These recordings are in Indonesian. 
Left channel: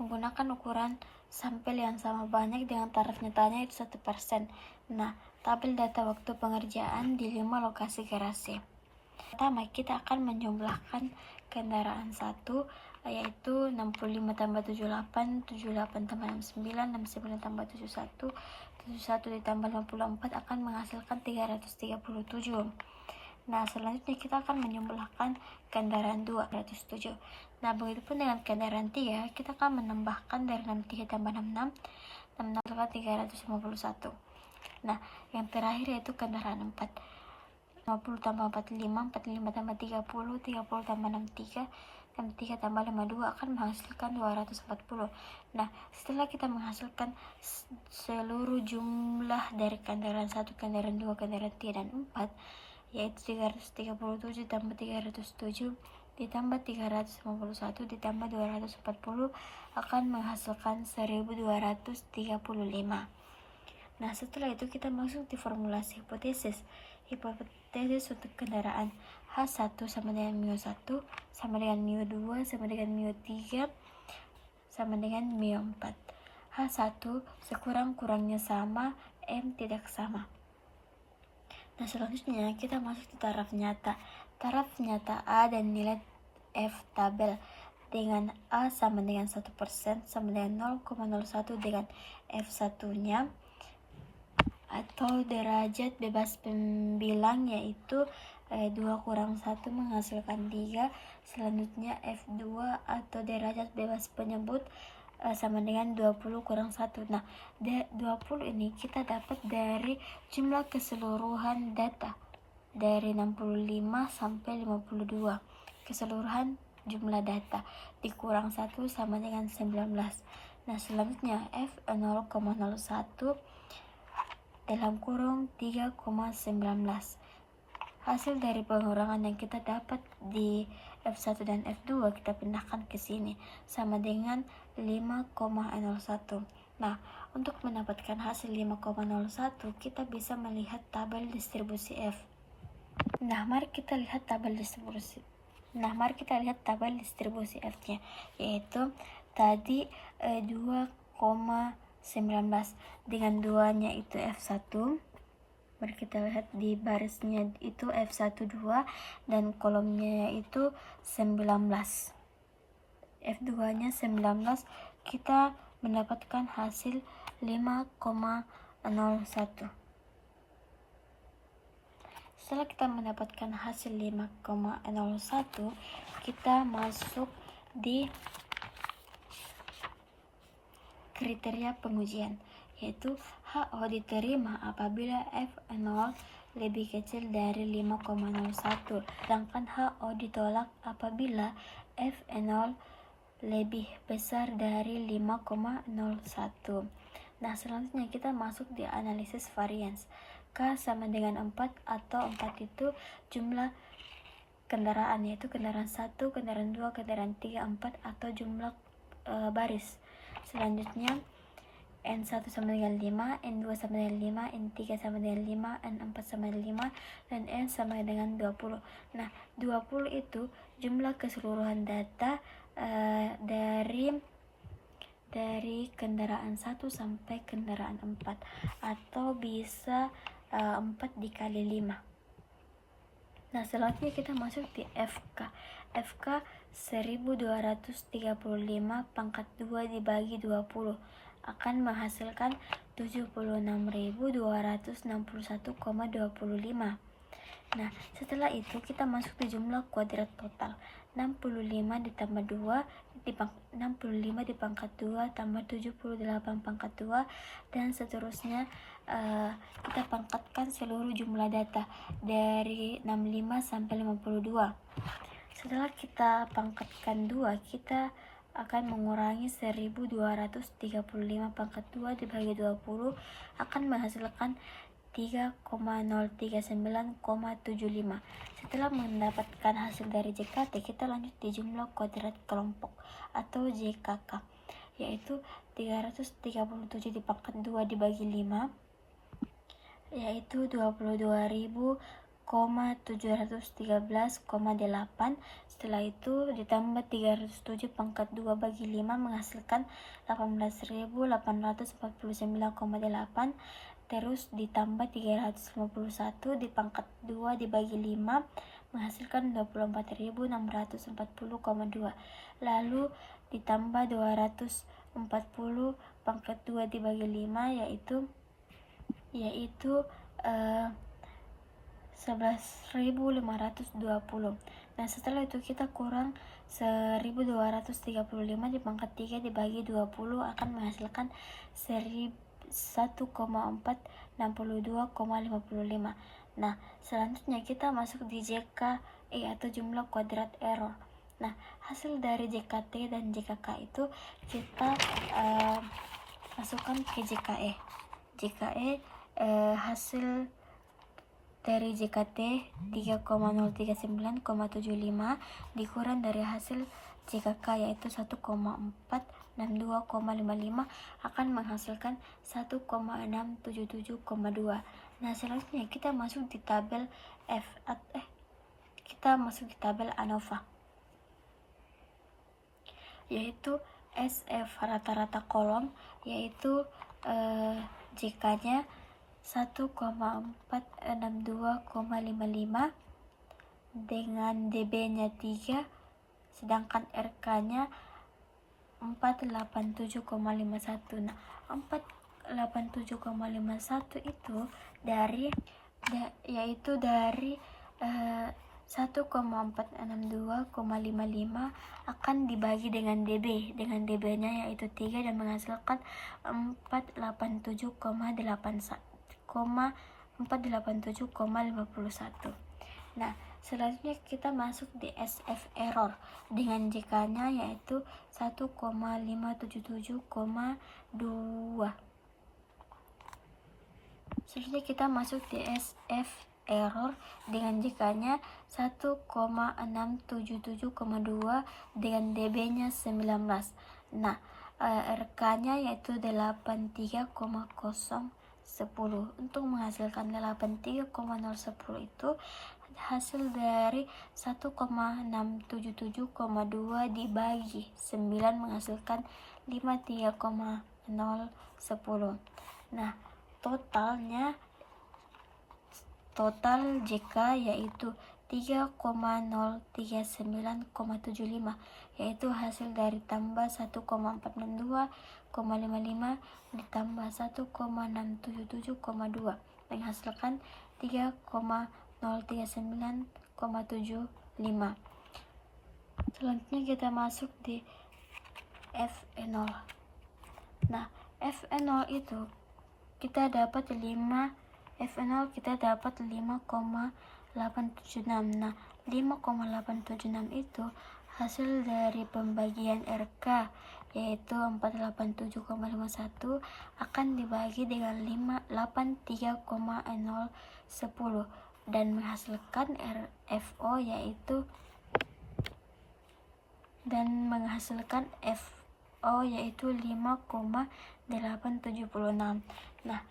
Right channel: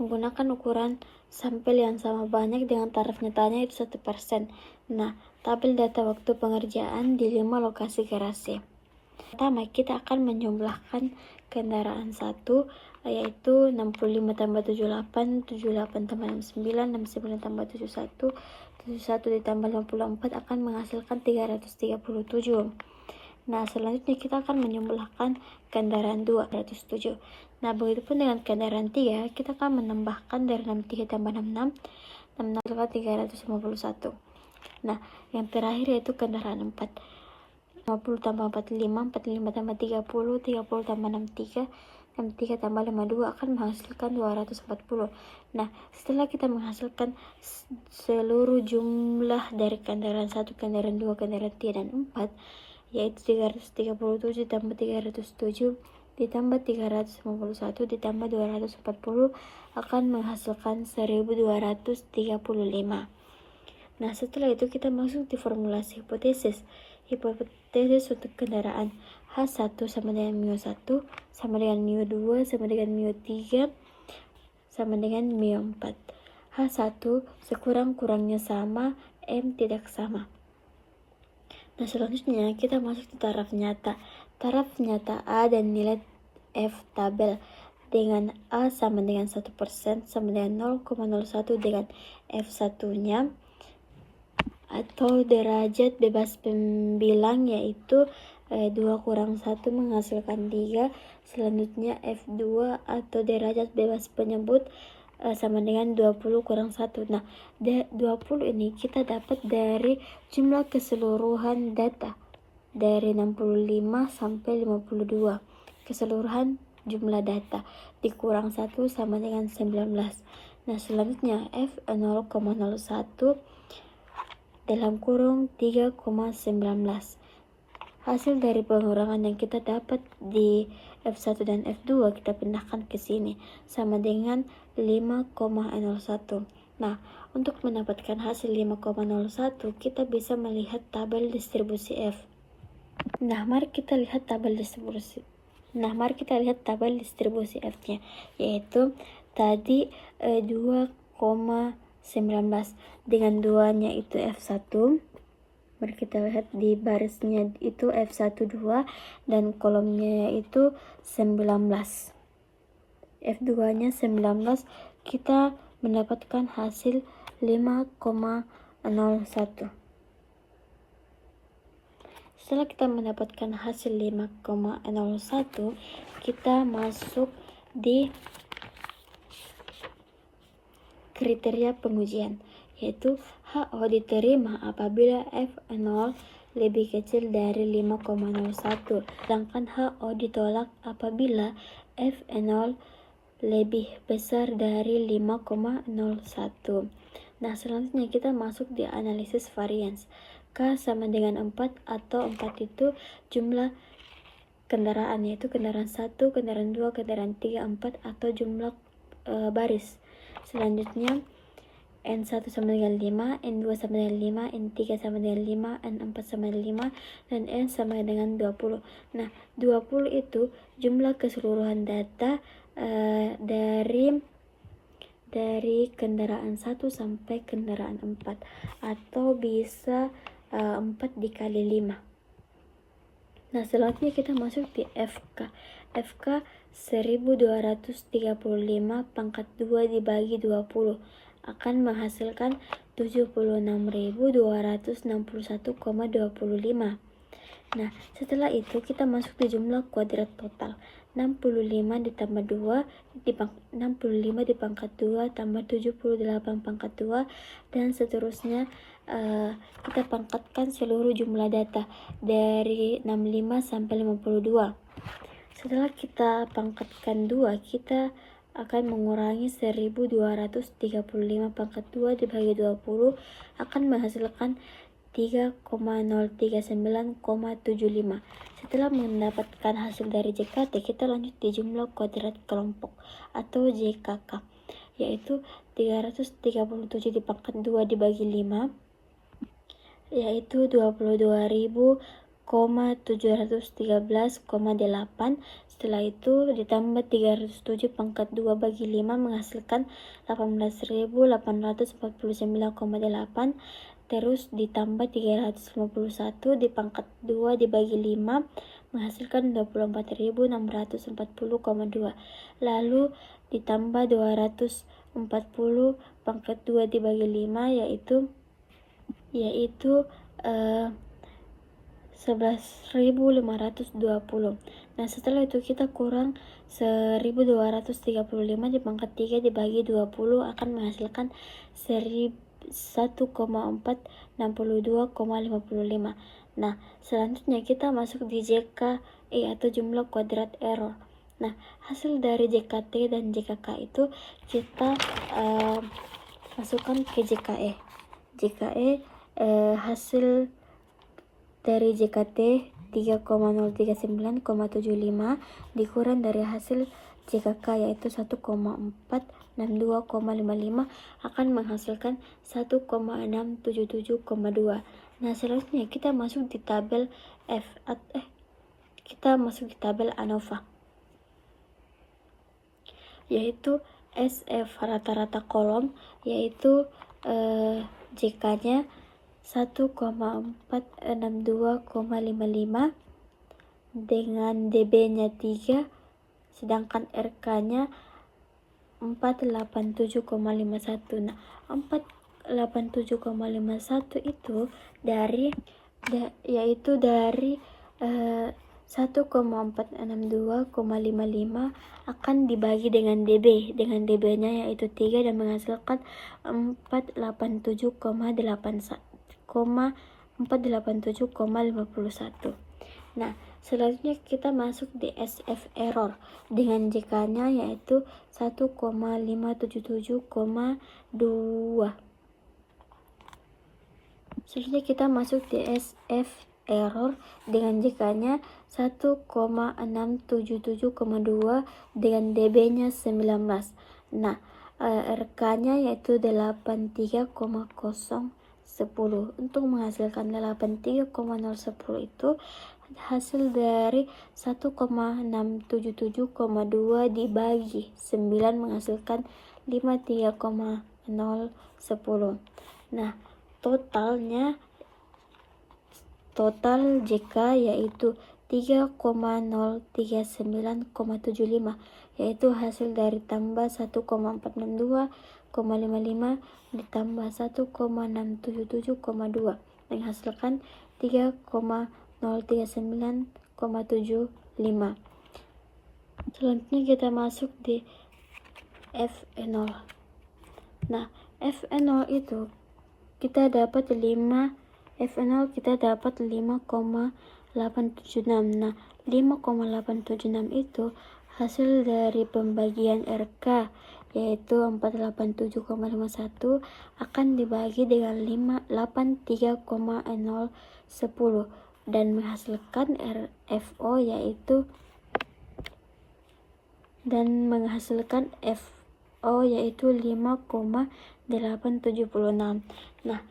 menggunakan ukuran sampel yang sama banyak dengan taraf nyatanya itu 1%. Nah, tabel data waktu pengerjaan di 5 lokasi garasi. Pertama, kita akan menjumlahkan kendaraan 1, yaitu 65 tambah 78, 78 tambah 69, 69 tambah 71, 71 ditambah 54 akan menghasilkan 337. Nah, selanjutnya kita akan menjumlahkan kendaraan 2, 307. Nah, begitupun dengan kendaraan 3, kita akan menambahkan dari 63 tambah 66, 66 tambah 351. Nah, yang terakhir yaitu kendaraan 4. 50 tambah 45, 45 tambah 30, 30 tambah 63, 63 tambah 52 akan menghasilkan 240. Nah, setelah kita menghasilkan seluruh jumlah dari kendaraan 1, kendaraan 2, kendaraan 3, dan 4, yaitu 337 ditambah 307 ditambah 351 ditambah 240 akan menghasilkan 1235. Nah, setelah itu kita masuk di formulasi hipotesis. Hipotesis untuk kendaraan H1 sama dengan μ1 sama dengan μ2 sama dengan μ3 sama dengan μ4. H1 sekurang-kurangnya sama, M tidak sama. Nah, selanjutnya kita masuk di taraf nyata. Taraf nyata A dan nilai F tabel dengan A sama dengan 1% sama dengan 0,01 dengan F1-nya atau derajat bebas pembilang, yaitu 2 kurang 1 menghasilkan 3. Selanjutnya F2 atau derajat bebas penyebut sama dengan 20 kurang 1. Nah, 20 ini kita dapat dari jumlah keseluruhan data dari 65 sampai 52. Keseluruhan jumlah data dikurang 1 sama dengan 19. Nah, selanjutnya F 0,01 dalam kurung 3,19. Hasil dari pengurangan yang kita dapat di F1 dan F2 kita pindahkan ke sini sama dengan 5,01. Nah, untuk mendapatkan hasil 5,01 kita bisa melihat tabel distribusi F. Nah, mari kita lihat tabel distribusi F-nya, yaitu tadi 2,19 dengan 2-nya itu F1. Mari kita lihat di barisnya itu F1 2 dan kolomnya yaitu 19. F2-nya 19, kita mendapatkan hasil 5,01. Setelah kita mendapatkan hasil 5,01, kita masuk di kriteria pengujian, yaitu HO diterima apabila F0 lebih kecil dari 5,01, sedangkan HO ditolak apabila F0 lebih besar dari 5,01. Nah, selanjutnya kita masuk di analisis varians. K sama dengan 4 atau 4 itu jumlah kendaraan, yaitu kendaraan 1, kendaraan 2, kendaraan 3, 4 atau jumlah baris. Selanjutnya N1 sama dengan 5, N2 sama dengan 5, N3 sama dengan 5, N4 sama dengan 5, dan N sama dengan 20. Nah, 20 itu jumlah keseluruhan data dari kendaraan 1 sampai kendaraan 4, atau bisa 4 dikali 5. Nah, selanjutnya kita masuk di FK. FK 1235 pangkat 2 dibagi 20 akan menghasilkan 76.261,25. Nah, setelah itu kita masuk di jumlah kuadrat total. 65 ditambah 2 65 di pangkat 2 tambah 78 pangkat 2 dan seterusnya. Kita pangkatkan seluruh jumlah data dari 65 sampai 52. Setelah kita pangkatkan 2, kita akan mengurangi 1235 pangkat 2 dibagi 20 akan menghasilkan 3,039,75. Setelah mendapatkan hasil dari JKT, kita lanjut di jumlah kuadrat kelompok atau JKK, yaitu 337 dipangkat 2 dibagi 5, yaitu 22.713,8. Setelah itu ditambah 307 pangkat 2 bagi 5 menghasilkan 18.849,8. Terus ditambah 351 di pangkat 2 dibagi 5 menghasilkan 24.640,2. Lalu ditambah 240 pangkat 2 dibagi 5 yaitu 11.520. Nah, setelah itu kita kurang 1.235 di pangkat 3 dibagi 20 akan menghasilkan 1,462,55. Nah, selanjutnya kita masuk di JKE atau jumlah kuadrat error. Nah, hasil dari JKT dan JKK itu kita masukkan ke JKE. Hasil dari JKT 3,039,75 dikurang dari hasil JKK yaitu 1,462,55 akan menghasilkan 1,677,2. Nah, selanjutnya kita masuk di tabel ANOVA, yaitu SF rata-rata kolom, yaitu JK-nya 1,462,55 dengan DB-nya 3, sedangkan RK-nya 487,51. Nah, 487,51 itu yaitu dari 1,462,55 akan dibagi dengan DB, dengan DB-nya yaitu 3 dan menghasilkan 487,51. Nah, selanjutnya kita masuk di SF error dengan JK-nya yaitu 1,577,2. Selanjutnya kita masuk di SF error dengan JK-nya 1,677,2 dengan DB-nya 19. Nah, RK-nya yaitu 83,010. Untuk menghasilkan 83,010 itu hasil dari 1,677,2 dibagi 9 menghasilkan 53,010. Nah, total JK yaitu 3,039,75, yaitu hasil dari tambah 1,462,55 ditambah 1,677,2 menghasilkan 3,039,75. Selanjutnya kita masuk di F0. Nah, F0 itu kita dapat 5,876. Nah, 5,876 itu hasil dari pembagian RK yaitu 487,51 akan dibagi dengan 83,010 dan menghasilkan FO yaitu 5,876. Nah,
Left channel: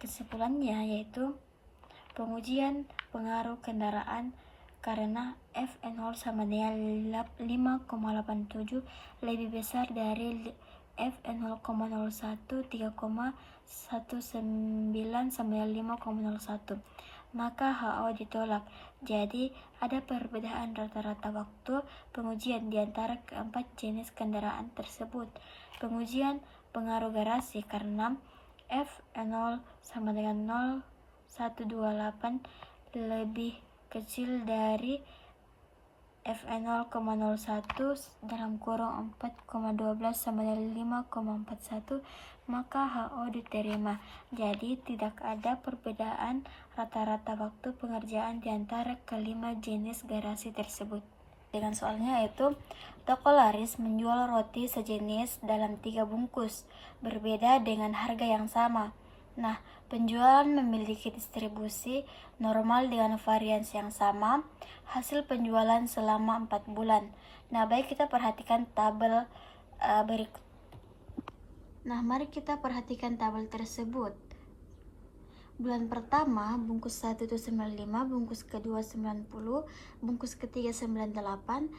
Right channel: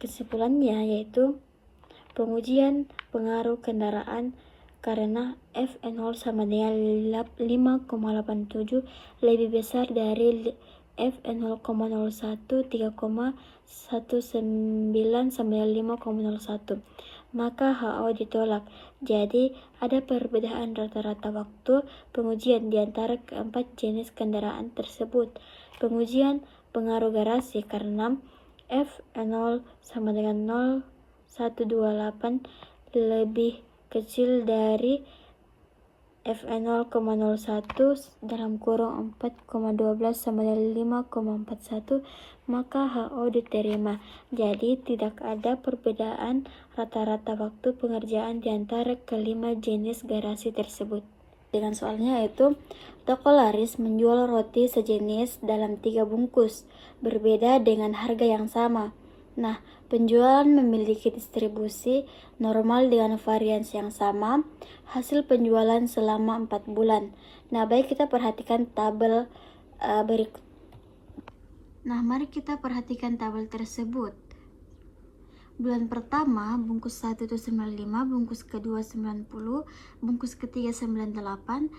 kesimpulannya yaitu pengujian pengaruh kendaraan karena F0 sama dengan 5,87 lebih besar dari F0,01 3,19 sama dengan 5,01, maka HO ditolak. Jadi ada perbedaan rata-rata waktu pengujian di antara keempat jenis kendaraan tersebut. Pengujian pengaruh garasi karena F0 sama dengan 0,128 lebih kecil dari F0,01 dalam kurung 4,12 sama dengan 5,41, maka HO diterima. Jadi tidak ada perbedaan rata-rata waktu pengerjaan di antara kelima jenis garasi tersebut. Dengan soalnya yaitu toko laris menjual roti sejenis dalam 3 bungkus berbeda dengan harga yang sama. Nah, penjualan memiliki distribusi normal dengan variansi yang sama. Hasil penjualan selama 4 bulan. Nah, baik kita perhatikan tabel berikut. Nah, mari kita perhatikan tabel tersebut. Bulan pertama bungkus 1 itu 95, bungkus kedua 90, bungkus ketiga 98.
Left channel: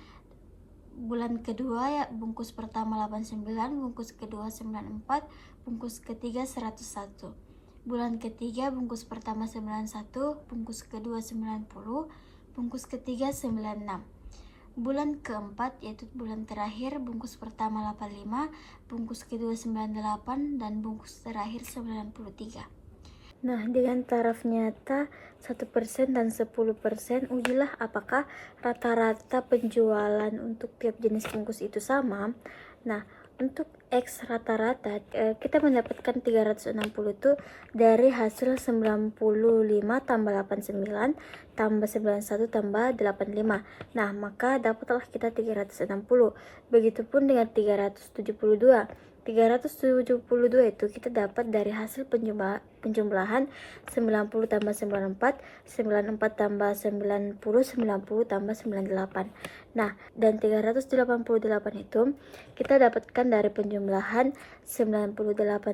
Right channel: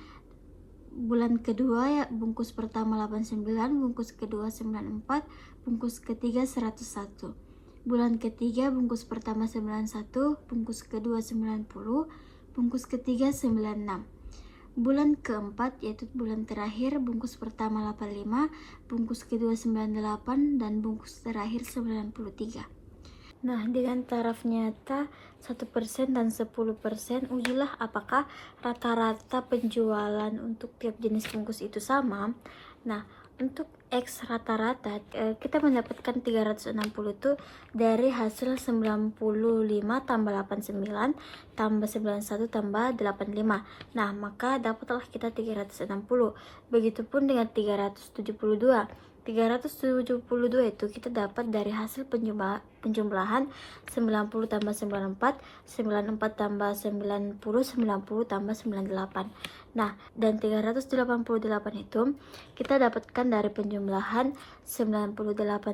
Bulan kedua ya bungkus pertama 89, bungkus kedua 94, bungkus ketiga 101. Bulan ketiga bungkus pertama 91, bungkus kedua 90, bungkus ketiga 96. Bulan keempat yaitu bulan terakhir bungkus pertama 85, bungkus kedua 98, dan bungkus terakhir 93. Nah, dengan taraf nyata 1% dan 10%, ujilah apakah rata-rata penjualan untuk tiap jenis bungkus itu sama. Nah, untuk X rata-rata kita mendapatkan 360 itu dari hasil 95 tambah 89 tambah 91 tambah 85. Nah, maka dapatlah kita 360. Begitupun dengan 372. 372 itu kita dapat dari hasil penjumlahan 90 tambah 94, 94 tambah 90, 90 tambah 98. Nah, dan 388 itu kita dapatkan dari penjumlahan 98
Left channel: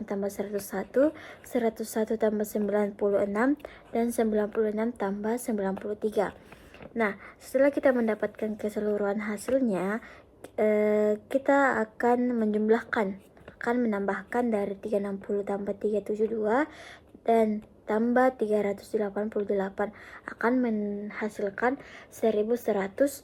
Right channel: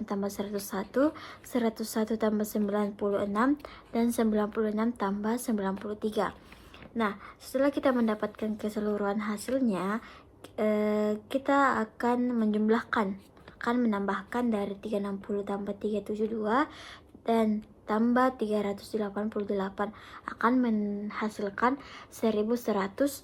tambah 101, 101 tambah 96, dan 96 tambah 93. Nah, setelah kita mendapatkan keseluruhan hasilnya, kita akan menambahkan dari 360 tambah 372 dan tambah 388 akan menghasilkan 1120.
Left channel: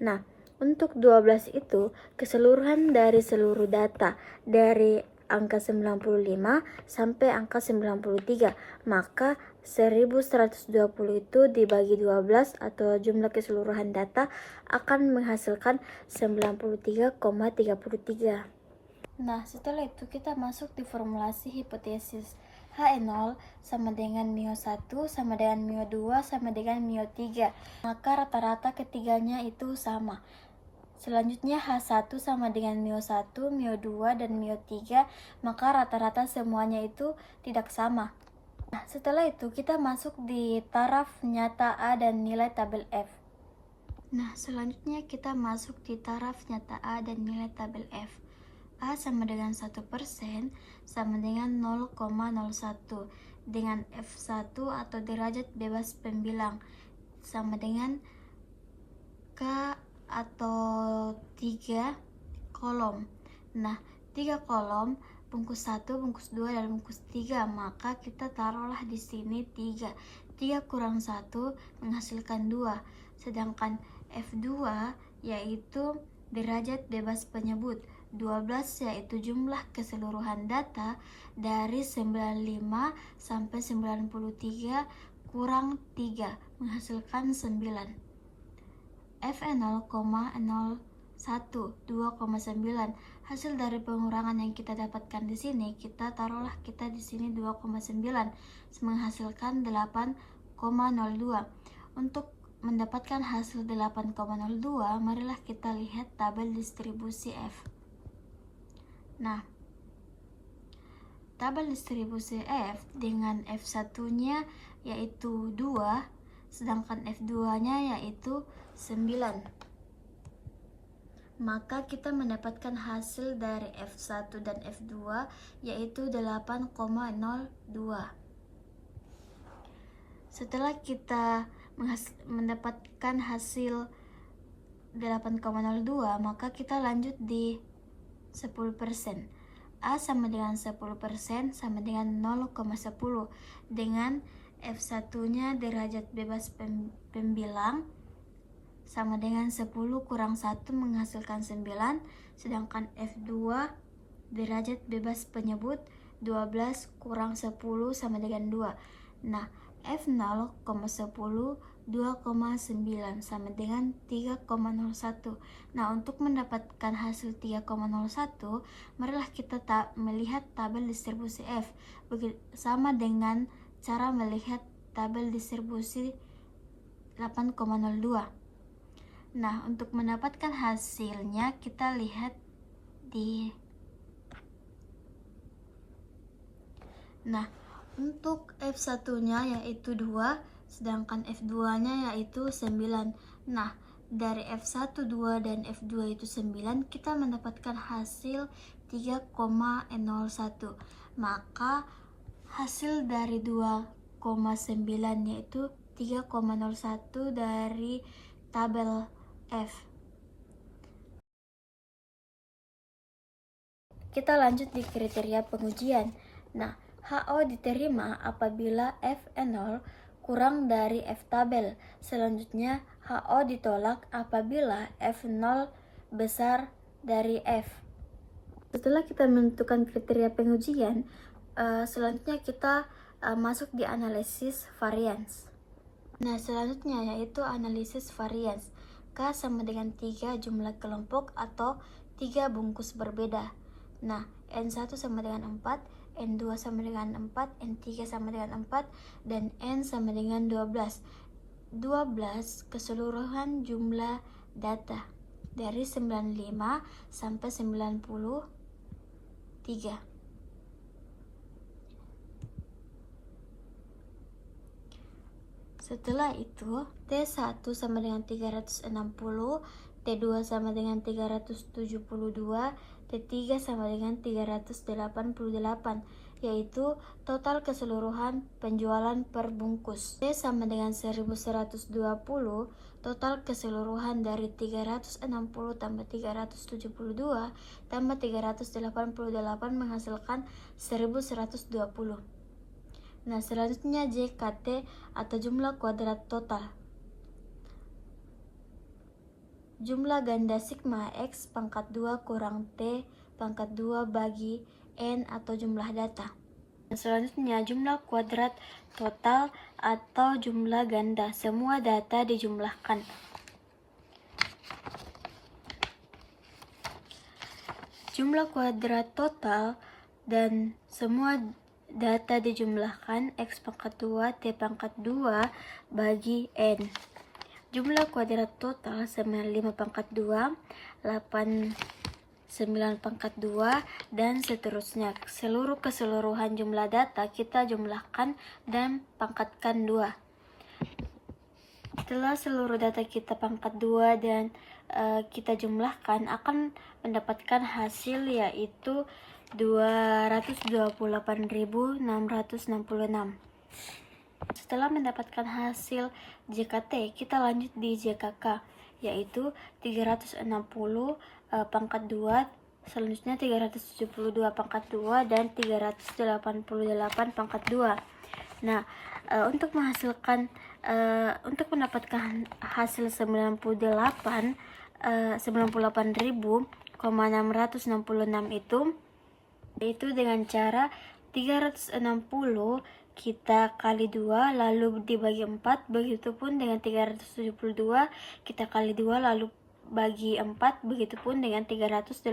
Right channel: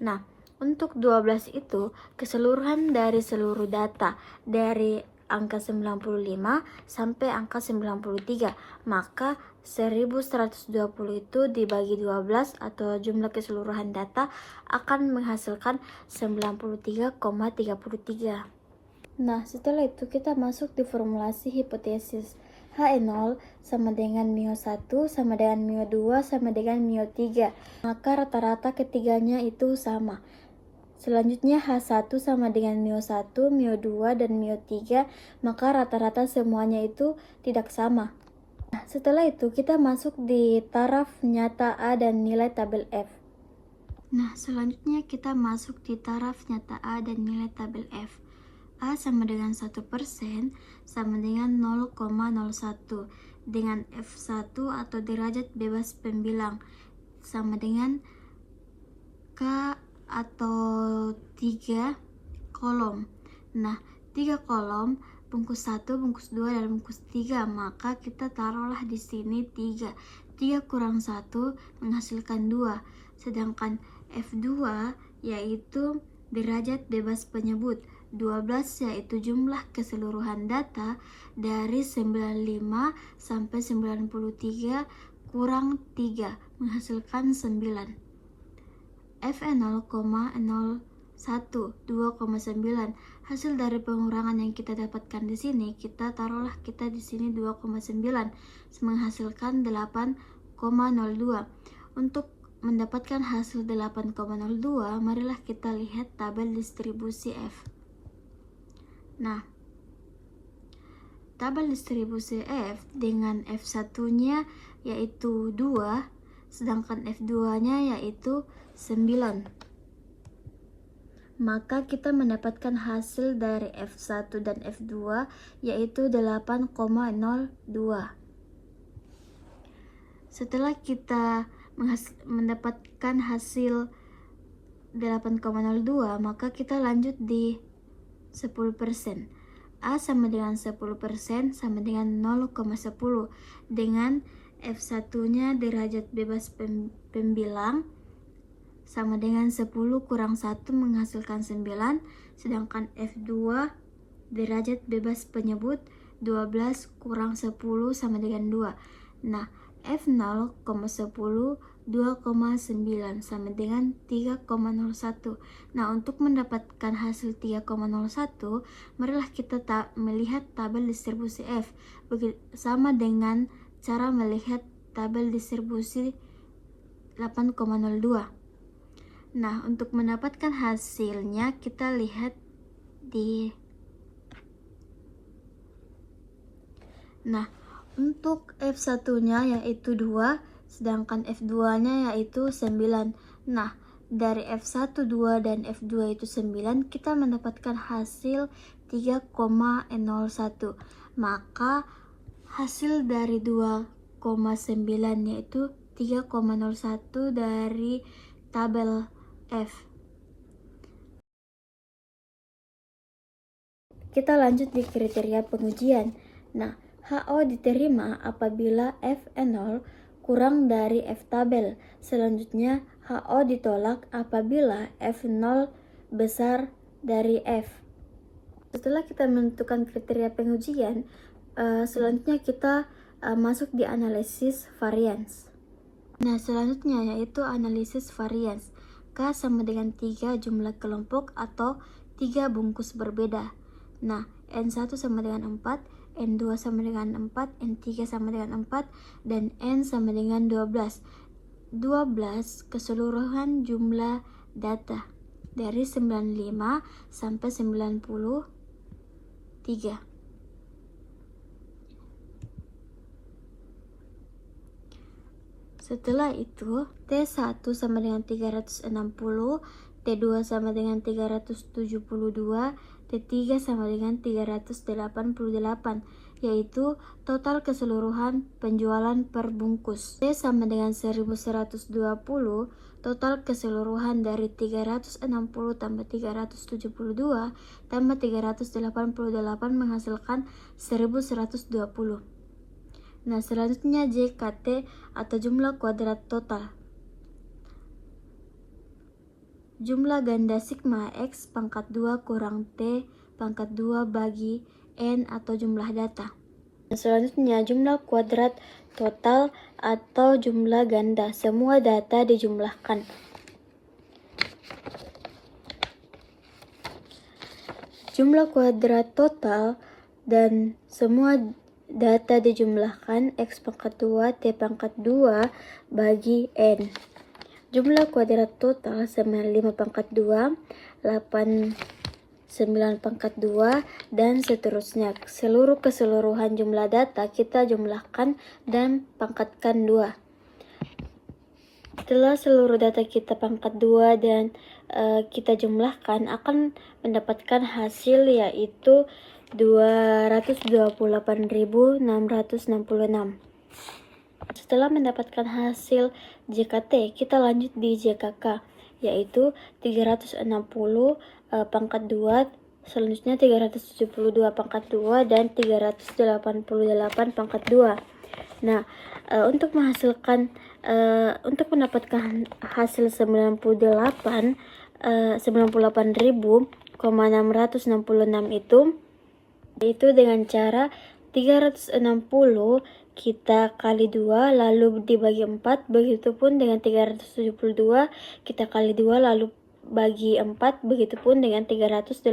Nah, untuk 12 itu keseluruhan dari seluruh data dari angka 95 sampai angka 93, maka 1120 itu dibagi 12 atau jumlah keseluruhan data akan menghasilkan 93,33. Nah, setelah itu kita masuk di formulasi hipotesis. HE0 sama dengan μ1 sama dengan μ2 sama dengan μ3. Maka rata-rata ketiganya itu sama. Selanjutnya H1 sama dengan μ1, μ2, dan μ3. Maka rata-rata semuanya itu tidak sama. Nah, setelah itu kita masuk di taraf nyata A dan nilai tabel F. Nah, selanjutnya kita masuk di taraf nyata A dan nilai tabel F. A sama dengan 1% sama dengan 0,01, dengan F1 atau derajat bebas pembilang sama dengan K atau 3 kolom. Nah, 3 kolom, bungkus 1, bungkus 2, dan bungkus 3, maka kita taruhlah di sini 3. 3 kurang 1 menghasilkan 2, sedangkan F2 yaitu derajat bebas penyebut 12, yaitu jumlah keseluruhan data dari 95 sampai 93 kurang 3 menghasilkan 9. F0,01 2,9. Hasil dari pengurangan yang kita dapatkan di sini, kita taruhlah kita di sini 2,9 menghasilkan 8,02. Untuk mendapatkan hasil 8,02, marilah kita lihat tabel distribusi F. Nah, tabel distribusi F dengan F1-nya yaitu 2, sedangkan F2-nya yaitu 9. Maka kita mendapatkan hasil dari F1 dan F2 yaitu 8,02. Setelah kita mendapatkan hasil 8,02, maka kita lanjut di 10%. A sama dengan 10% sama dengan 0,10, dengan F1-nya derajat bebas pembilang sama dengan 10 kurang 1 menghasilkan 9, sedangkan F2 derajat bebas penyebut 12 kurang 10 sama dengan 2. Nah, F0,10 2,9 sama dengan 3,01. Nah, untuk mendapatkan hasil 3,01, marilah kita melihat tabel distribusi F sama dengan cara melihat tabel distribusi 8,02. Nah, untuk mendapatkan hasilnya kita lihat di untuk F1-nya yaitu 2, sedangkan F2-nya yaitu 9. Nah, dari F1, 2, dan F2 itu 9, kita mendapatkan hasil 3,01. Maka hasil dari 2,9 yaitu 3,01 dari tabel F. Kita lanjut di kriteria pengujian. Nah, HO diterima apabila F0 kurang dari F tabel. Selanjutnya, HO ditolak apabila F0 besar dari F. Setelah kita menentukan kriteria pengujian, selanjutnya kita masuk di analisis varians. Nah, selanjutnya yaitu analisis varians. K sama dengan 3 jumlah kelompok atau 3 bungkus berbeda. Nah, N1 sama dengan 4, N2 sama dengan 4, N3 sama dengan 4, dan N sama dengan 12. 12 keseluruhan jumlah data dari 95 sampai 93. Setelah itu, T1 sama dengan 360, T2 sama dengan 372, T3 sama dengan 388, yaitu total keseluruhan penjualan per bungkus. T sama dengan 1120, total keseluruhan dari 360 tambah 372 tambah 388 menghasilkan 1120. Nah, selanjutnya JKT atau jumlah kuadrat total. Jumlah ganda sigma X pangkat 2 kurang T pangkat 2 bagi N atau jumlah data. Nah, selanjutnya jumlah kuadrat total atau jumlah ganda. Semua data dijumlahkan. Jumlah kuadrat total dan semua data dijumlahkan X pangkat 2 T pangkat 2 bagi N. Jumlah kuadrat total sama 5 pangkat 2, 8, 9 pangkat 2, dan seterusnya. Keseluruhan jumlah data kita jumlahkan dan pangkatkan 2. Setelah seluruh data kita pangkat 2 dan kita jumlahkan, akan mendapatkan hasil yaitu 228.666. Setelah mendapatkan hasil JKT, kita lanjut di JKK, yaitu 360 pangkat 2, selanjutnya 372 pangkat 2, dan 388 pangkat 2. Nah, untuk mendapatkan hasil 98.666 itu dengan cara 360 kita kali 2 lalu dibagi 4, begitupun dengan 372 kita kali 2 lalu bagi 4, begitupun dengan 388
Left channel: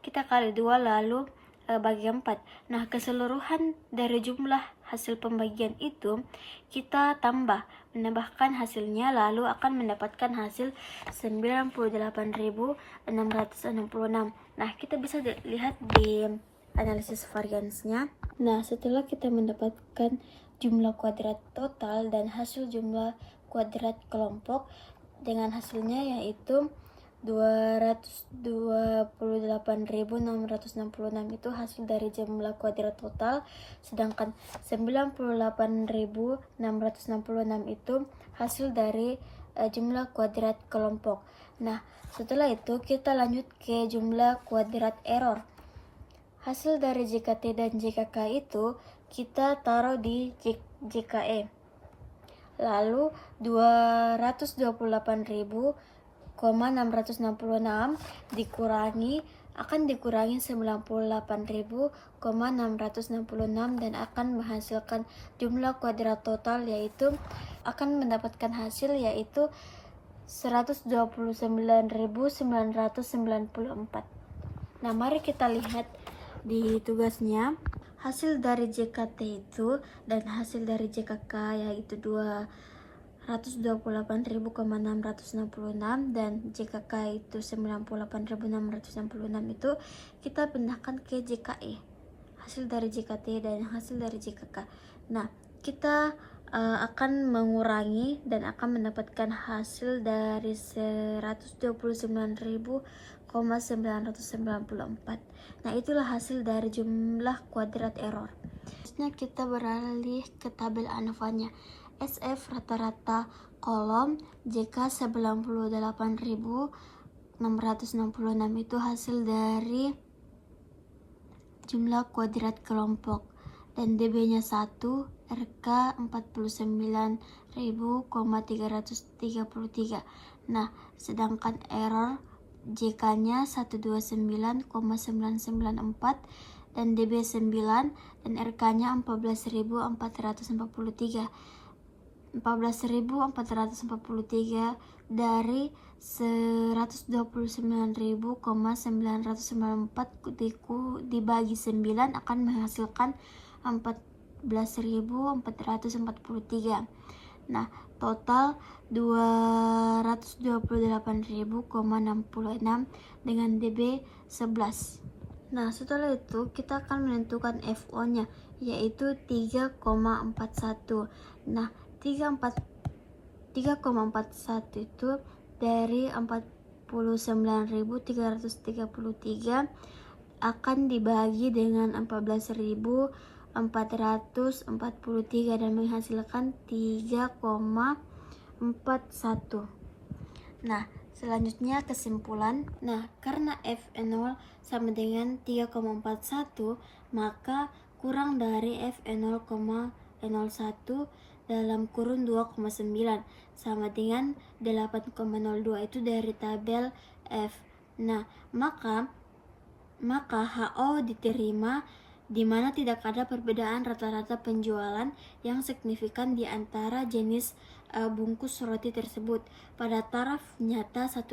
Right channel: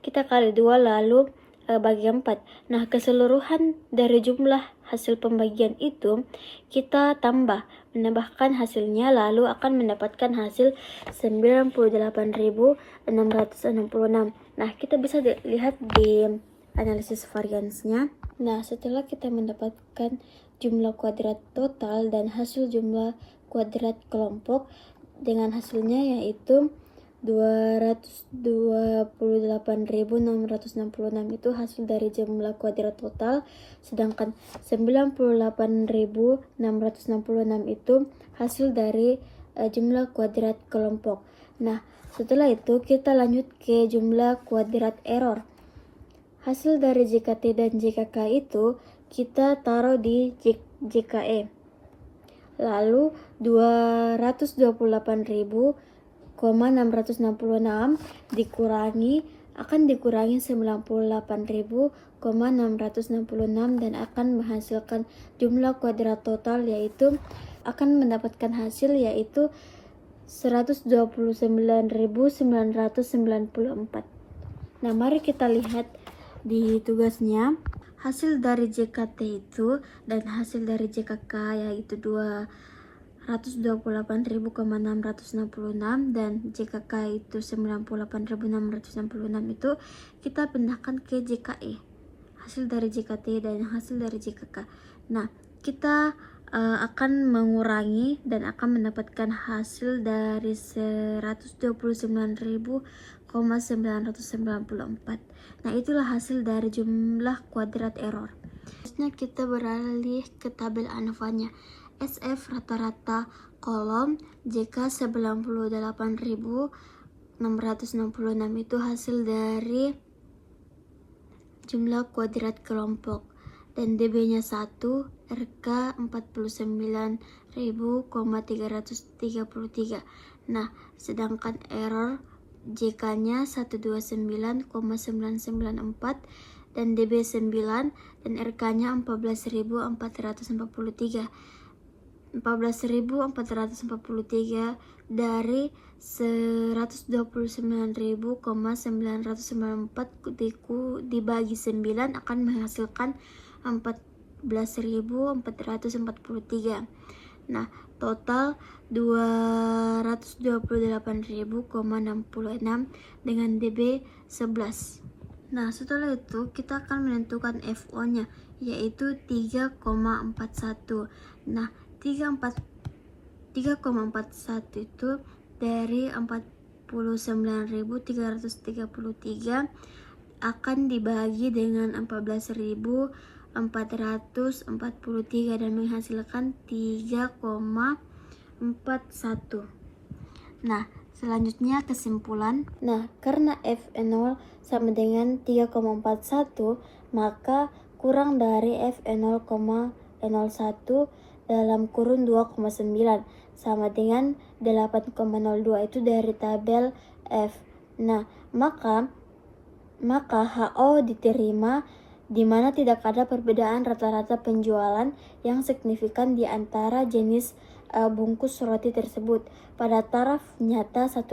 kita kali 2 lalu bagi 4. Nah, keseluruhan dari jumlah hasil pembagian itu kita menambahkan hasilnya, lalu akan mendapatkan hasil 98.666. Nah, kita bisa lihat di analisis variansnya. Nah, setelah kita mendapatkan jumlah kuadrat total dan hasil jumlah kuadrat kelompok, dengan hasilnya yaitu 228.666 itu hasil dari jumlah kuadrat total, sedangkan 98.666 itu hasil dari jumlah kuadrat kelompok. Nah, setelah itu kita lanjut ke jumlah kuadrat error. Hasil dari JKT dan JKK itu kita taruh di JKE. Lalu 228.666 akan dikurangi 98.666 dan akan menghasilkan jumlah kuadrat total, yaitu akan mendapatkan hasil yaitu 129.994. Nah, mari kita lihat di tugasnya. Hasil dari JKT itu dan hasil dari JKK yaitu 228.666 dan JKK itu 98.666 itu kita pindahkan ke JKE. Hasil dari JKT dan hasil dari JKK. Nah, kita akan mengurangi dan akan mendapatkan hasil dari 129.994. Nah, itulah hasil dari jumlah kuadrat error. Selanjutnya kita beralih ke tabel ANOVA-nya. SF rata-rata kolom JK 98.666 itu hasil dari jumlah kuadrat kelompok, dan DB-nya 1, RK 49.333. Nah, sedangkan error JK-nya 129,994 dan DB 9 dan RK-nya 14.443. 14.443 dari 129.994 dibagi 9 akan menghasilkan 14.443. Nah, total 228.066 dengan DB 11. Nah, setelah itu kita akan menentukan FO-nya, yaitu 3,41. Nah, 3,41 itu dari 49.333 akan dibagi dengan 14.443 dan menghasilkan 3,41. Nah, selanjutnya kesimpulan. Nah, karena F0 sama dengan 3,41, maka kurang dari F0,01 dalam kurun 2,9 sama dengan 8,02 itu dari tabel F. Nah, maka HO diterima di mana tidak ada perbedaan rata-rata penjualan yang signifikan di antara jenis bungkus roti tersebut pada taraf nyata 1%.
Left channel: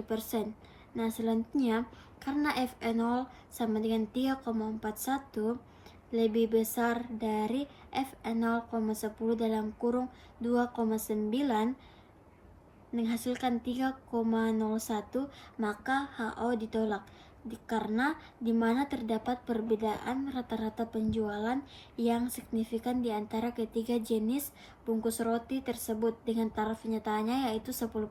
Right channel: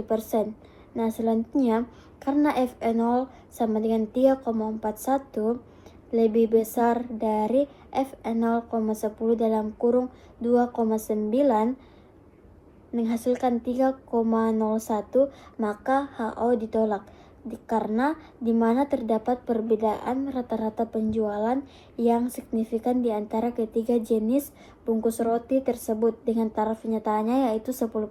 Nah, selanjutnya karena F0 sama dengan 3,41 lebih besar dari F0,10 dalam kurung 2,9 menghasilkan 3,01, maka HO ditolak karena di mana terdapat perbedaan rata-rata penjualan yang signifikan di antara ketiga jenis bungkus roti tersebut dengan taraf nyatanya yaitu 10%.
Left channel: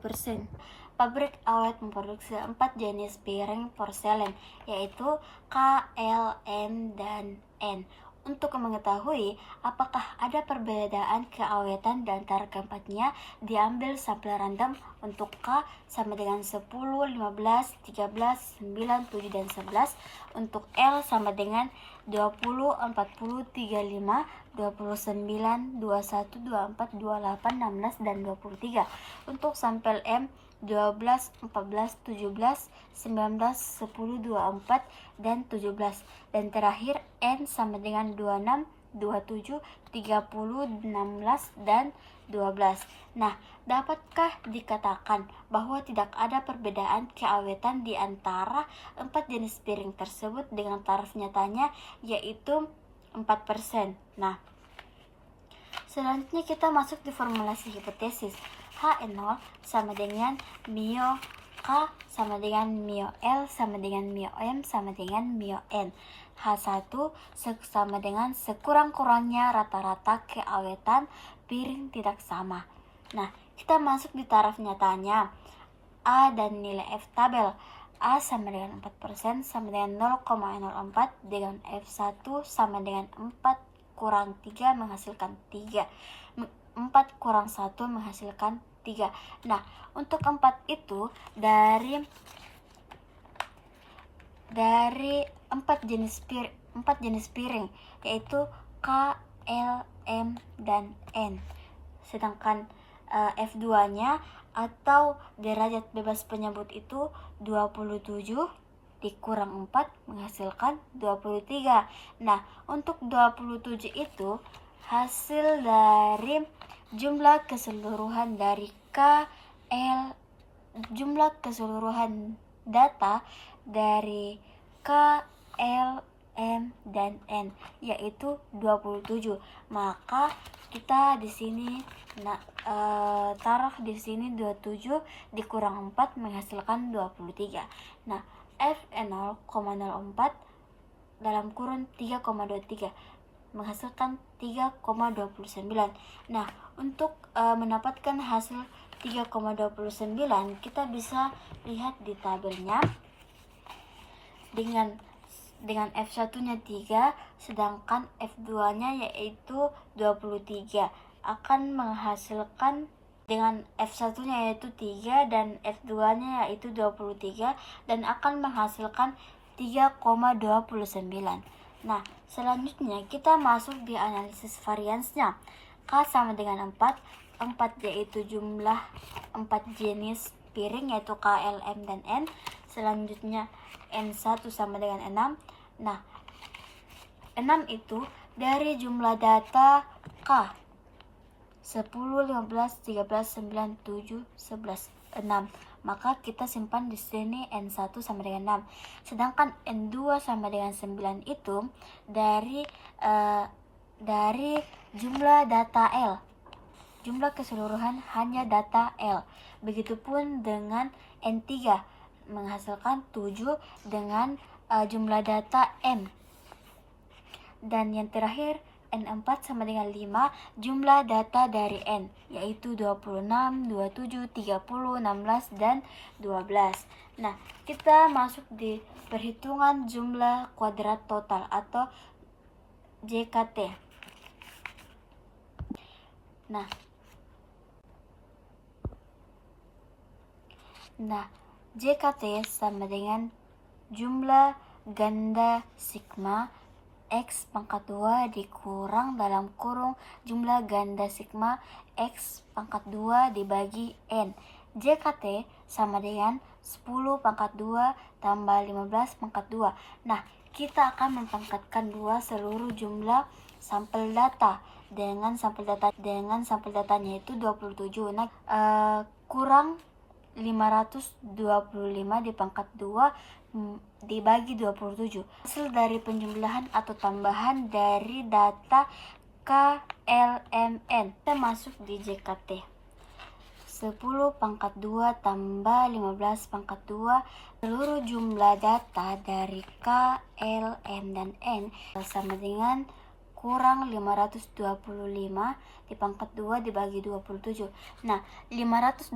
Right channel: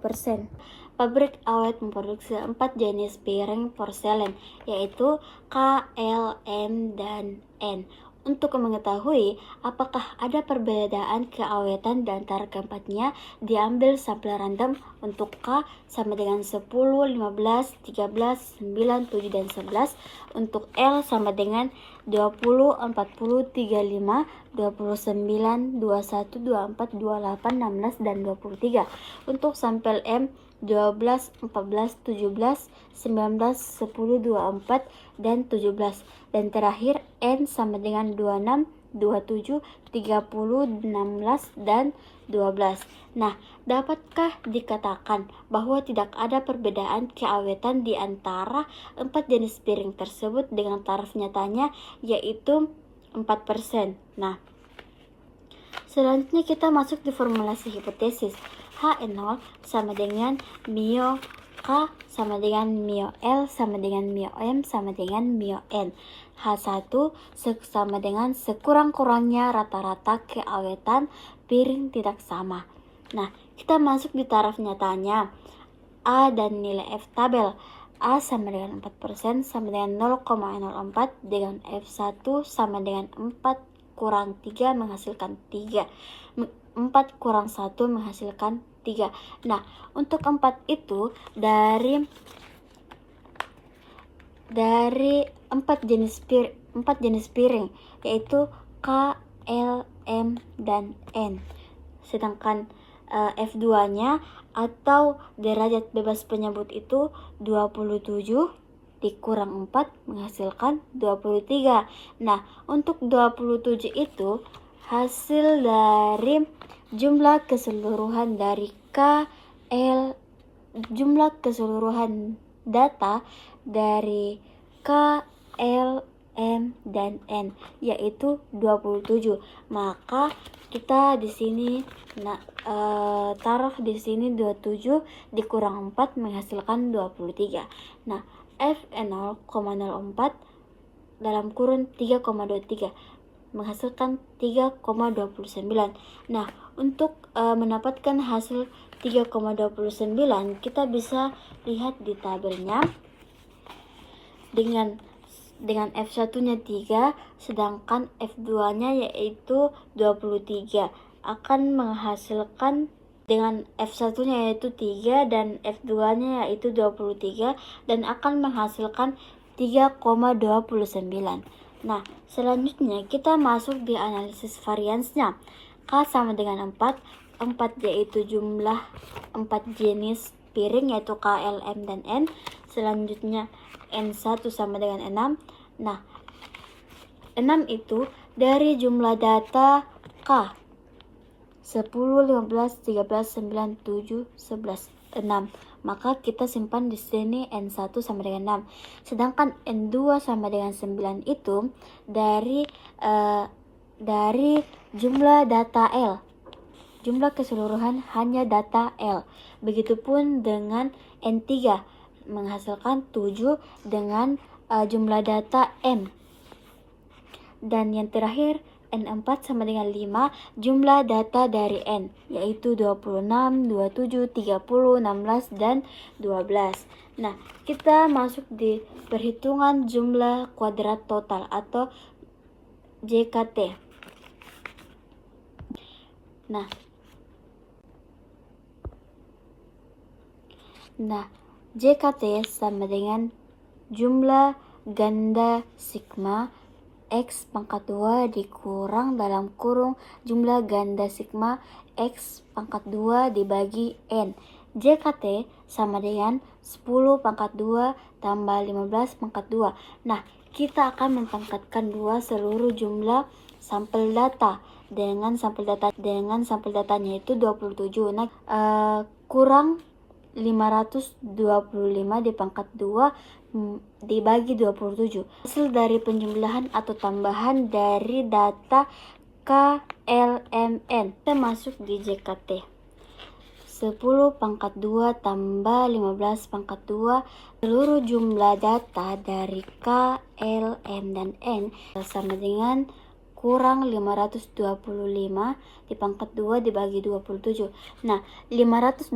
Pabrik awet memproduksi 4 jenis piring porselen, yaitu K, L, M, dan N. Untuk mengetahui apakah ada perbedaan keawetan di antara keempatnya, diambil sampel random untuk K sama dengan 10, 15, 13, 9, 7, dan 11. Untuk L sama dengan 20, 40, 35, 29, 21, 24, 28, 16, dan 23. Untuk sampel M 12, 14, 17, 19, 10, 24, dan 17. Dan terakhir N sama dengan 26, 27, 30, 16, dan 12. Nah, dapatkah dikatakan bahwa tidak ada perbedaan keawetan di antara 4 jenis piring tersebut dengan taraf nyatanya yaitu 4%. Nah, selanjutnya kita masuk di formulasi hipotesis. H0 sama dengan mio K sama dengan mio L sama dengan mio M sama dengan mio N. H1 sama dengan sekurang-kurangnya rata-rata keawetan piring tidak sama. Nah, kita masuk di taraf nyatanya. A dan nilai F tabel. A sama dengan 4% sama dengan 0,04 dengan F1 sama dengan 4 kurang 3 menghasilkan 3. 4 kurang 1 menghasilkan 3. Nah, untuk 4 itu dari 4 jenis piring yaitu K, L, M, dan N. Sedangkan F2-nya atau derajat bebas penyebut itu 27 dikurang 4 menghasilkan 23. Nah, untuk 27 itu hasil dari jumlah keseluruhan dari jumlah keseluruhan data dari K, L, M, dan N yaitu 27. Maka kita di sini taruh di sini 27 dikurang 4 menghasilkan 23. Nah, F0,04 dalam kurun 3,23 menghasilkan 3,29. Nah, untuk mendapatkan hasil 3,29 kita bisa lihat di tabelnya dengan dengan F1-nya 3, sedangkan F2-nya yaitu 23. Akan menghasilkan dengan F1-nya yaitu 3 dan F2-nya yaitu 23 dan akan menghasilkan 3,29. Nah, selanjutnya kita masuk di analisis variansnya. K sama dengan 4 yaitu jumlah 4 jenis piring yaitu K, L, M, dan N. Selanjutnya N1 sama dengan 6. Nah, 6 itu dari jumlah data K 10, 15, 13, 9, 7, 11, 6. Maka kita simpan di sini N1 sama dengan 6. Sedangkan N2 sama dengan 9 itu dari jumlah data L. Jumlah keseluruhan hanya data L. Begitupun dengan N3 menghasilkan 7 dengan jumlah data M. Dan yang terakhir N4 sama dengan 5 jumlah data dari N, yaitu 26, 27, 30, 16, dan 12. Nah, kita masuk di perhitungan jumlah kuadrat total atau JKT. Nah, JKT sama dengan jumlah ganda sigma X pangkat 2 dikurang dalam kurung jumlah ganda sigma X pangkat 2 dibagi N. JKT sama dengan 10 pangkat 2 tambah 15 pangkat 2. Nah, kita akan mempangkatkan 2 seluruh jumlah sampel data dengan sampel datanya itu 27. Nah, kurang 525 dipangkat 2 dibagi 27. Hasil dari penjumlahan atau tambahan dari data KLMN. Kita masuk di JKT. 10 pangkat 2 tambah 15 pangkat 2 seluruh jumlah data dari K, L, M, dan N sama dengan kurang 525 dipangkat 2 dibagi 27. Nah, 525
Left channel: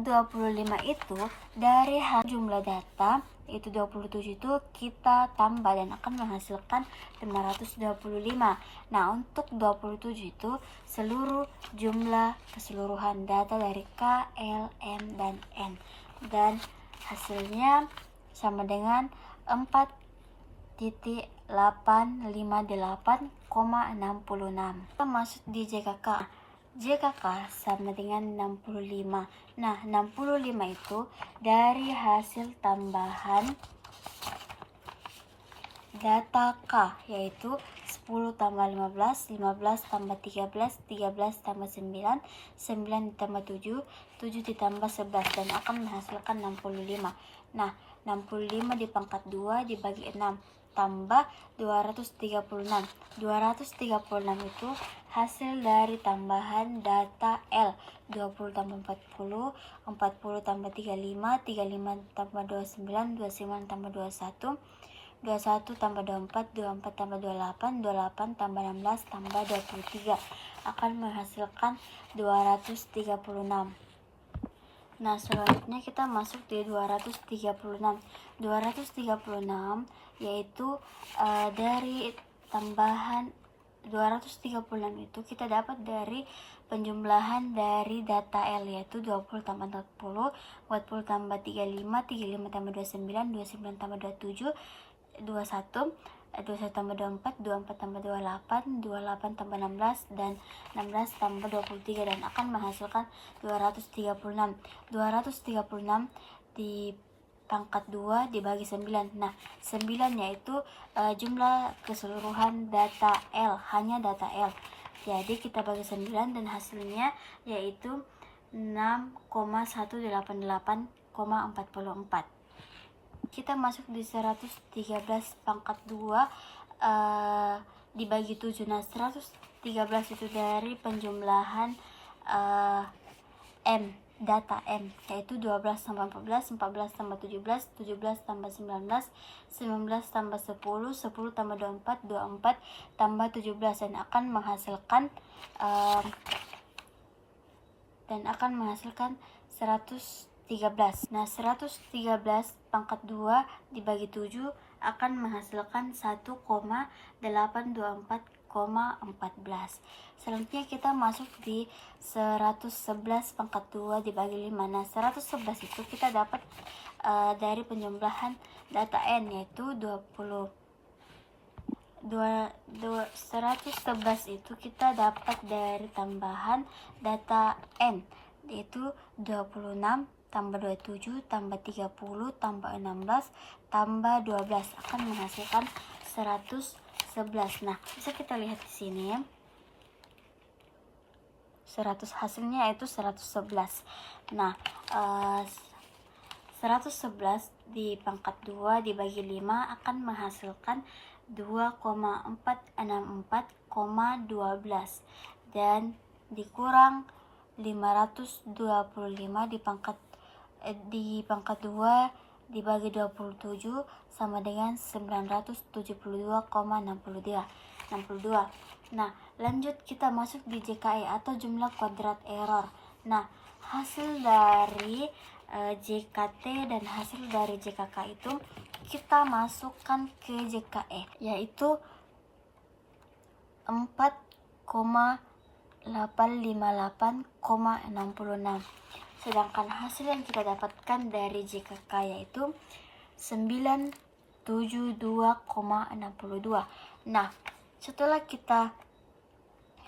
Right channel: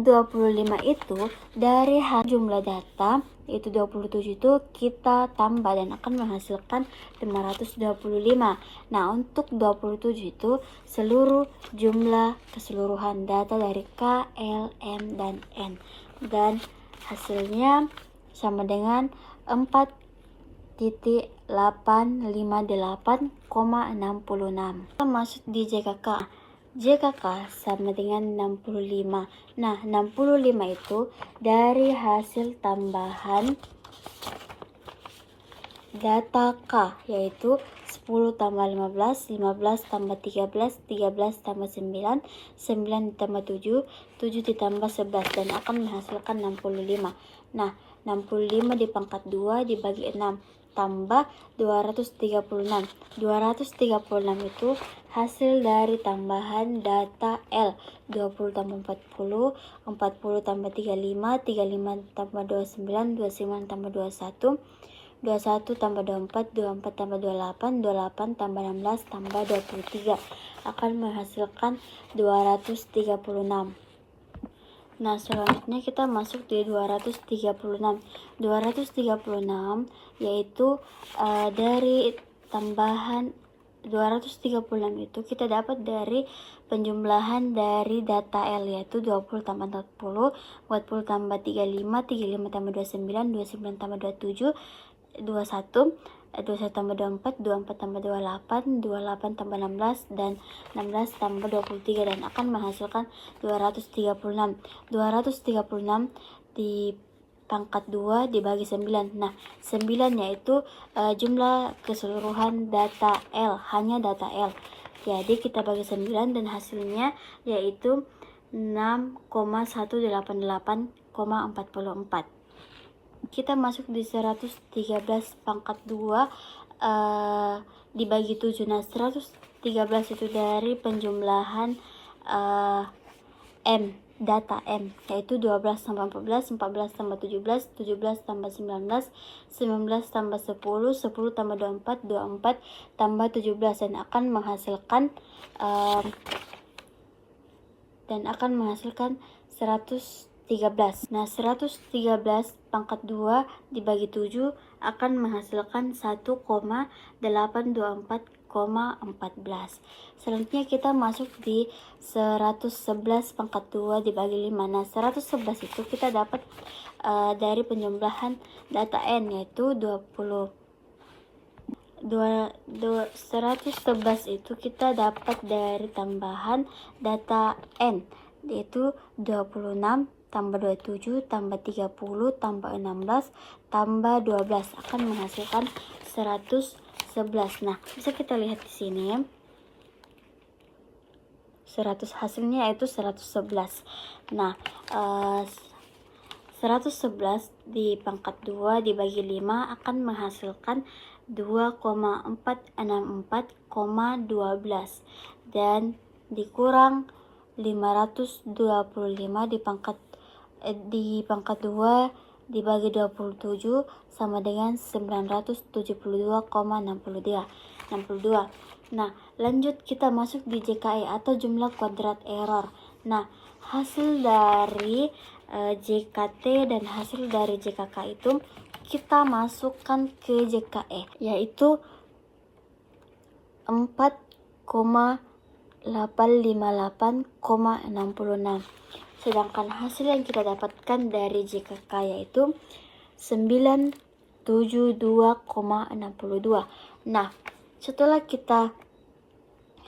itu dari jumlah data yaitu 27 itu kita tambah dan akan menghasilkan 525. Nah, untuk 27 itu seluruh jumlah keseluruhan data dari K, L, M, dan N. Dan hasilnya sama dengan 4,858,66. Kita masuk di JKK. JKK sama dengan 65. Nah, 65 itu dari hasil tambahan data K, yaitu 10 tambah 15, 15 tambah 13, 13 tambah 9, 9 ditambah 7, 7 ditambah 11, dan akan menghasilkan 65. Nah, 65 dipangkat 2 dibagi 6 tambah 236. 236 itu hasil dari tambahan data L. 20 tambah 40, 40 tambah 35, 35 tambah 29, 29 tambah 21, 21 tambah 24, 24 tambah 28, 28 tambah 16 tambah 23 akan menghasilkan 236. Nah, selanjutnya kita masuk di 236. 236 yaitu dari tambahan 236 itu kita dapat dari penjumlahan dari data L, yaitu 20 tambah 40, 40 tambah 35, 35 tambah 29, 29 tambah 27, 21, 21 tambah 24, 24 tambah 28, 28 tambah 16, dan 16 tambah 23, dan akan menghasilkan 236. 236 di pangkat 2 dibagi 9. Nah, 9 yaitu jumlah keseluruhan data L, hanya data L. Jadi kita bagi 9 dan hasilnya yaitu 6,188,44. Kita masuk di 113 pangkat 2 dibagi 7. Nah, 113 itu dari penjumlahan M, data M, yaitu 12 tambah 14, 14 tambah 17, 17 tambah 19, 19 tambah 10, 10 tambah 24, 24 tambah 17, dan akan menghasilkan 113 13. Nah, 113 pangkat 2 dibagi 7 akan menghasilkan 1,824,14. Selanjutnya kita masuk di 111 pangkat 2 dibagi 5. Nah, 111 itu kita dapat dari penjumlahan data n, yaitu 111 itu kita dapat dari tambahan data n, yaitu 26 tambah 27 tambah 30 tambah 16 tambah 12 akan menghasilkan 111. Nah, bisa kita lihat di sini 100 hasilnya yaitu 111. Nah, 111 di pangkat 2 dibagi 5 akan menghasilkan 2,464,12 dan dikurang 525 di pangkat 2 dibagi 27 sama dengan 972,62. Nah, lanjut kita masuk di JKE atau jumlah kuadrat error. Nah, hasil dari JKT dan hasil dari JKK itu kita masukkan ke JKE, yaitu 4,858,66. Sedangkan hasil yang kita dapatkan dari JKK yaitu 972,62. Nah, setelah kita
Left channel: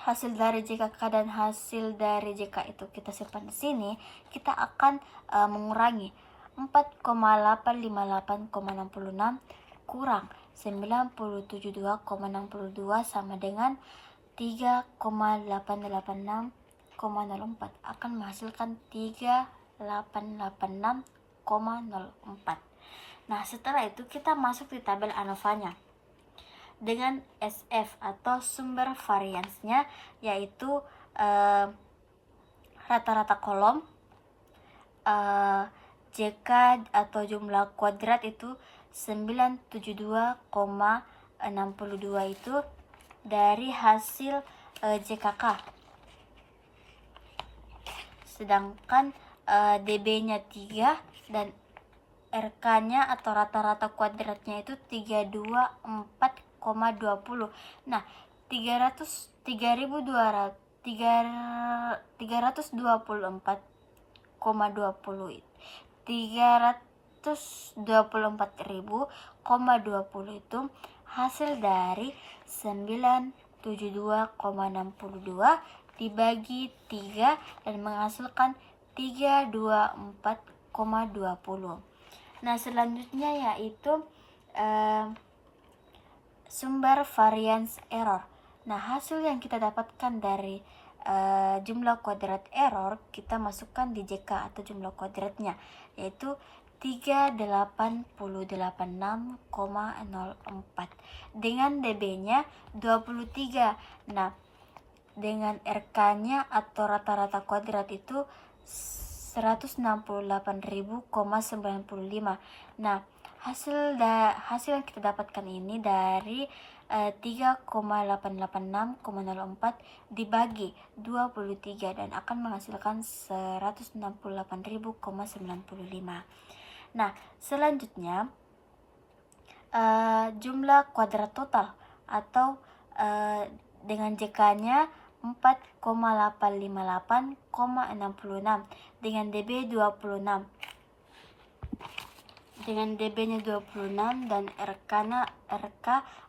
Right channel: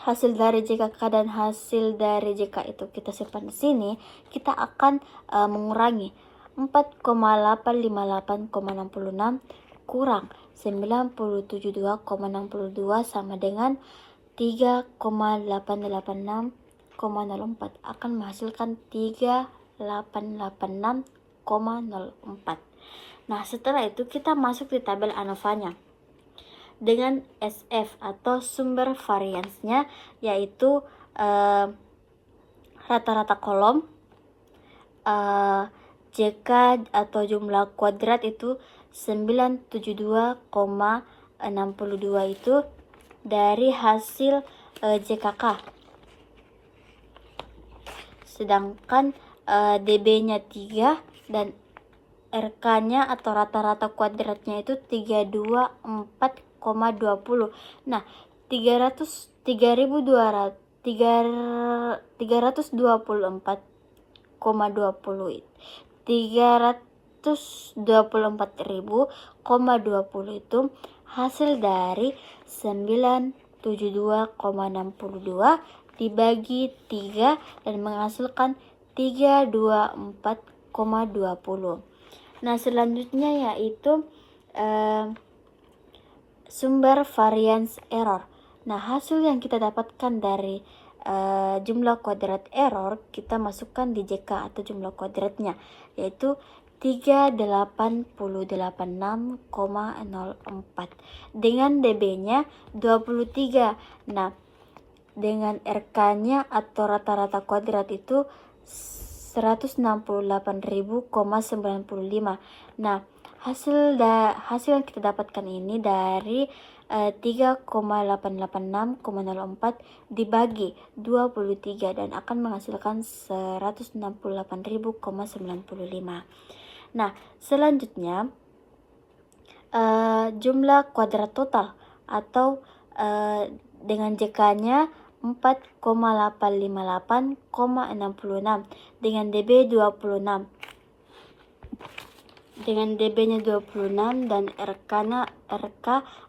hasil dari JKK dan hasil dari JK itu kita simpan di sini, kita akan mengurangi 4,858,66 kurang 972,62 sama dengan 3,886,04 akan menghasilkan 3886,04. Nah, setelah itu kita masuk di tabel ANOVA-nya dengan SF atau sumber variansnya, yaitu rata-rata kolom, JK atau jumlah kuadrat itu 972,62 itu dari hasil JKK. Sedangkan DB-nya 3 dan RK-nya atau rata-rata kuadratnya itu 324,20. Nah, 324,20 itu hasil dari 972,62 dibagi 3 dan menghasilkan 324,20. Nah, selanjutnya yaitu sumber variance error. Nah, hasil yang kita dapatkan dari jumlah kuadrat error kita masukkan di JK atau jumlah kuadratnya, yaitu 3886,04 dengan DB-nya 23. Nah, dengan RK-nya atau rata-rata kuadrat itu 168.000,95. Nah, hasil yang kita dapatkan ini dari 3,886,04 dibagi 23 dan akan menghasilkan 168.000,95. Nah, selanjutnya jumlah kuadrat total atau dengan JK-nya 4,858,66 dengan DB 26. Dengan DB-nya 26 dan RK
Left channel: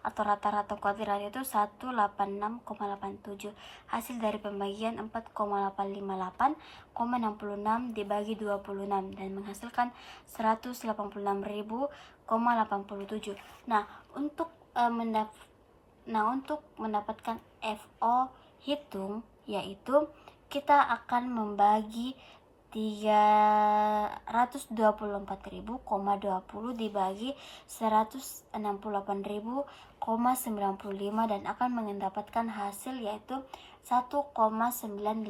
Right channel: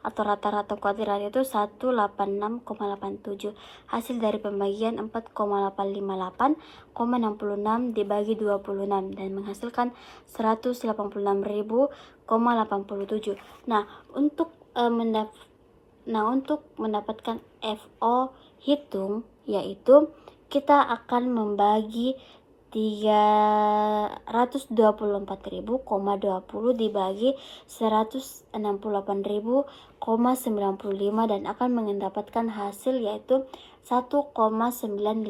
atau rata-rata kuadrat itu 186,87. Hasil dari pembagian 4,858,66 dibagi 26 dan menghasilkan 186.000,87. Nah, untuk mendapatkan FO hitung, yaitu kita akan membagi 324.000,20 dibagi 168.000,95 dan akan mendapatkan hasil yaitu 1,918.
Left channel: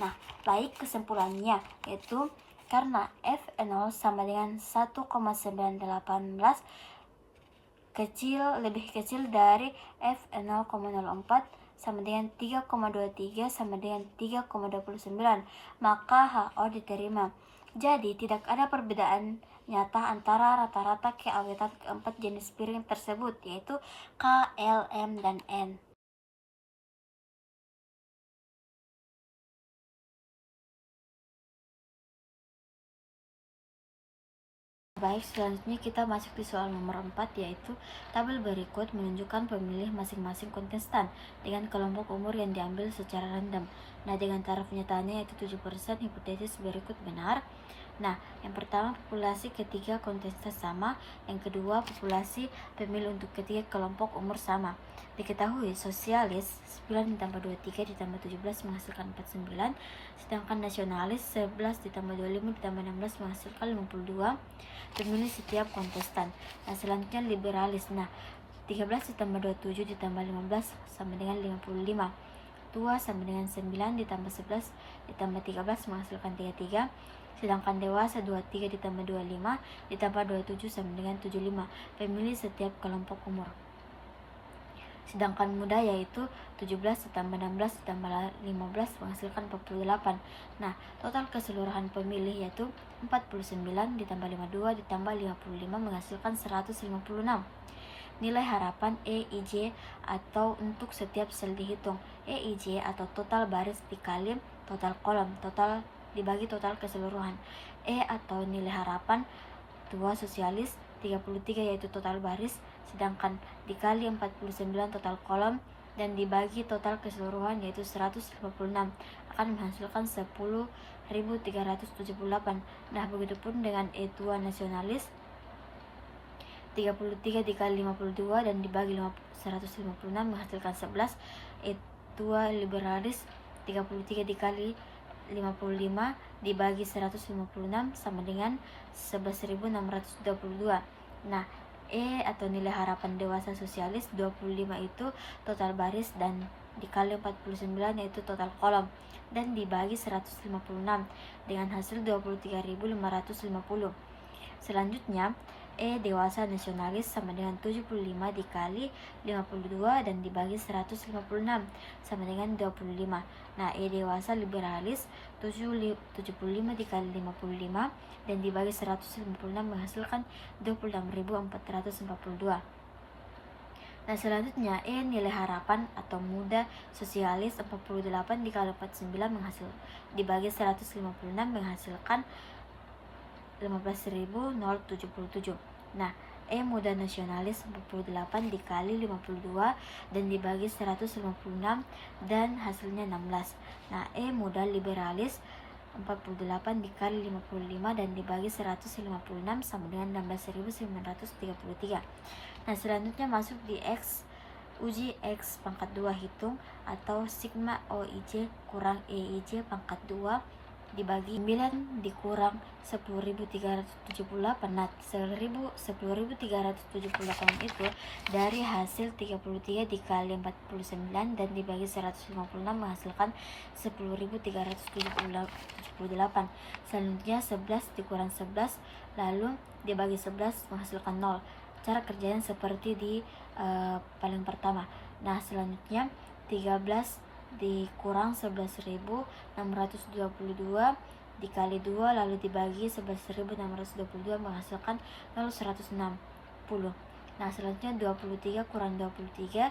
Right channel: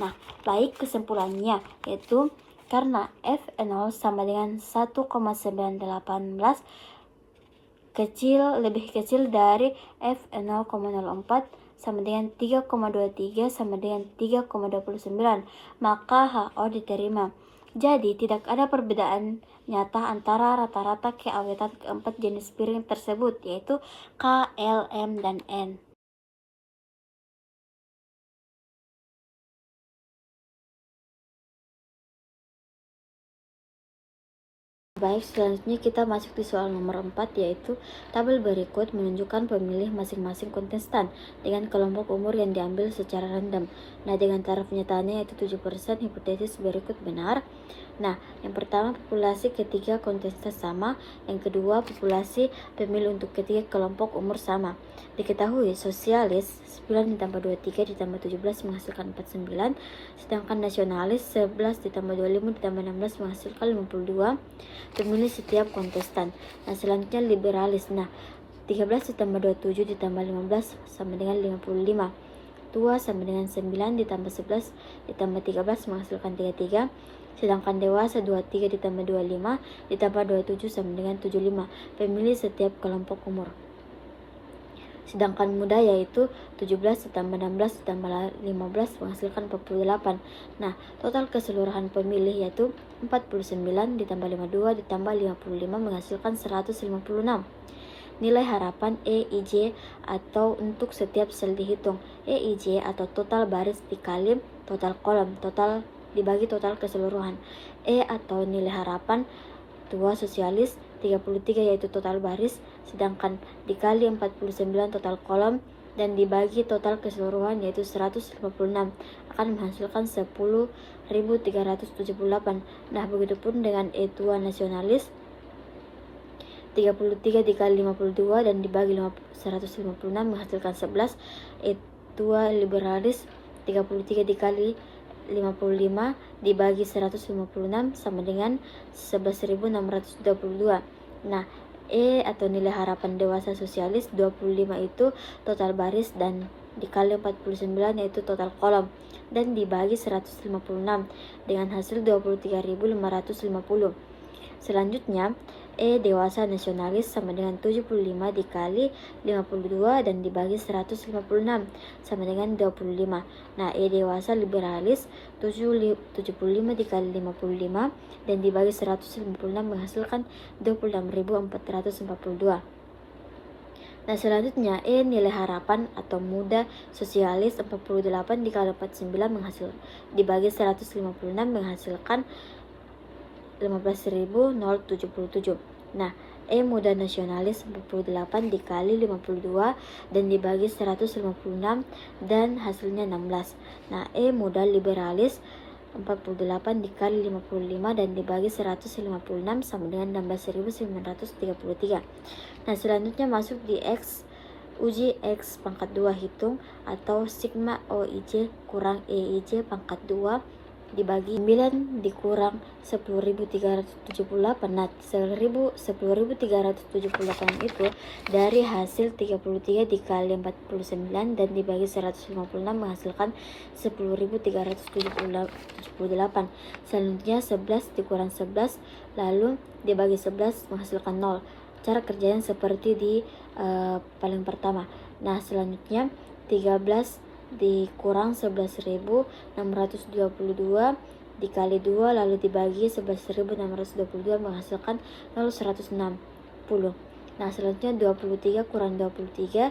Nah, baik, kesimpulannya yaitu karena F0 sama dengan 1,918 lebih kecil dari F0,04 sama dengan 3,23 sama dengan 3,29, maka HO diterima. Jadi tidak ada perbedaan nyata antara rata-rata keawetan keempat jenis piring tersebut, yaitu K, L, M, dan N. Baik, selanjutnya kita masuk di soal nomor 4, yaitu tabel berikut menunjukkan pemilih masing-masing kontestan dengan kelompok umur yang diambil secara random. Nah, dengan taraf nyatanya yaitu 7%, hipotesis berikut benar. Nah, yang pertama populasi ketiga kontestan sama, yang kedua populasi pemilih untuk ketiga kelompok umur sama. Diketahui sosialis 9 ditambah 23 ditambah 17 menghasilkan 49, sedangkan nasionalis 11 ditambah 25 ditambah 16 menghasilkan 52 pemilih setiap kontestan. Nah, selanjutnya liberalis. Nah, 13 ditambah 27 ditambah 15 sama dengan 55. Tua sama dengan 9 ditambah 11 ditambah 13 menghasilkan 33. Sedangkan dewasa 23 ditambah 25 ditambah 27 sama dengan 75 pemilih setiap kelompok umur. Sedangkan muda yaitu 17 ditambah 16 ditambah 15 menghasilkan 48. Nah, total keseluruhan pemilih yaitu 49 ditambah 52 ditambah 55 menghasilkan 156. Nilai harapan EIJ atau untuk setiap sel dihitung. EIJ atau total baris dikali total kolom, total dibagi total keseluruhan. E atau nilai harapan tua sosialis 33 yaitu total baris, sedangkan dikali 49 total kolom dan dibagi total keseluruhan yaitu 156 akan menghasilkan 10.378. Nah, begitupun dengan E tua nasionalis 33 dikali 52 dan dibagi 156 menghasilkan 11. E tua liberalis 33 dikali 55 dibagi 156 sama dengan 11.622. Nah, E atau nilai harapan dewasa sosialis 25 itu total baris dan dikali 49 yaitu total kolom dan dibagi 156 dengan hasil 23.550. Selanjutnya, E dewasa nasionalis sama dengan 75 dikali 52 dan dibagi 156 sama dengan 25. Nah, E dewasa liberalis 75 dikali 55 dan dibagi 156 menghasilkan 26.442. Nah, selanjutnya E nilai harapan atau muda sosialis 48 dikali 49 dibagi 156 menghasilkan 15.077. Nah, E muda nasionalis 48 dikali 52 dan dibagi 156 dan hasilnya 16. Nah, E muda liberalis 48 dikali 55 dan dibagi 156 sama dengan 16.933. Nah, selanjutnya masuk di X. Uji X pangkat 2 hitung atau sigma OIJ kurang EIJ pangkat 2 dibagi 9 dikurang 10.378. Nah, 10.378 itu dari hasil 33 dikali 49 dan dibagi 156 menghasilkan 10.378. Selanjutnya 11 dikurang 11 lalu dibagi 11 menghasilkan 0. Cara kerjanya seperti di paling pertama. Nah, selanjutnya 13 dikurang 11.622 dikali 2 lalu dibagi 11.622 menghasilkan 0,160. Nah, selanjutnya 23 kurang 23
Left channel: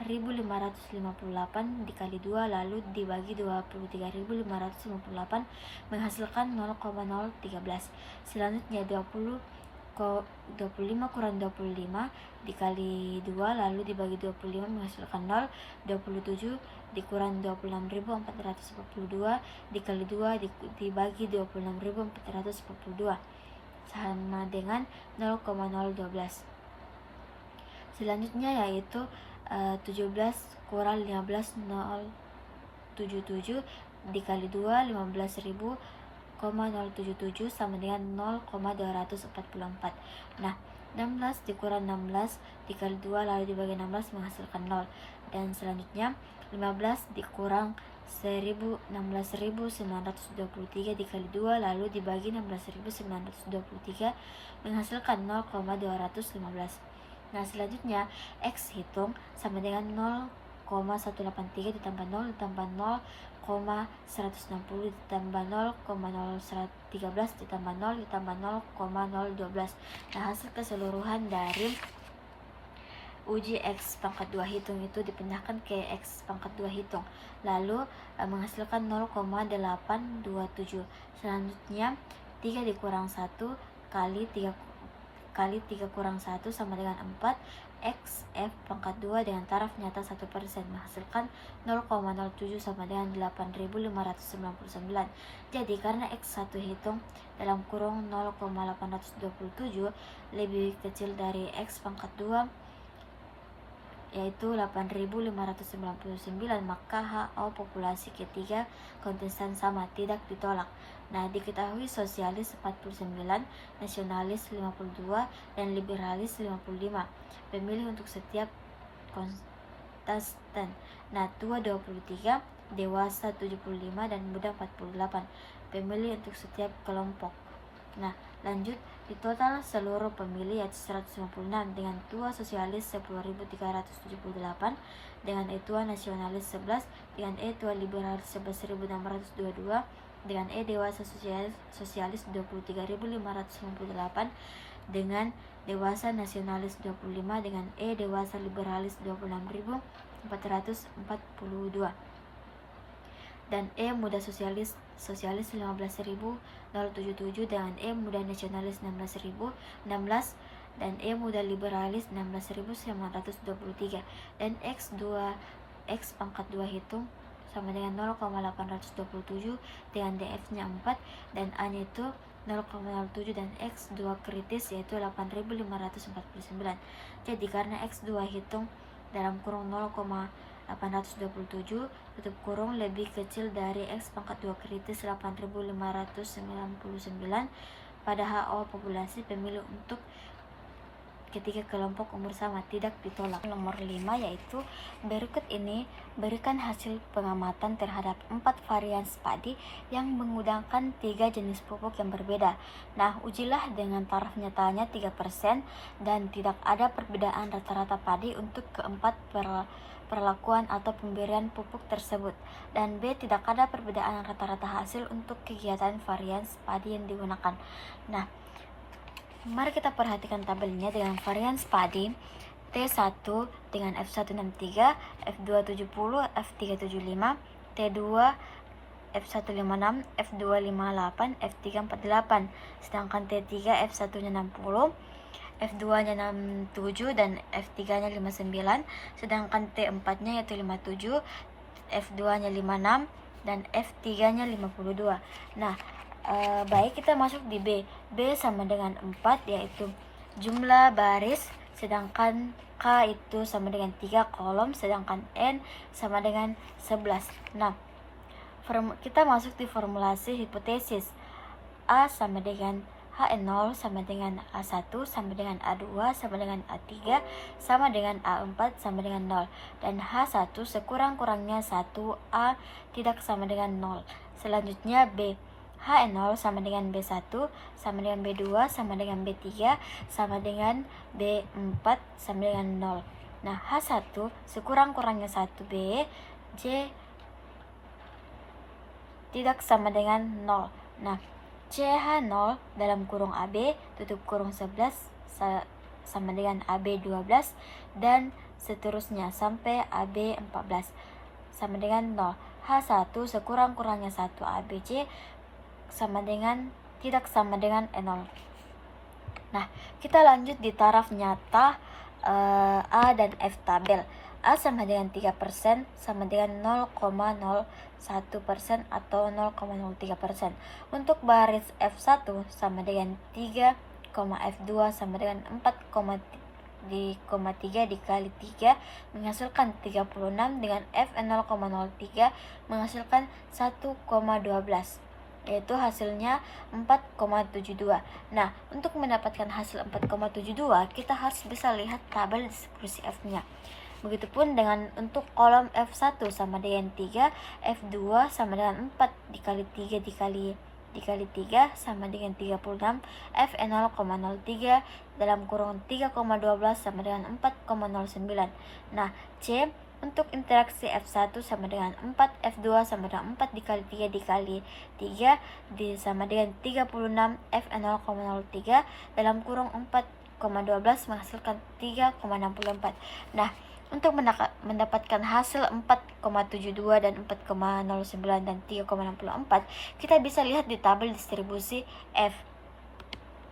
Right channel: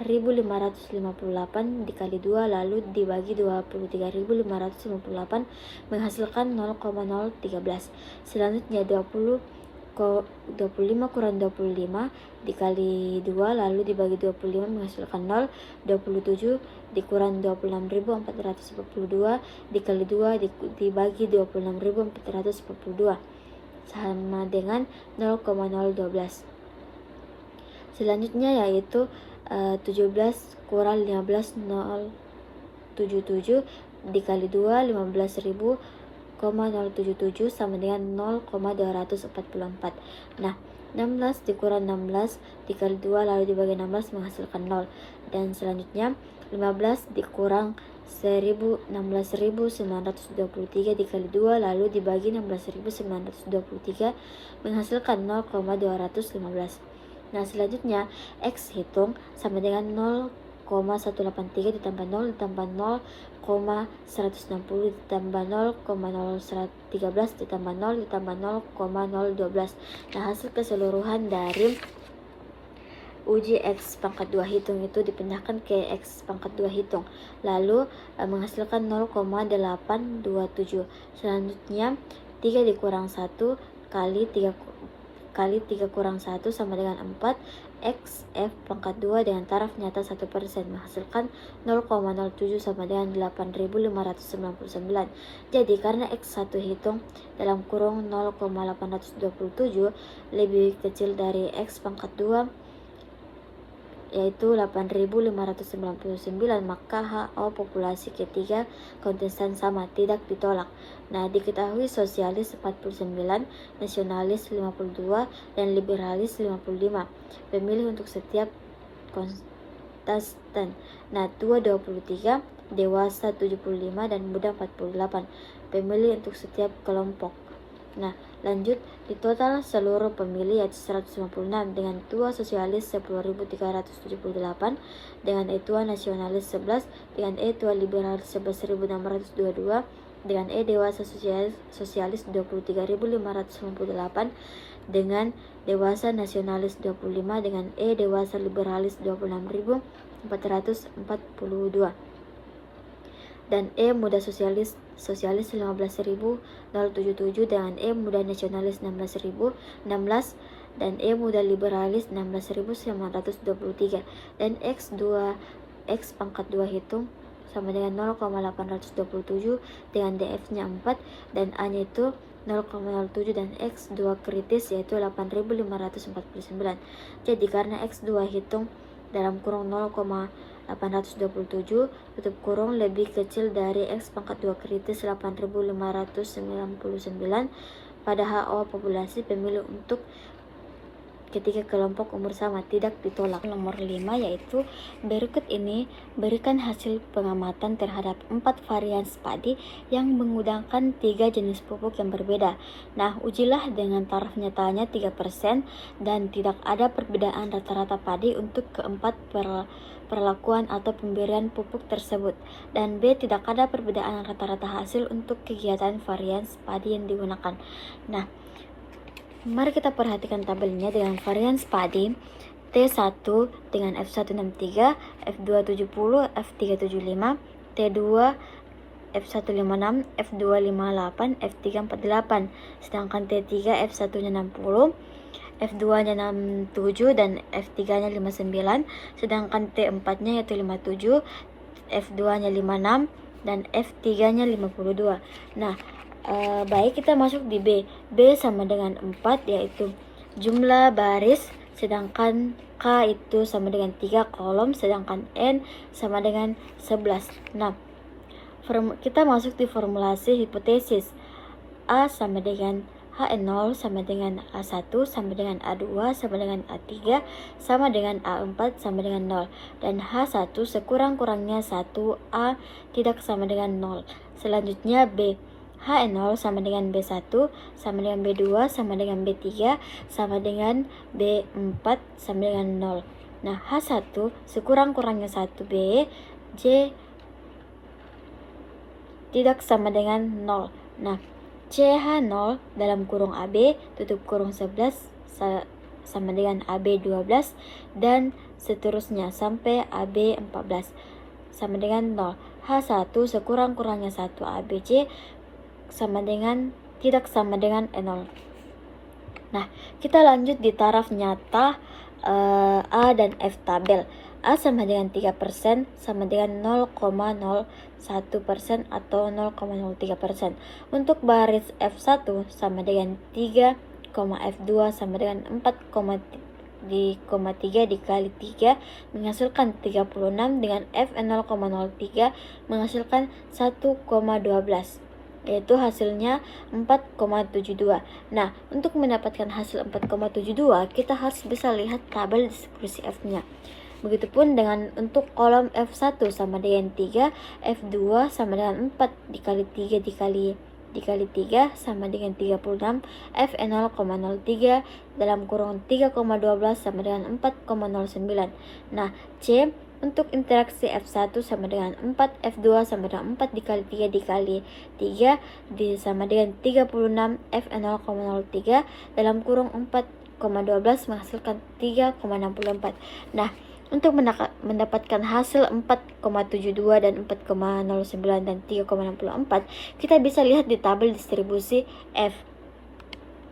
1558 dikali 2 lalu dibagi 23.558 menghasilkan 0,013. Selanjutnya 25 kurang 25 dikali 2 lalu dibagi 25 menghasilkan 0. 27 dikurang 26.442 dikali 2 dibagi 26.442 sama dengan 0,012. Selanjutnya yaitu 17 kurang 15.077 dikali 2 15.077 sama dengan 0,244. Nah, 16 dikurang 16 dikali 2 lalu dibagi 16 menghasilkan 0. Dan selanjutnya 15 dikurang 16.923 dikali 2 lalu dibagi 16.923 menghasilkan 0,215. Nah, selanjutnya X hitung sama dengan 0,215 0,183 ditambah 0 ditambah 0,160 ditambah 0,013 ditambah 0 ditambah 0,012. Nah, hasil keseluruhan dari uji X pangkat 2 hitung itu dipindahkan ke X pangkat 2 hitung, lalu menghasilkan 0,827. Selanjutnya 3 dikurang 1 kali 3 kurang 1 sama dengan 4. X F pangkat 2 dengan taraf nyata 1% menghasilkan 0,07 sama dengan 8.599. Jadi karena X1 hitung dalam kurung 0,827 lebih kecil dari X pangkat 2 yaitu 8.599, maka HO populasi ketiga kontestan sama, tidak ditolak. Nah, diketahui sosialis 49, nasionalis 52, dan liberalis 55 pemilih untuk setiap kontestan. Nah, tua 23, dewasa 75, dan muda 48 pemilih untuk setiap kelompok. Nah, lanjut, di total seluruh pemilih yaitu 156 dengan tua sosialis 10.378, dengan E tua nasionalis 11, dengan E tua liberalis 11.622, dengan E dewasa sosialis 23.598, dengan dewasa nasionalis 25, dengan E dewasa liberalis 26.442, dan E muda sosialis 15.077, dengan E muda nasionalis 16.016, dan E muda liberalis 16.923, dan X pangkat 2 hitung sama dengan 0,827 dengan DF-nya 4 dan A-nya itu 0,07, dan X2 kritis yaitu 8.549. Jadi karena X2 hitung dalam kurung 0,827 tutup kurung lebih kecil dari X pangkat 2 kritis 8.599 pada HO populasi pemilih untuk ketiga kelompok umur sama, tidak ditolak. Nomor 5 yaitu berikut ini berikan hasil pengamatan terhadap 4 varian padi yang menggunakan 3 jenis pupuk yang berbeda. Nah, ujilah dengan taraf nyatanya 3% dan tidak ada perbedaan rata-rata padi untuk keempat perlakuan atau pemberian pupuk tersebut. Dan B, tidak ada perbedaan rata-rata hasil untuk kegiatan varian padi yang digunakan. Nah, mari kita perhatikan tabelnya dengan varian padi T1 dengan F163, F270, F375, T2 F156, F258, F348, sedangkan T3 F1-nya 60, F2-nya 67, dan F3-nya 59, sedangkan T4-nya yaitu 57, F2-nya 56, dan F3-nya 52. Nah, baik, kita masuk di B. B sama dengan 4 yaitu jumlah baris, sedangkan K itu sama dengan 3 kolom, sedangkan N sama dengan 11. Nah, kita masuk di formulasi hipotesis. A sama dengan HN0 sama dengan A1 sama dengan A2 sama dengan A3 sama dengan A4 sama dengan 0, dan H1 sekurang-kurangnya 1, A tidak sama dengan 0. Selanjutnya B, HN0 sama dengan B1 sama dengan B2 sama dengan B3 sama dengan B4 sama dengan 0. Nah, H1 sekurang-kurangnya 1B, J tidak sama dengan 0. Nah, CH0 dalam kurung AB tutup kurung 11 sama dengan AB 12 dan seterusnya sampai AB 14 sama dengan 0. H1 sekurang-kurangnya 1 ABC sama dengan tidak sama dengan 0. Nah, kita lanjut di taraf nyata A dan F tabel. A sama dengan 3% sama dengan 0,01% atau 0,03%. Untuk baris F1 sama dengan 3, F2 sama dengan 4,3 dikali 3 menghasilkan 36, dengan F 0,03 menghasilkan 1,12, yaitu hasilnya 4,72. Nah, untuk mendapatkan hasil 4,72 kita harus bisa lihat tabel distribusi F-nya. Begitupun dengan untuk kolom F1 sama dengan 3, F2 sama dengan 4 dikali 3 dikali 3 sama dengan 36, F 0,03 dalam kurung 3,12 sama dengan 4,09. Nah, C Untuk interaksi F1 sama dengan 4, F2 sama dengan 4 dikali 3 dikali 3 sama dengan 36, F0,03 dalam kurung 4,12 menghasilkan 3,64. Nah, untuk mendapatkan hasil 4,72 dan 4,09 dan 3,64, kita bisa lihat di tabel distribusi F.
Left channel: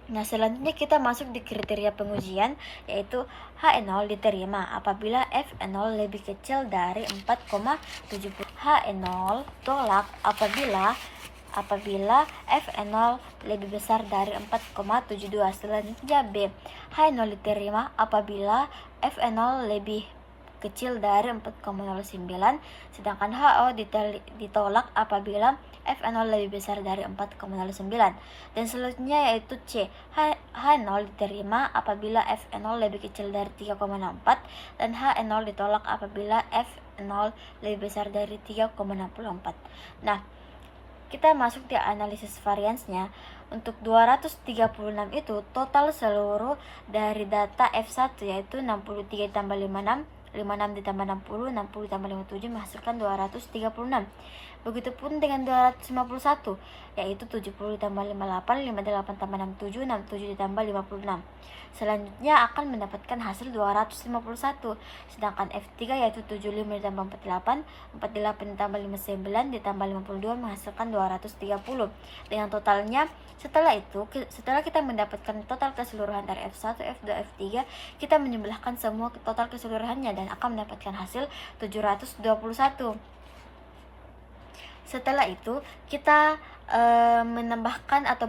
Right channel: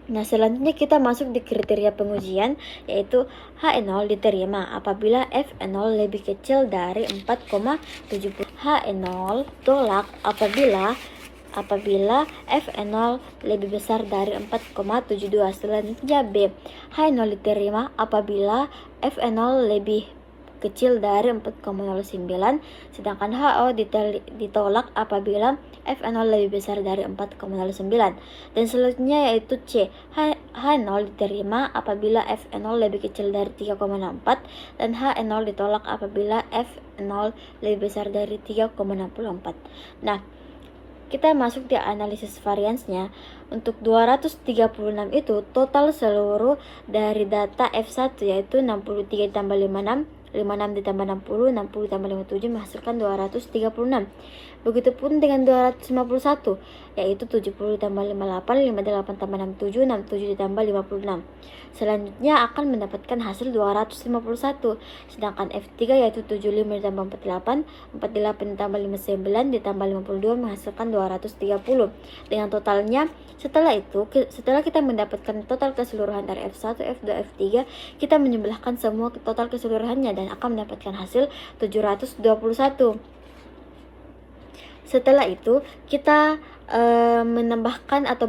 Nah, selanjutnya kita masuk di kriteria pengujian, yaitu H0 diterima apabila F0 lebih kecil dari 4,70. H0 tolak apabila F0 lebih besar dari 4,72. Selanjutnya B. H0 diterima apabila F0 lebih kecil dari 4,09, sedangkan HO ditolak apabila F0 lebih besar dari 4,09. Dan selanjutnya yaitu C. H0 diterima apabila F0 lebih kecil dari 3,64 dan H0 ditolak apabila F0 lebih besar dari 3,64. Nah, kita masuk di analisis variansnya. Untuk 236 itu total seluruh dari data F1 yaitu 63 ditambah 56, 56 ditambah 60, 60 ditambah 57 menghasilkan 236. Begitupun dengan 251, yaitu 70 ditambah 58, 58 tambah 67, 67 ditambah 56. Selanjutnya akan mendapatkan hasil 251. Sedangkan F3 yaitu 75 ditambah 48, 48 ditambah 59 ditambah 52 menghasilkan 230. Dengan totalnya, setelah kita mendapatkan total keseluruhan dari F1, F2, F3, kita menjumlahkan semua total keseluruhannya dan akan mendapatkan hasil 721. Setelah itu, kita menambahkan atau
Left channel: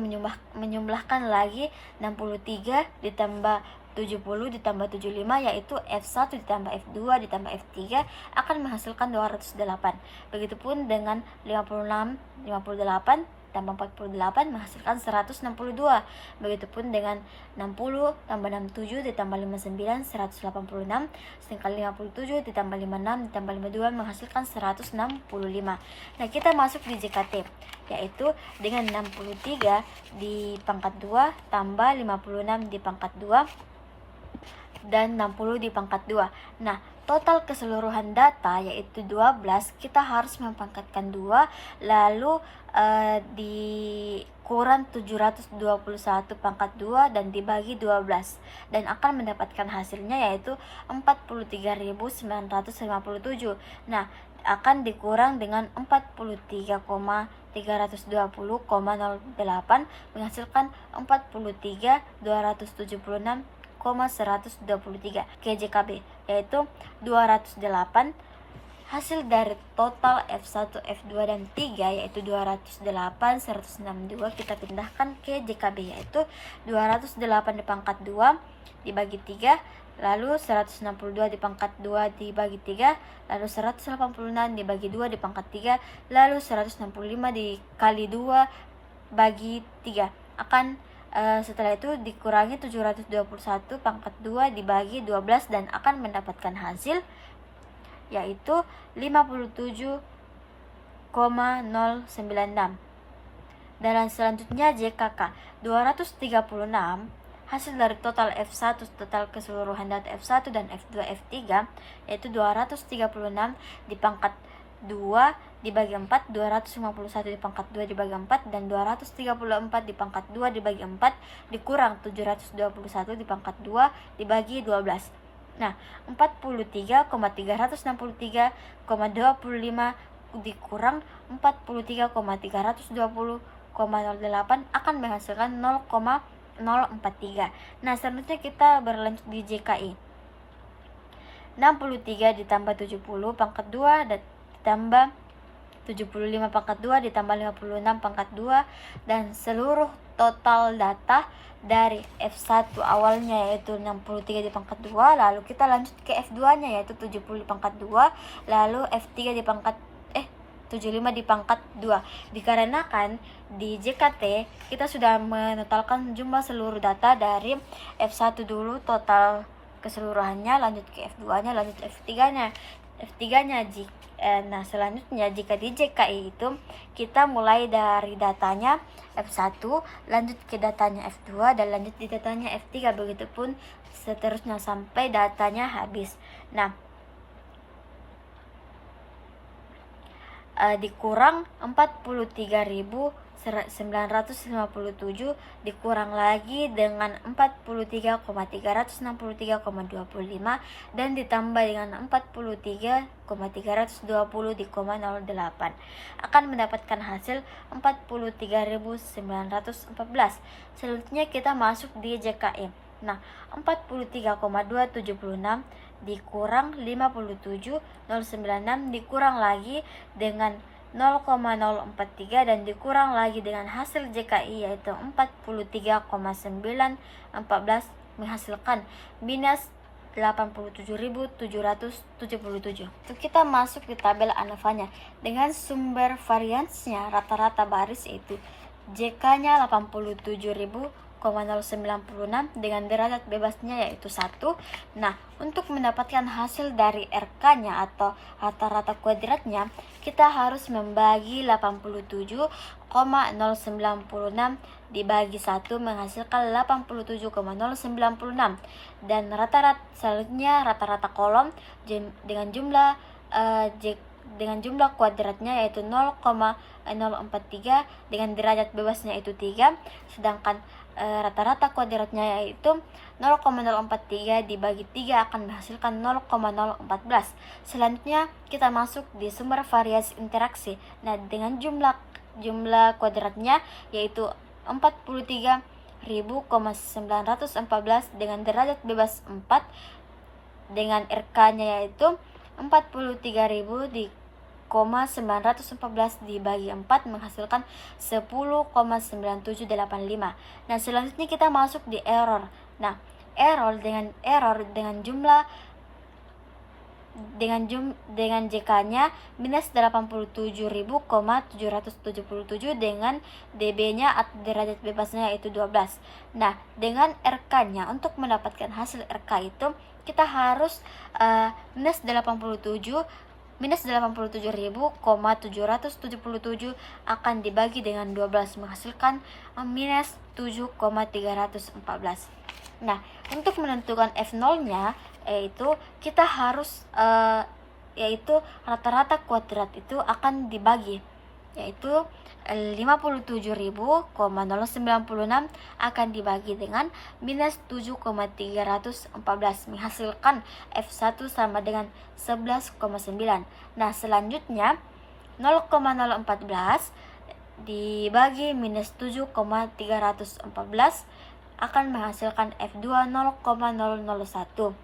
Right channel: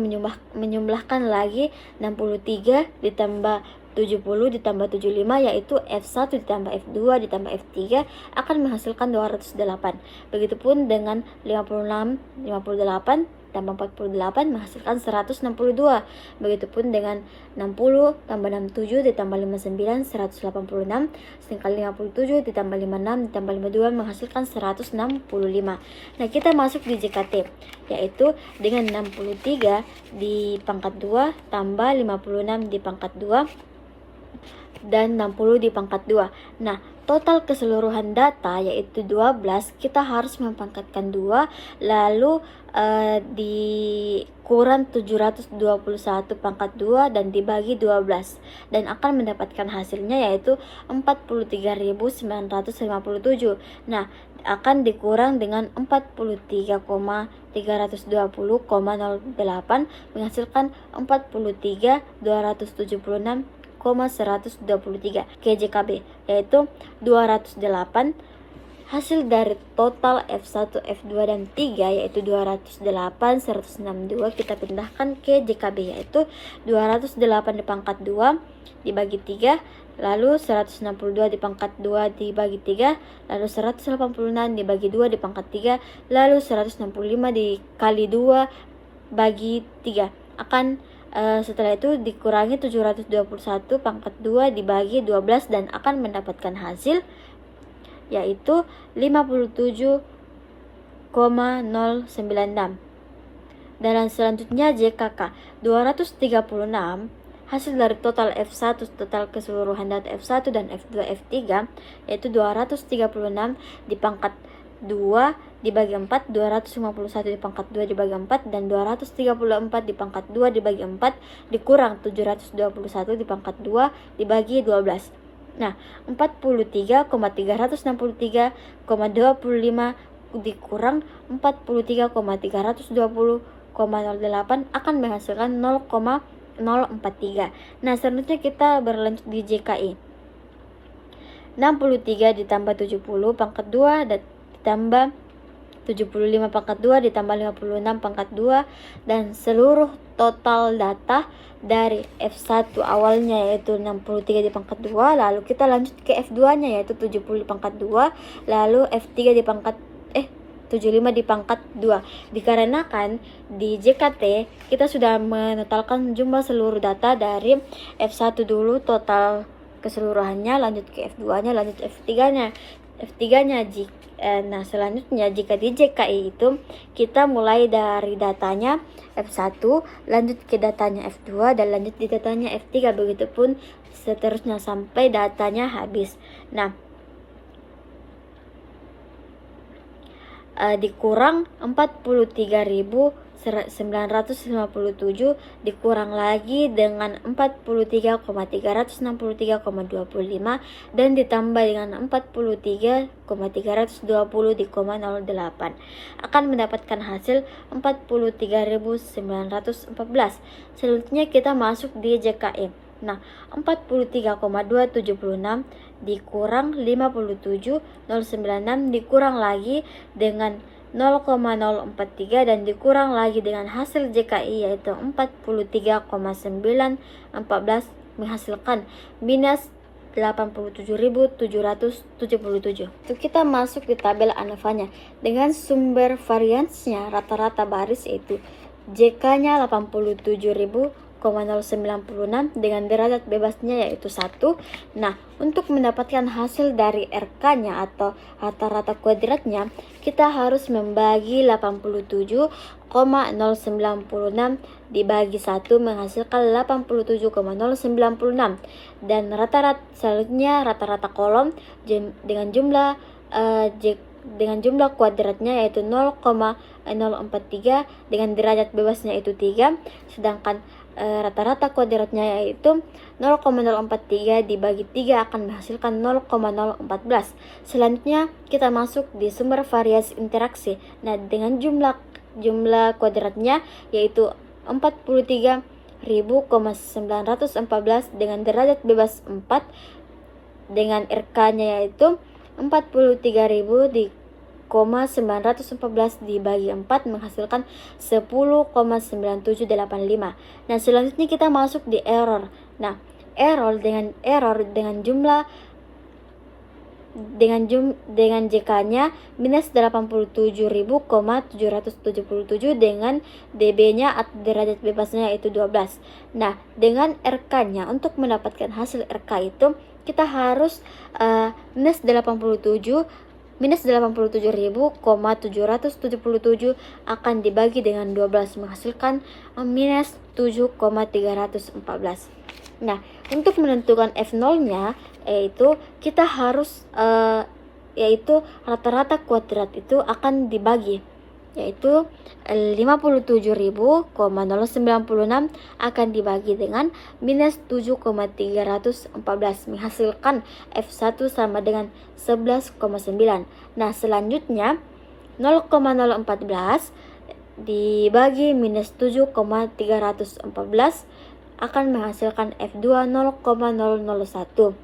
menjumlahkan lagi 63 ditambah 70 ditambah 75, yaitu F1 ditambah F2 ditambah F3 akan menghasilkan 208. Begitupun dengan 58 tambah 48 menghasilkan 162. Begitupun dengan 60 tambah 67 ditambah 59 186, sedangkan 57 ditambah 56 ditambah 52 menghasilkan 165. Nah, kita masuk di JKT, yaitu dengan 63 di pangkat 2 tambah 56 di pangkat 2 dan 60 di pangkat 2. Nah, total keseluruhan data yaitu 12, kita harus mempangkatkan 2, lalu dikurang 721 pangkat 2 dan dibagi 12, dan akan mendapatkan hasilnya yaitu 43.957. Nah, akan dikurang dengan 43,320,08 menghasilkan 43.276,123 KJKB, yaitu 208. Hasil dari total F1, F2, dan 3 yaitu 208, 162 kita pindahkan ke JKB, yaitu 208 di pangkat 2 dibagi 3, lalu 162 di pangkat 2 dibagi 3, lalu 186 dibagi 2 di pangkat 3, lalu 165 dikali 2 bagi 3. Setelah itu dikurangi 721 pangkat 2 dibagi 12 dan akan mendapatkan hasil yaitu 57,096. Dan selanjutnya JKK 236. Hasil dari total F1, total keseluruhan data F1 dan F2, F3 yaitu 236 di pangkat 2 dibagi 4, 251 di pangkat 2 dibagi 4, dan 234 di pangkat 2 dibagi 4 dikurang 721 di pangkat 2 dibagi 12. Nah, 43,363,25 dikurang 43,320,08 akan menghasilkan 0,043. Nah, selanjutnya kita berlanjut di JKI. 63 ditambah 70 pangkat 2 ditambah 75 pangkat 2 ditambah 56 pangkat 2, dan seluruh total data dari F1 awalnya yaitu 63 di pangkat 2, lalu kita lanjut ke F2 nya yaitu 70 di pangkat 2, lalu F3 di pangkat 75 di pangkat 2. Dikarenakan di JKT kita sudah menotalkan jumlah seluruh data dari F1 dulu total keseluruhannya, lanjut ke F2 nya, lanjut F3 nya. Nah, selanjutnya jika di JKI itu kita mulai dari datanya F1, lanjut ke datanya F2, dan lanjut di datanya F3, begitupun seterusnya sampai datanya habis. Nah, dikurang 43.957 dikurang lagi dengan 43,363,25 dan ditambah dengan 43,320 di koma 08 akan mendapatkan hasil 43.914. Selanjutnya kita masuk di JKM. Nah, 43,276 dikurang 57.096 dikurang lagi dengan 0,043 dan dikurang lagi dengan hasil JKI yaitu 43,914 menghasilkan minus 87.777. Itu kita masuk di tabel ANOVA-nya dengan sumber variansnya rata-rata baris yaitu JK-nya 87.096 dengan derajat bebasnya yaitu 1. Nah, untuk mendapatkan hasil dari RK-nya atau rata-rata kuadratnya, kita harus membagi 87,096 dibagi 1 menghasilkan 87,096 dan rata-rata selanjutnya rata-rata kolom dengan jumlah kuadratnya yaitu 0,043 dengan derajat bebasnya itu 3, sedangkan rata-rata kuadratnya yaitu 0,043 dibagi 3 akan menghasilkan 0,014. Selanjutnya kita masuk di sumber variasi interaksi. Nah, dengan jumlah kuadratnya yaitu 43.914 dengan derajat bebas 4 dengan RK-nya yaitu 43.914 dibagi 4 menghasilkan 10,9785. Nah, selanjutnya kita masuk di error. Nah, error dengan JK-nya minus 87.777 dengan dB-nya atau derajat bebasnya itu 12. Nah, dengan RK-nya untuk mendapatkan hasil RK itu kita harus minus 87.777 akan dibagi dengan 12 menghasilkan minus 7,314. Nah, untuk menentukan F0-nya yaitu kita harus yaitu rata-rata kuadrat itu akan dibagi yaitu 57.096 akan dibagi dengan minus 7,314 menghasilkan F1 sama dengan 11,9. Nah, selanjutnya 0,014 dibagi minus 7,314 akan menghasilkan F2 0,001.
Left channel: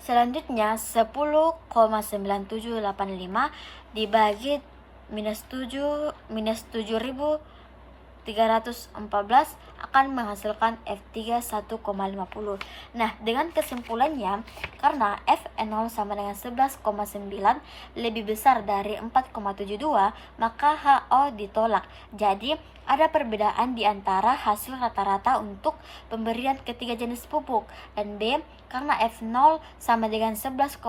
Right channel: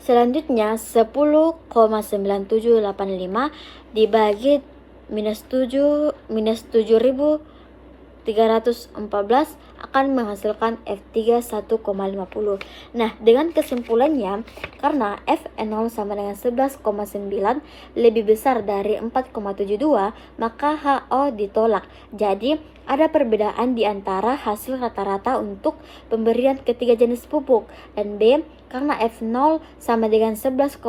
Selanjutnya 10,9785 dibagi minus 7.314 akan menghasilkan F3 1,50. Nah, dengan kesimpulannya, karena F0 sama dengan 11,9 lebih besar dari 4,72, maka HO ditolak. Jadi, ada perbedaan di antara hasil rata-rata untuk pemberian ketiga jenis pupuk. Dan B, karena F0 sama dengan 11,9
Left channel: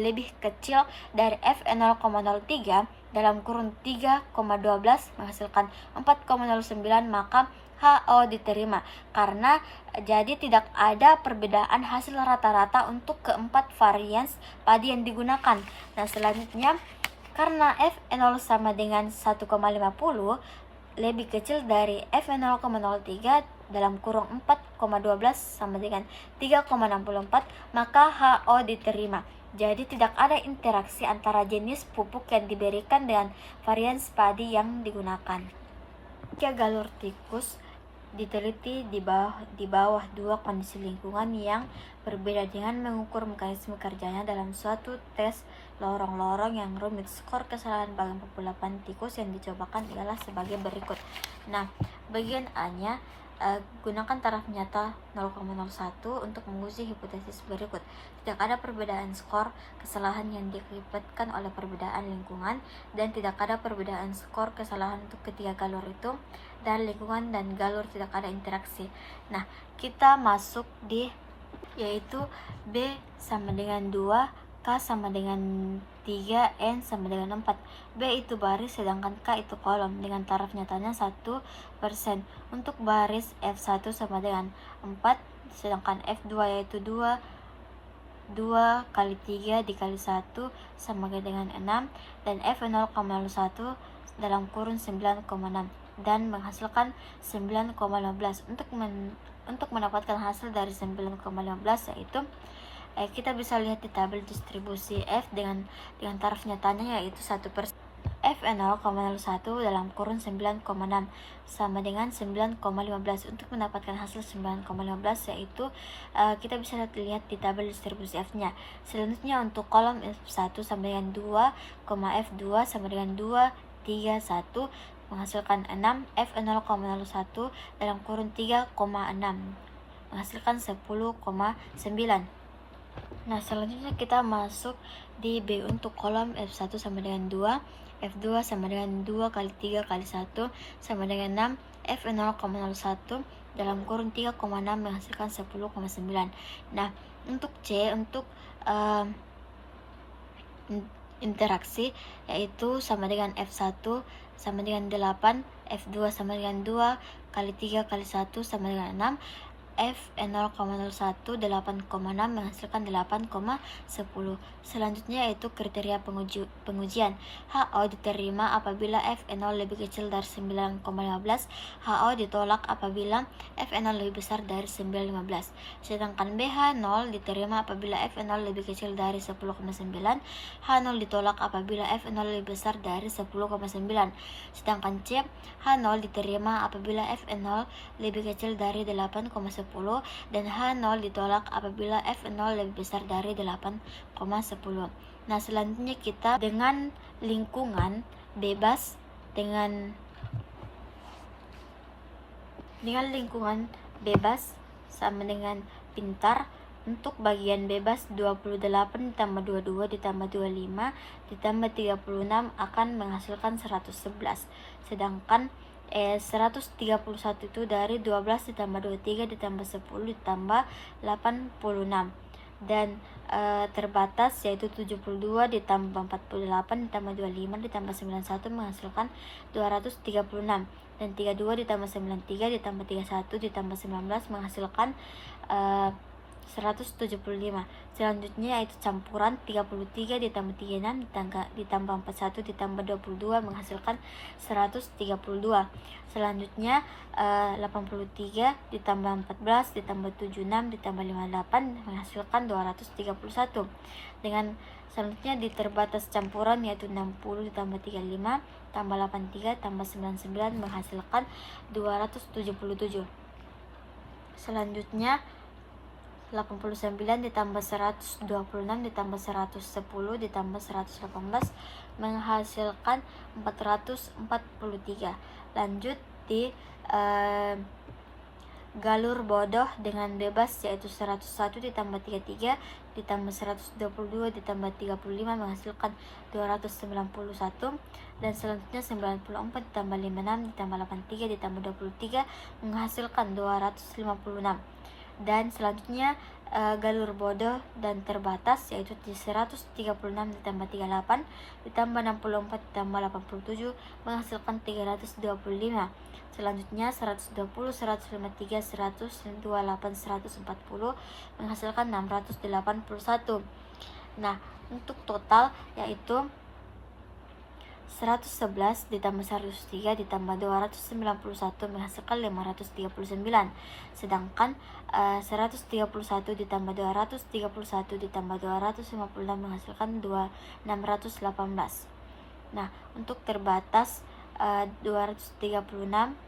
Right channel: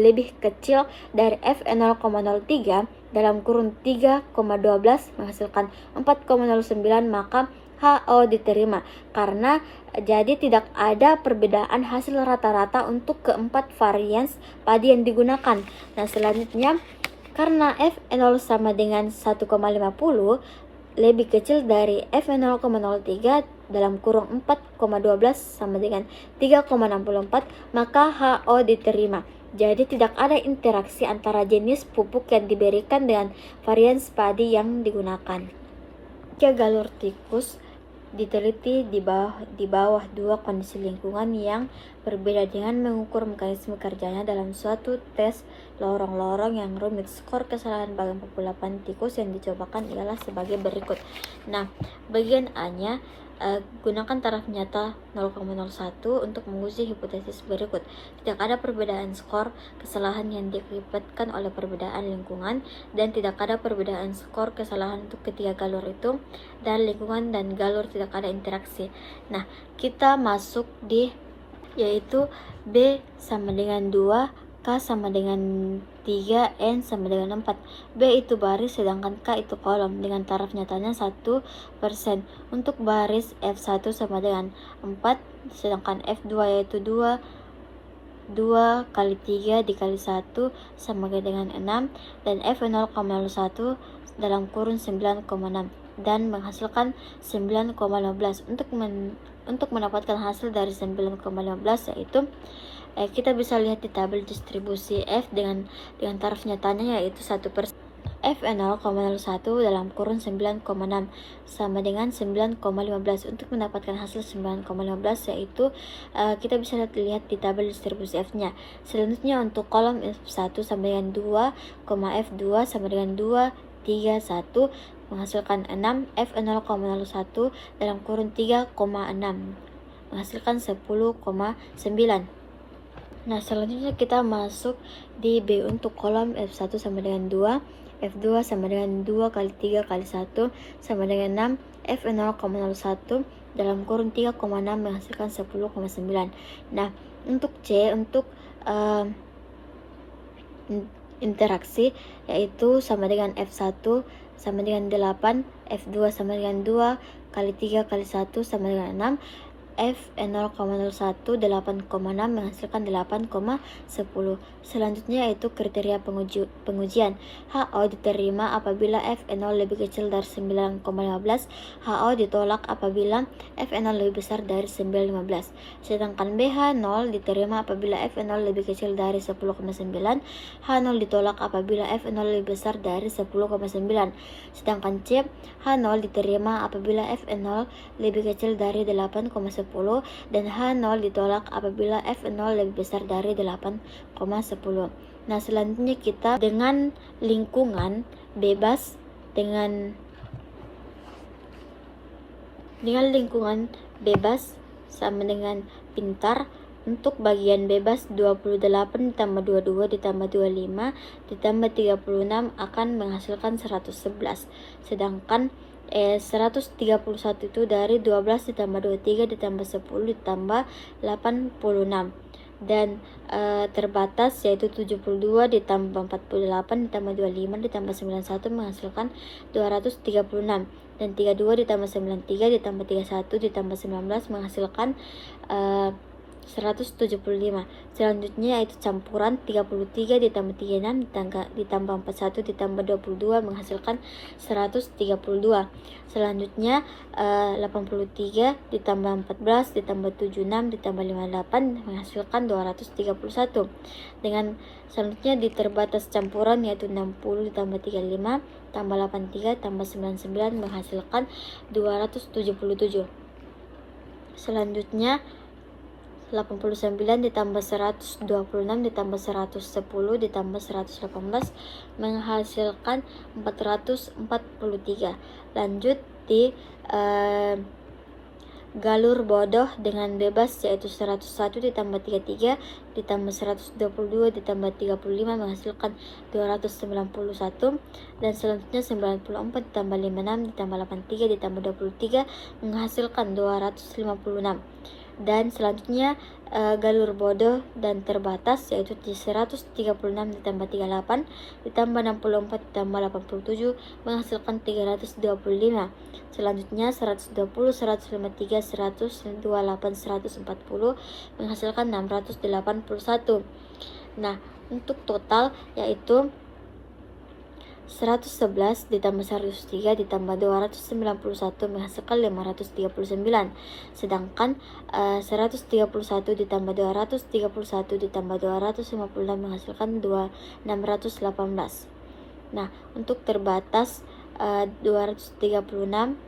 lebih kecil dari F0,03 dalam kurun 3,12 menghasilkan 4,09, maka HO diterima karena jadi tidak ada perbedaan hasil rata-rata untuk keempat varians padi yang digunakan. Nah, selanjutnya karena F0 sama dengan 1,50 lebih kecil dari F0,03 dalam kurung 4,12 sama dengan 3,64, maka HO diterima. Jadi tidak ada interaksi antara jenis pupuk yang diberikan dengan varians padi yang digunakan. Jika galur tikus diteliti di bawah dua kondisi lingkungan yang berbeda dengan mengukur mekanisme kerjanya dalam suatu tes lorong-lorong yang rumit. Skor kesalahan bagian populasi tikus yang dicobakan ialah sebagai berikut. Nah, bagian A-nya gunakan taraf nyata 0,01 untuk menguji hipotesis berikut. Tidak ada perbedaan skor kesalahan yang diakibatkan oleh perbedaan lingkungan dan tidak ada perbedaan skor kesalahan untuk ketiga galur itu, dan lingkungan dan galur tidak ada interaksi. Nah, kita masuk di yaitu B sama dengan 2, K sama dengan 3, N sama dengan 4. B itu baris sedangkan K itu kolom dengan taraf nyatanya 1%. Untuk baris F1 sama dengan 4 sedangkan F2 yaitu 2 2 kali 3 dikali 1 sama dengan 6, dan F 0,01 dalam kurun 9,6 dan menghasilkan 9,15. Untuk mendapatkan hasil dari 9,15 yaitu kita bisa lihat di tabel distribusi F dengan taraf nyatanya yaitu 1%. F 0,01 dalam kurun 9,6 sama dengan 9,15. Untuk mendapatkan hasil 9,15 yaitu kita bisa lihat di tabel distribusi F-nya. Selanjutnya untuk kolom F1 sama dengan 2, F2 sama dengan 2, 3, 1 menghasilkan 6, F 0,01 dalam kurun 3,6 menghasilkan 10,9. Nah, selanjutnya kita masuk di B untuk kolom F1 sama dengan 2, F2 sama dengan 2 kali 3 kali 1 sama dengan 6, F 0,01 dalam kurun 3,6 menghasilkan 10,9. Nah, untuk C, untuk interaksi yaitu sama dengan F1 sama dengan 8, F2 sama dengan 2 kali 3 kali 1 sama dengan 6, F 0,01 8,6 menghasilkan 8,10. Selanjutnya yaitu kriteria pengujian. HO diterima apabila F 0 lebih kecil dari 9,15. HO ditolak apabila F 0 lebih besar dari 9,15. Sedangkan BH 0 diterima apabila F 0 lebih kecil dari 10,9. H0 ditolak apabila F 0 lebih besar dari 10,9. Sedangkan C, H0 diterima apabila F 0 lebih kecil dari 8,10 dan H0 ditolak apabila F 0 lebih besar dari 8,10. Nah, selanjutnya kita dengan lingkungan bebas dengan lingkungan bebas sama dengan pintar. Untuk bagian bebas 28 ditambah 22 ditambah 25 ditambah 36 akan menghasilkan 111. Sedangkan 131 itu dari 12 ditambah 23 ditambah 10 ditambah 86. Dan terbatas yaitu 72 ditambah 48 ditambah 25 ditambah 91 menghasilkan 236. Dan 32 ditambah 93 ditambah 31 ditambah 19 menghasilkan 175. Selanjutnya yaitu campuran 33 ditambah 36 ditambah 41 ditambah 22 menghasilkan 132. Selanjutnya 83 ditambah 14 ditambah 76 ditambah 58 menghasilkan 231. Dengan selanjutnya di terbatas campuran yaitu 60 ditambah 35 tambah 83 tambah 99 menghasilkan 277. Selanjutnya 89 ditambah 126 ditambah 110 ditambah 118 menghasilkan 443. Lanjut di galur bodoh dengan bebas yaitu 101 ditambah 33 ditambah 122 ditambah 35 menghasilkan 291. Dan selanjutnya 94 ditambah 56 ditambah 83 ditambah 23 menghasilkan 256. Dan selanjutnya galur bodoh dan terbatas yaitu 136 ditambah 38 ditambah 64 ditambah 87 menghasilkan 325. Selanjutnya 120, 153, 128, 140 menghasilkan 681. Nah, untuk total yaitu 111 ditambah 103 ditambah 291 menghasilkan 539. Sedangkan 131 ditambah 231 ditambah 256 menghasilkan 618. Nah, untuk terbatas 236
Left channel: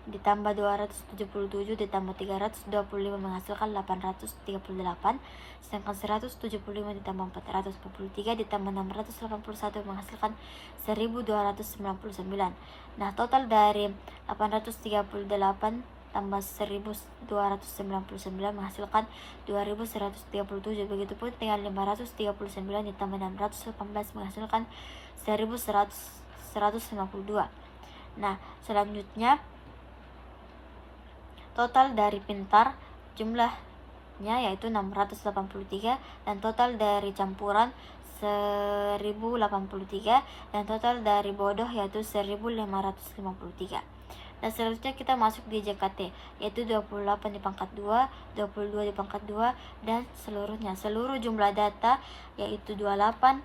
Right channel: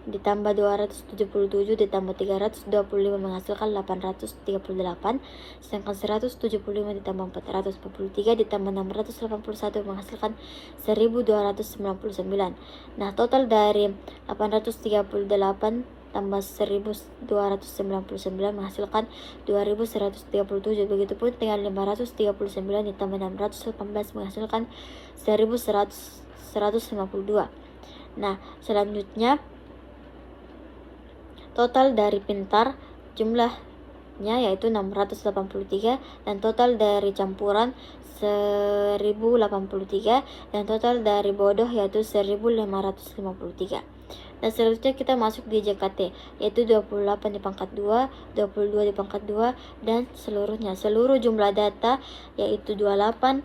ditambah 277 ditambah 325 menghasilkan 838. Sedangkan 175 ditambah 443 ditambah 681 menghasilkan 1299. Nah, total dari 838 tambah 1299 menghasilkan 2137. Begitupun dengan 539 ditambah 618 menghasilkan 1152. Nah, selanjutnya total dari pintar jumlahnya yaitu 683 dan total dari campuran 1083 dan total dari bodoh yaitu 1553. Dan selanjutnya kita masuk di JKT, yaitu 28 di pangkat 2, 22 di pangkat 2, dan seluruhnya. Seluruh jumlah data yaitu 28.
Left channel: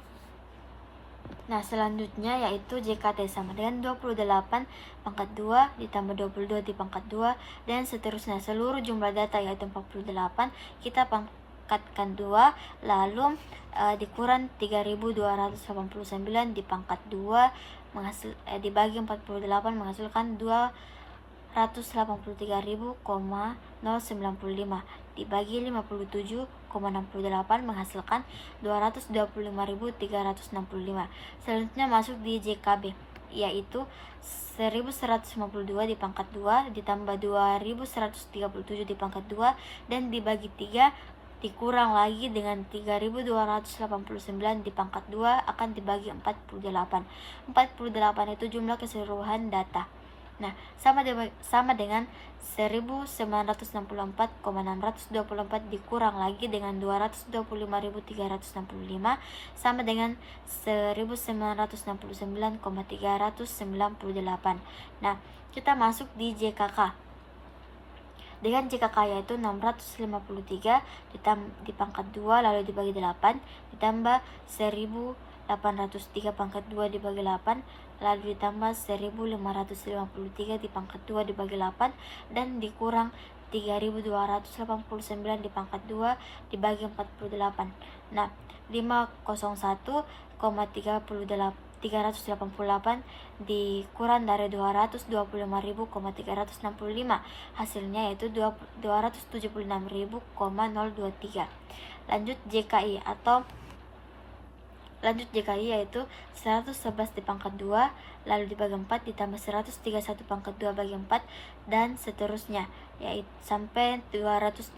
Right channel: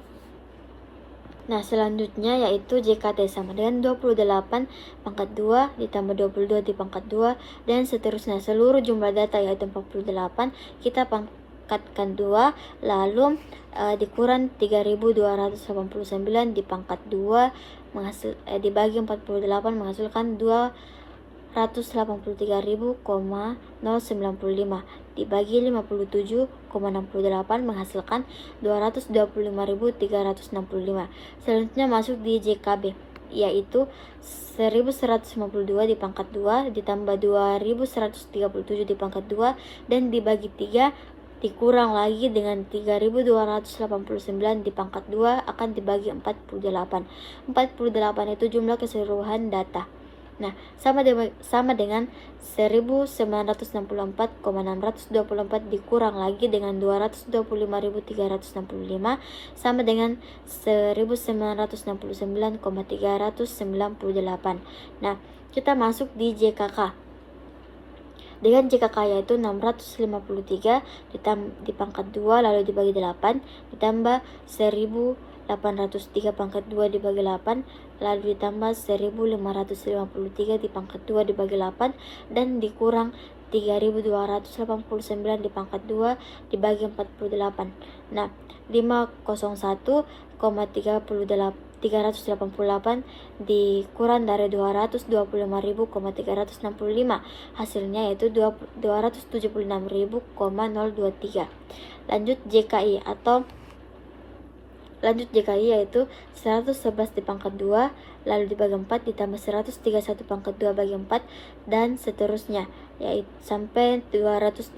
Nah, selanjutnya yaitu JKT sama dengan 28 pangkat 2 ditambah 22 di pangkat 2, dan seterusnya. Seluruh jumlah data yaitu 48, kita pangkatkan 2, lalu dikurang 3289 di pangkat 2 dibagi 48 menghasilkan 283.095 dibagi 57,68 menghasilkan 225.365. Selanjutnya masuk di JKB, yaitu 1152 di pangkat 2 ditambah 2137 di pangkat 2 dan dibagi 3 dikurang lagi dengan 3289 di pangkat 2 akan dibagi 48. 48 itu jumlah keseluruhan data. Nah, sama dengan 1964,624 dikurang lagi dengan 225.365 sama dengan 1969,398. Nah, kita masuk di JKK. Dengan JKK yaitu 653 di pangkat 2 lalu dibagi 8 ditambah 1803 pangkat 2 dibagi 8 lalu ditambah 1553 di pangkat 2 dibagi 8 dan dikurang 3289 di pangkat 2 dibagi 48. Nah, 501,388 dikurang dari 225.365, hasilnya yaitu 276.023. Lanjut JKI yaitu 111 di pangkat 2 lalu dibagi 4 ditambah 131 pangkat 2 bagi 4 dan seterusnya, yaitu sampai 236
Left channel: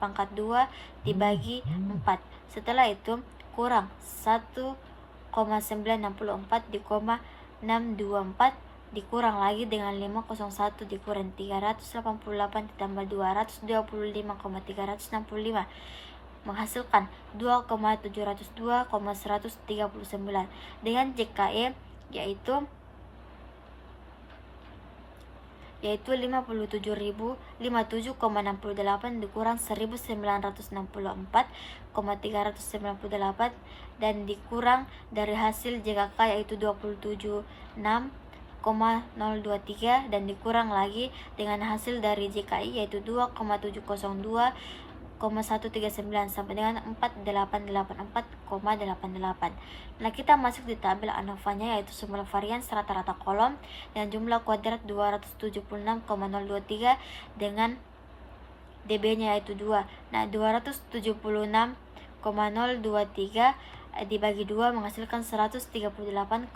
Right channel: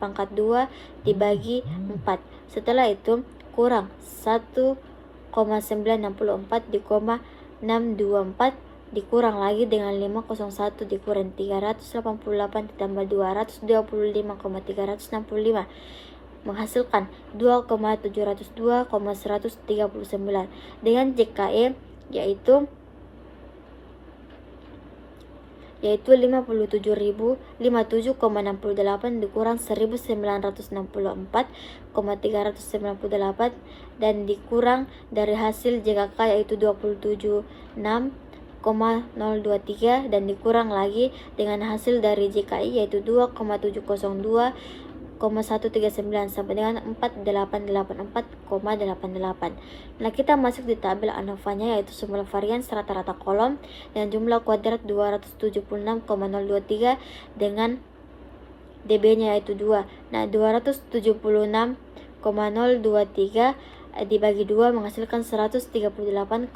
pangkat 2 dibagi 4. Setelah itu kurang 1,964 di 624 dikurang lagi dengan 501 dikurang 388 ditambah 225,365 menghasilkan 2,702,139. Dengan JKE yaitu 57.057,68 dikurang 1964,398 dan dikurang dari hasil JKK yaitu 27.6,023 dan dikurang lagi dengan hasil dari JKI yaitu 2,702,139 sampai dengan 4884,88. Nah, kita masuk di tabel ANOVA-nya yaitu semua varian rata-rata kolom dan jumlah kuadrat 276,023 dengan DB-nya yaitu 2. Nah, 276,023 dibagi 2 menghasilkan 138,011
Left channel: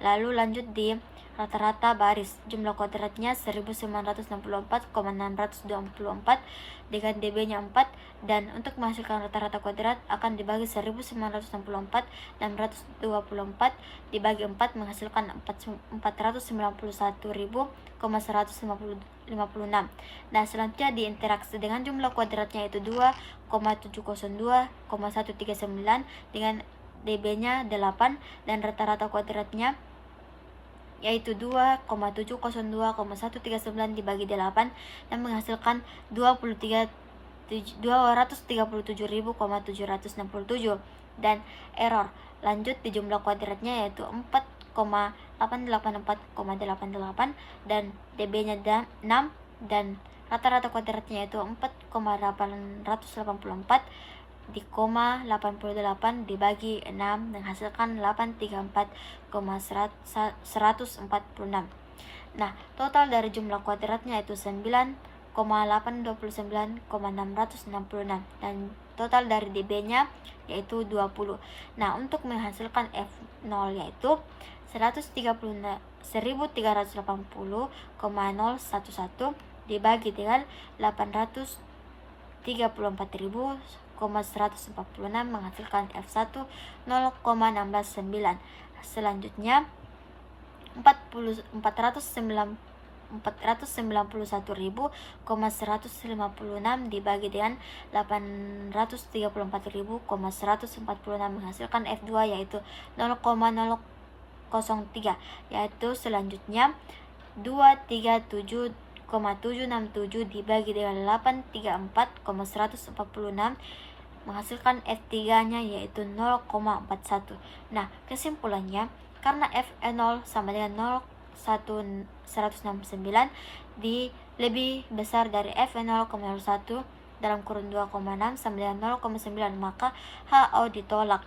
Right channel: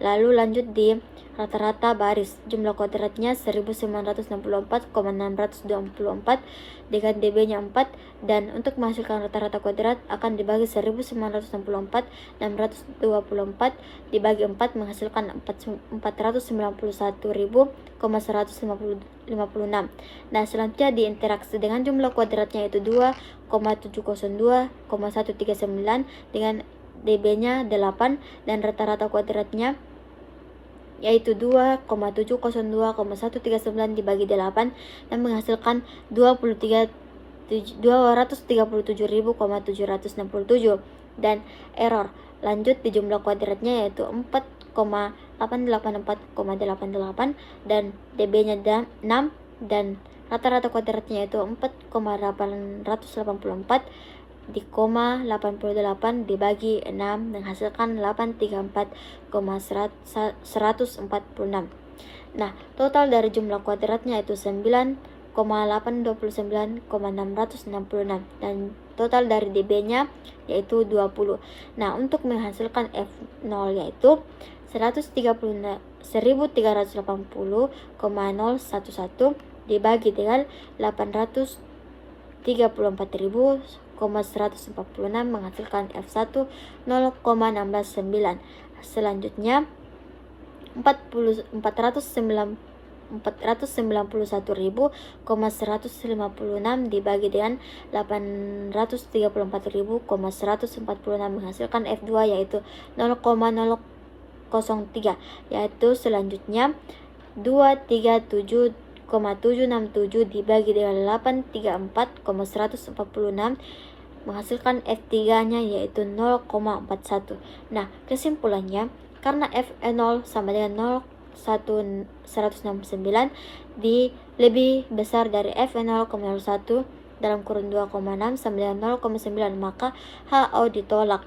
lalu lanjut di rata-rata baris, jumlah kuadratnya 1964,624 dengan DB-nya 4 dan untuk menghasilkan rata-rata kuadrat akan dibagi 1964,624 dibagi 4 menghasilkan 491.156. Nah, selanjutnya diinteraksi dengan jumlah kuadratnya yaitu 2,702,139 dengan DB-nya 8 dan rata-rata kuadratnya yaitu 2,702,139 dibagi 8 dan menghasilkan 237.767 dan error. Lanjut di jumlah kuadratnya yaitu 4,884,88 dan DB-nya 6 dan rata-rata kuadratnya yaitu 4,884 di 88 dibagi 6 menghasilkan 834,146. Nah, total dari jumlah kuadratnya itu 9,829,666 dan total dari DB-nya yaitu 20. Nah, untuk menghasilkan F0 yaitu 1380,011 dibagi dengan 834.146 menghasilkan F1 0,169. Selanjutnya 491.156 dibagi dengan 834.146 menghasilkan F2 yaitu 0,0 yaitu selanjutnya 237,767 dibagi dengan 834,146 menghasilkan F3-nya yaitu 0,41. Nah, kesimpulannya karena F0 sama dengan 169 lebih besar dari F0,01 dalam kurun 2,6 sama dengan 0,9, maka HO ditolak.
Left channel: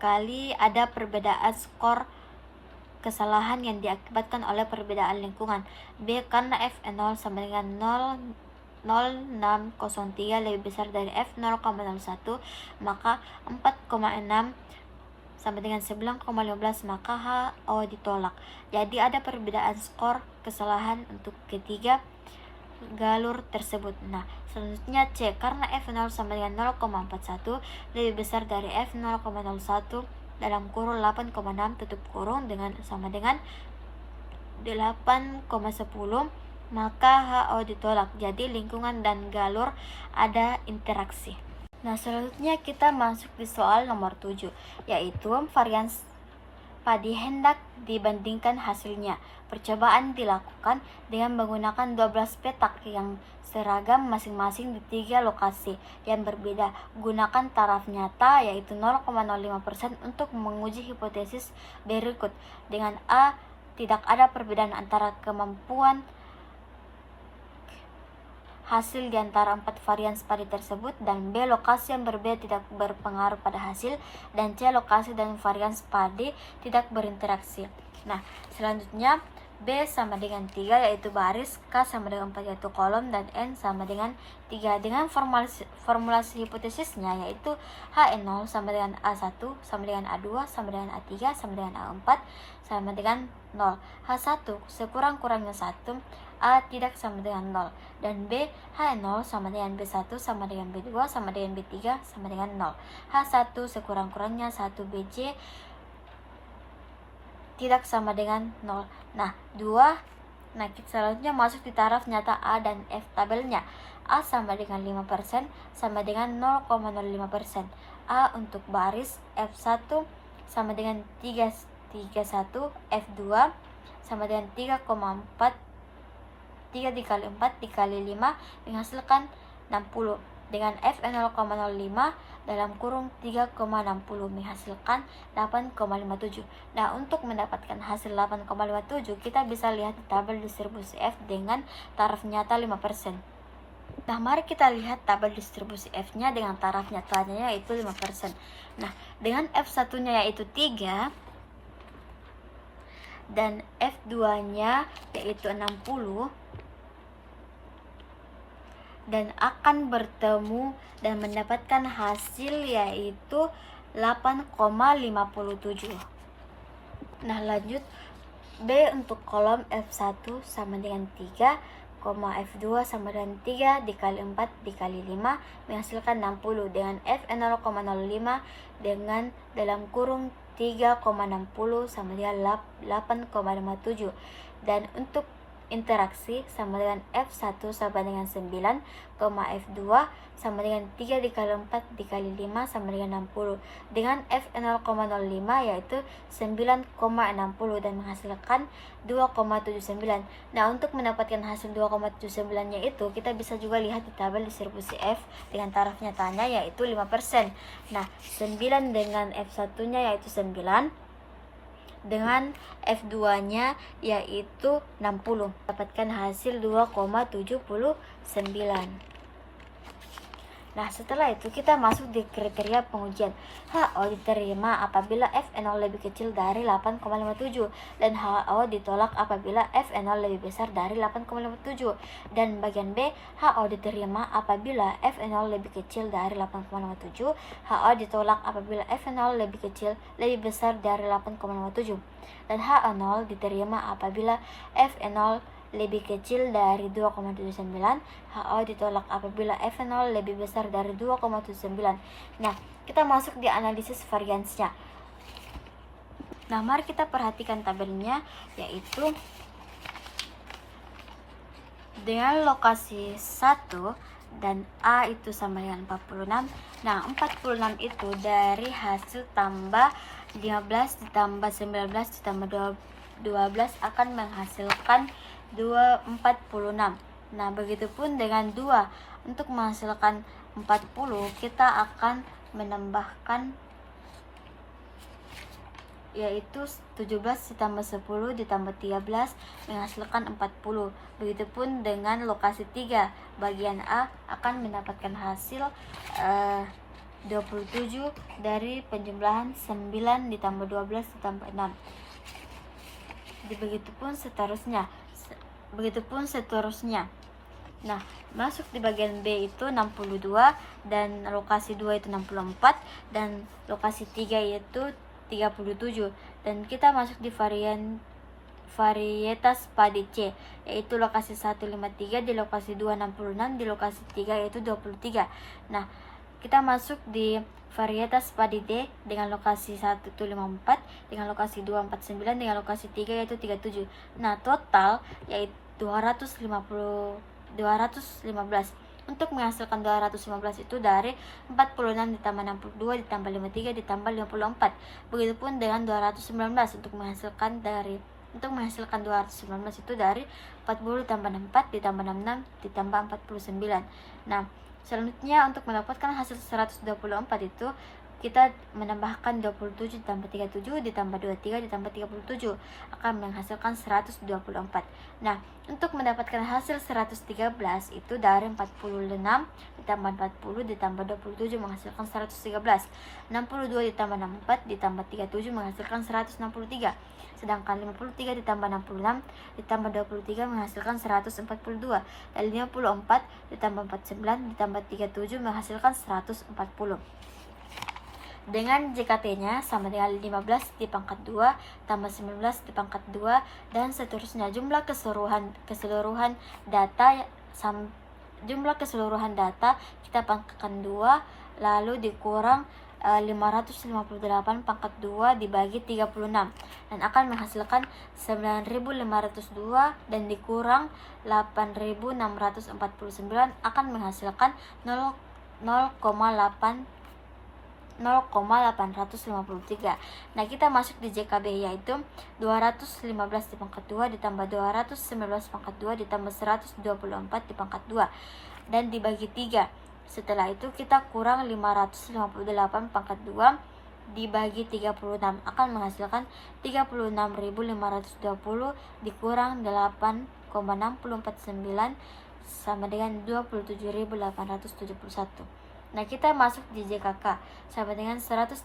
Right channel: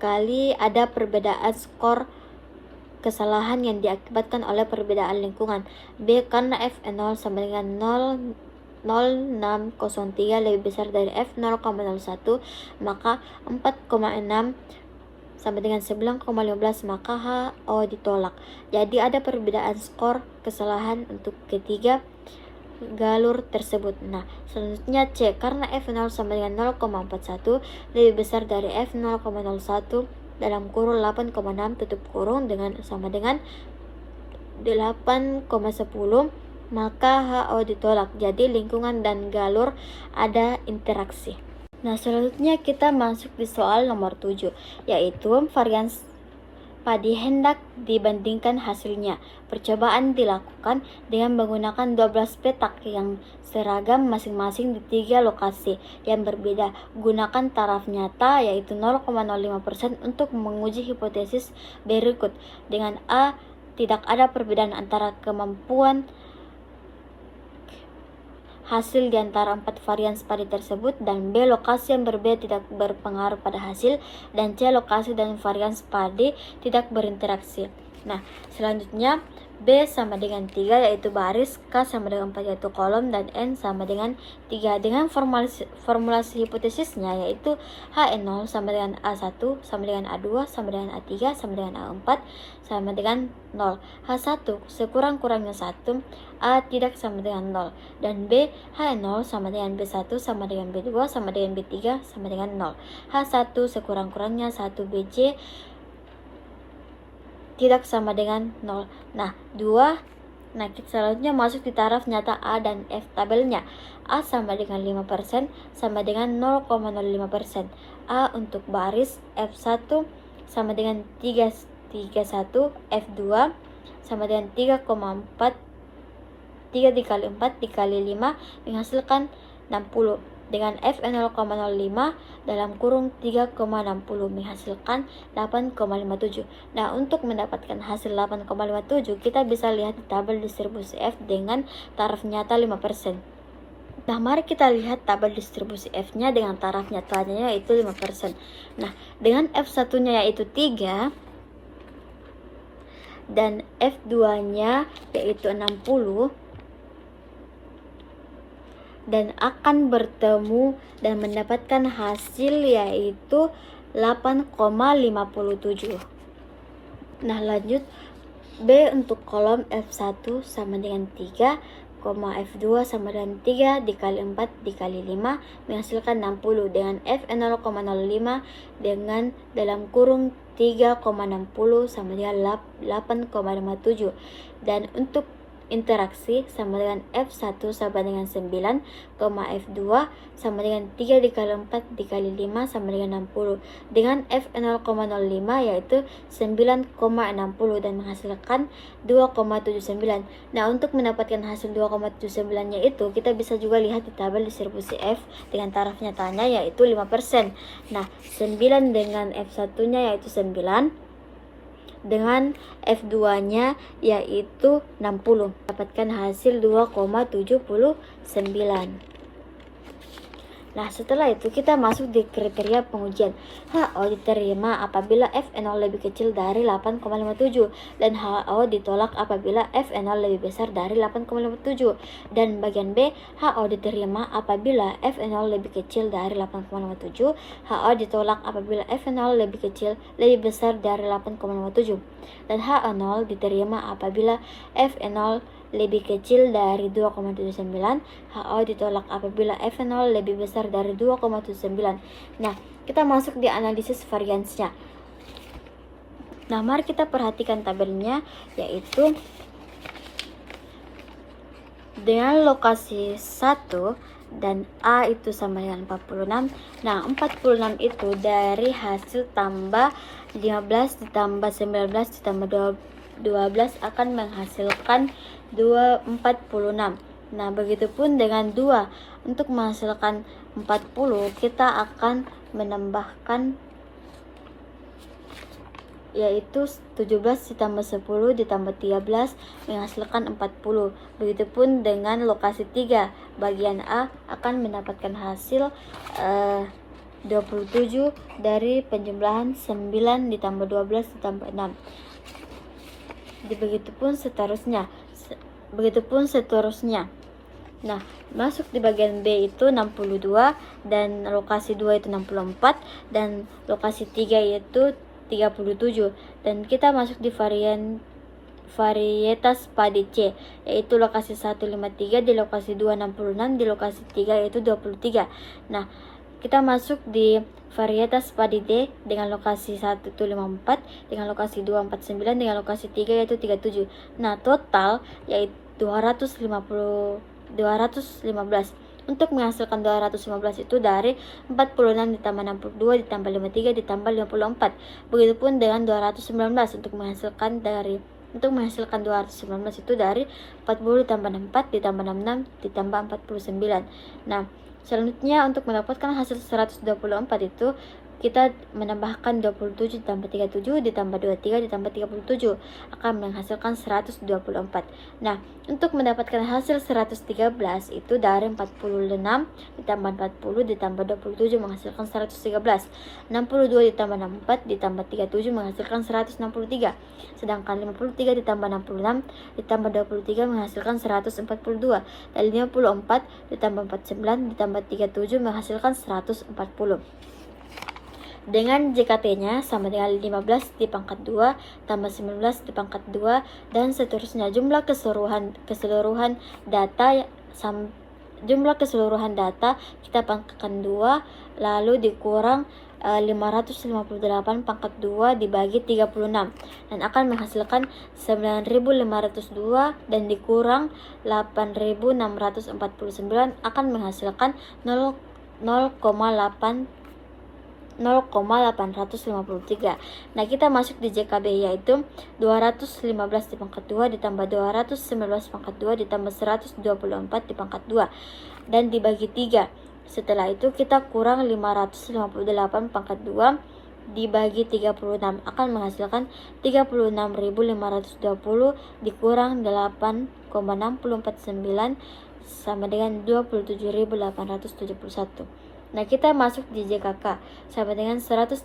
Kali ada perbedaan skor kesalahan yang diakibatkan oleh perbedaan lingkungan. B, karena F0 sama dengan 0603 lebih besar dari F0,01, maka 4,6 sama dengan 9,15, maka HO ditolak. Jadi ada perbedaan skor kesalahan untuk ketiga galur tersebut. Nah, selanjutnya C, karena F0 sama dengan 0,41 lebih besar dari F0,01 dalam kurun 8,6 tutup kurung sama dengan 8,10, maka HO ditolak. Jadi lingkungan dan galur ada interaksi. Nah, selanjutnya kita masuk di soal nomor 7, yaitu varians padi hendak dibandingkan hasilnya. Percobaan dilakukan dengan menggunakan 12 petak yang seragam masing-masing di 3 lokasi yang berbeda. Gunakan taraf nyata yaitu 0,05% untuk menguji hipotesis berikut. Dengan A, tidak ada perbedaan antara kemampuan hasil di antara 4 varian padi tersebut, dan B, lokasi yang berbeda tidak berpengaruh pada hasil, dan C, lokasi dan varian padi tidak berinteraksi. Nah, selanjutnya B sama dengan 3 yaitu baris, K sama dengan 4 yaitu kolom, dan N sama dengan 3. Dengan formulasi hipotesisnya yaitu H0 sama dengan A1 sama dengan A2 sama dengan A3 sama dengan A4 sama dengan 0. H1 sekurang-kurangnya 1, A tidak sama dengan 0, dan B, H0 sama dengan B1 sama dengan B2 sama dengan B3 sama dengan 0. H1 sekurang-kurangnya 1, BJ tidak sama dengan 0. Nah, kita selanjutnya masuk di taraf nyata A dan F tabelnya. A sama dengan 5% sama dengan 0,05%. A untuk baris, F1 sama dengan 3,1, F2 sama dengan 3,4, 3 dikali 4 dikali 5 menghasilkan 60, dengan F0,05 dalam kurung 3,60 menghasilkan 8,57. Nah, untuk mendapatkan hasil 8,57 kita bisa lihat di tabel distribusi F dengan taraf nyata 5%. Nah, mari kita lihat tabel distribusi F-nya dengan taraf nyatanya yaitu 5%. Nah, dengan F1-nya yaitu 3 dan F2-nya yaitu 60, dan akan bertemu dan mendapatkan hasil yaitu 8,57. Nah, lanjut B untuk kolom F1 sama dengan 3, F2 sama dengan 3 dikali 4 dikali 5 menghasilkan 60, dengan F0,05 dengan dalam kurung 3,60 sama dengan 8,57, dan untuk interaksi sama dengan F1 sama dengan 9, F2 sama dengan 3 dikali 4 dikali 5 sama dengan 60, dengan F0,05 yaitu 9,60 dan menghasilkan 2,79. Nah, untuk mendapatkan hasil 2,79 nya itu kita bisa juga lihat di tabel distribusi F dengan taraf nyatanya yaitu 5%. Nah, 9 dengan F1 nya yaitu 9, dengan F2-nya yaitu 60, dapatkan hasil 2,79. Nah, setelah itu kita masuk di kriteria pengujian. HO diterima apabila F0 lebih kecil dari 8,57 dan HO ditolak apabila F0 lebih besar dari 8,57. Dan bagian B, HO diterima apabila F0 lebih kecil dari 8,57, HO ditolak apabila F0 lebih besar dari 8,57. Dan H0 diterima apabila F0 lebih kecil dari 2,79, HO ditolak apabila F0 lebih besar dari 2,79. Nah, kita masuk di analisis variansnya. Nah, mari kita perhatikan tabelnya, yaitu dengan lokasi 1 dan A itu sama dengan 46. Nah, 46 itu dari hasil tambah 15 ditambah 19 ditambah 12 akan menghasilkan 46. Nah, begitupun dengan 2. Untuk menghasilkan 40, kita akan menambahkan yaitu 17 ditambah 10 ditambah 13 menghasilkan 40. Begitupun dengan lokasi 3. Bagian A akan mendapatkan hasil 27 dari penjumlahan 9 ditambah 12 ditambah 6. Begitupun seterusnya. Nah, masuk di bagian B itu 62 dan lokasi 2 itu 64 dan lokasi 3 yaitu 37, dan kita masuk di varietas padi C, yaitu lokasi 153, di lokasi 2 66, di lokasi 3 yaitu 23. Nah, kita masuk di varietas padi D dengan lokasi 1 itu 54, dengan lokasi 2 49, dengan lokasi 3 yaitu 37. Nah, total yaitu 215. Untuk menghasilkan 215 itu dari 46 ditambah 62 ditambah 53 ditambah 54. Begitupun dengan 219 untuk menghasilkan 219 itu dari 40 ditambah 64 ditambah 66 ditambah 49. Nah, selanjutnya untuk mendapatkan hasil 124 itu kita menambahkan 27 ditambah 37 ditambah 23 ditambah 37 akan menghasilkan 124. Nah, untuk mendapatkan hasil 113 itu dari 46 ditambah 40 ditambah 27 menghasilkan 113. 62 ditambah 64 ditambah 37 menghasilkan 163. Sedangkan 53 ditambah 66 ditambah 23 menghasilkan 142. Dan 54 ditambah 49 ditambah 37 menghasilkan 140. Dengan JKT-nya sama dengan 15 di pangkat 2 tambah 19 di pangkat 2 dan seterusnya. Jumlah keseluruhan data kita pangkatkan 2 lalu dikurang 558 pangkat 2 dibagi 36 dan akan menghasilkan 9.502 dan dikurang 8.649 akan menghasilkan 0,853. Nah, kita masuk di JKB yaitu 215 di pangkat 2 ditambah 219 pangkat 2 ditambah 124 di pangkat 2 dan dibagi 3. Setelah itu kita kurang 558 pangkat 2 dibagi 36 akan menghasilkan 36.520 dikurang 8,649 sama dengan 27.871. Nah, kita masuk di JKK sama dengan 113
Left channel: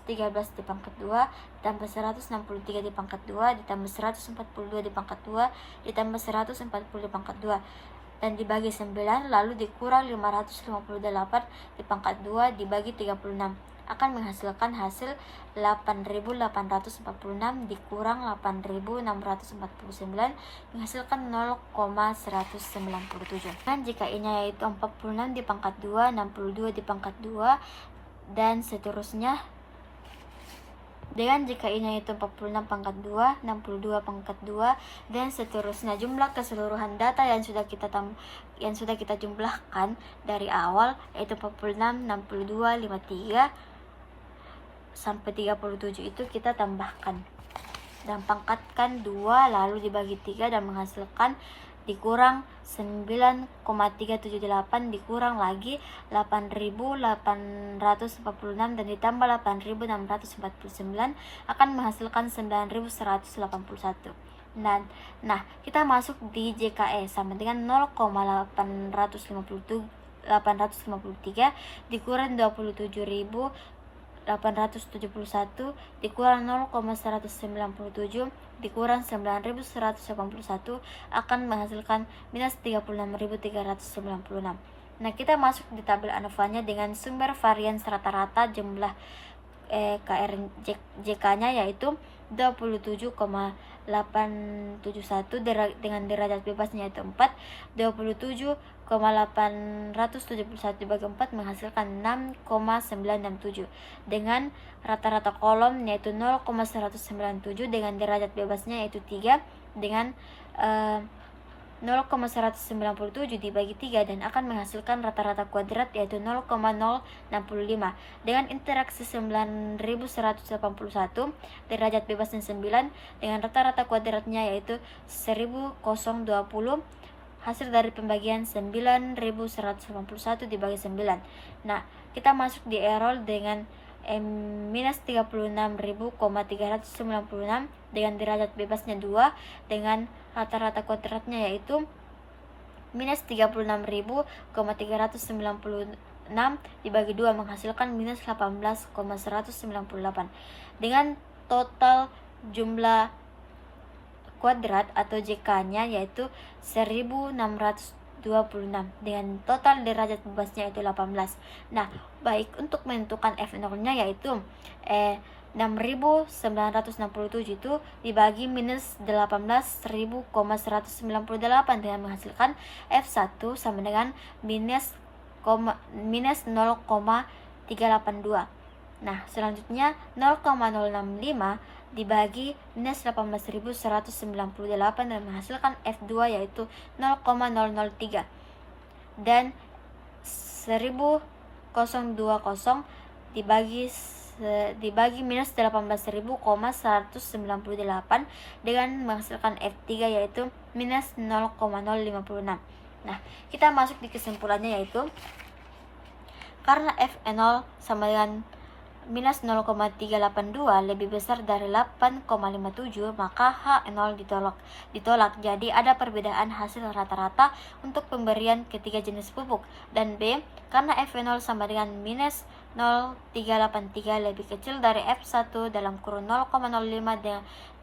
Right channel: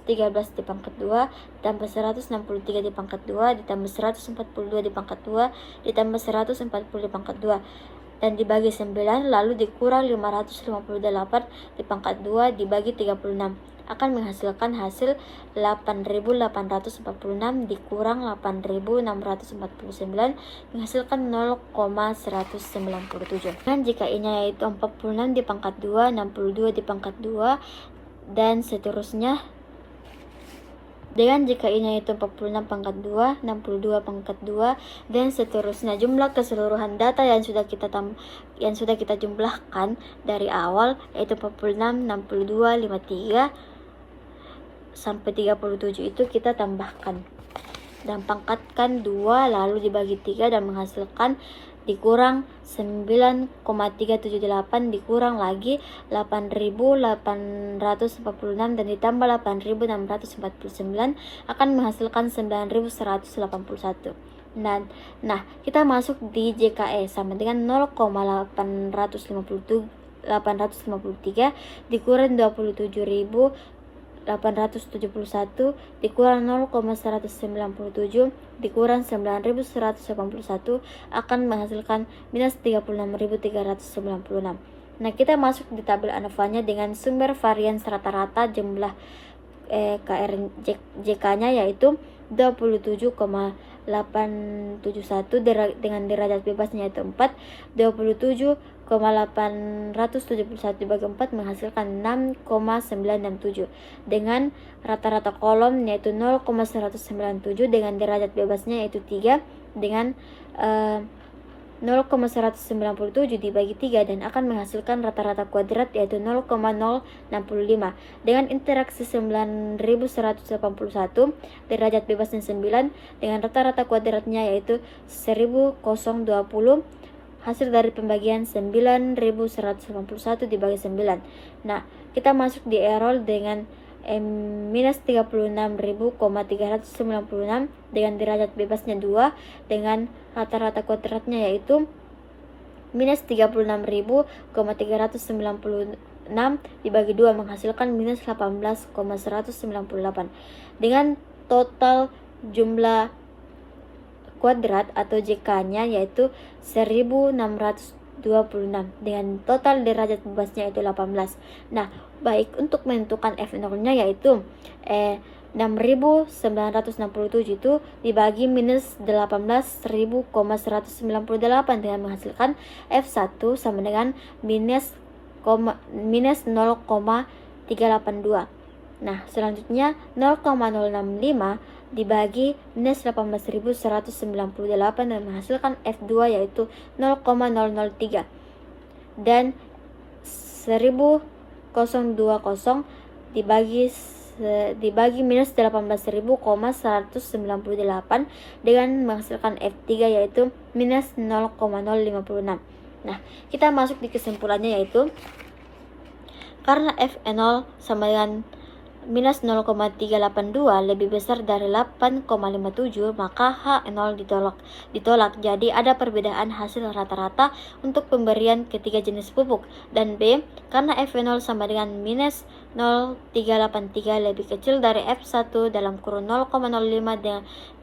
di pangkat 2 ditambah 163 di pangkat 2 ditambah 142 di pangkat 2 ditambah 140 di pangkat 2 dan dibagi 9 lalu dikurang 558 di pangkat 2 dibagi 36 akan menghasilkan hasil 8.846 dikurang 8.649 menghasilkan 0,197. Dan jika ini yaitu 46 di pangkat 2, 62 di pangkat 2 dan seterusnya. Dengan jika ini yaitu 46 pangkat 2, 62 pangkat 2 dan seterusnya. Jumlah keseluruhan data yang sudah kita jumlahkan dari awal yaitu 46, 62, 53 sampai 37 itu kita tambahkan dan pangkatkan 2 lalu dibagi 3 dan menghasilkan dikurang 9,378 dikurang lagi 8.846 dan ditambah 8.649 akan menghasilkan 9.181. Nah, kita masuk di JKE sama dengan 0,853 dikurang 27.871 dikurang 0,197 dikurang 9.181 akan menghasilkan minus 36.396. Nah, kita masuk di tabel ANOVA-nya dengan sumber varians rata-rata jumlah JK-nya yaitu 27,871 dengan derajat bebasnya yaitu 4. 27,871 dibagi 4 menghasilkan 6,967 dengan rata-rata kolom yaitu 0,197 dengan derajat bebasnya yaitu 3 dengan 0,197 dibagi 3 dan akan menghasilkan rata-rata kuadrat yaitu 0,065. Dengan interaksi 9181 derajat bebasnya 9 dengan rata-rata kuadratnya yaitu 1020, hasil dari pembagian 9181 dibagi 9. Nah, kita masuk di error dengan minus 36.396 dengan derajat bebasnya 2 dengan rata-rata kuadratnya yaitu minus 36.396 dibagi 2 menghasilkan minus 18,198 dengan total jumlah kuadrat atau JK-nya yaitu 1626 dengan total derajat bebasnya itu 18. Nah, baik untuk menentukan F0-nya yaitu 6.967 itu dibagi minus 18.198 dengan menghasilkan F1 sama dengan minus 0,382. Nah, selanjutnya 0,065 dibagi minus 18.198 dan menghasilkan F2 yaitu 0,003 dan 1020 dibagi minus 18.198 dengan menghasilkan F3 yaitu minus 0,056. Nah, kita masuk di kesimpulannya yaitu karena F0 sama dengan minus 0,382 lebih besar dari 8,57 maka H0 ditolak. Jadi ada perbedaan hasil rata-rata untuk pemberian ketiga jenis pupuk. Dan B, karena F0 sama dengan minus 0,383 lebih kecil dari F1 dalam kurun 0,05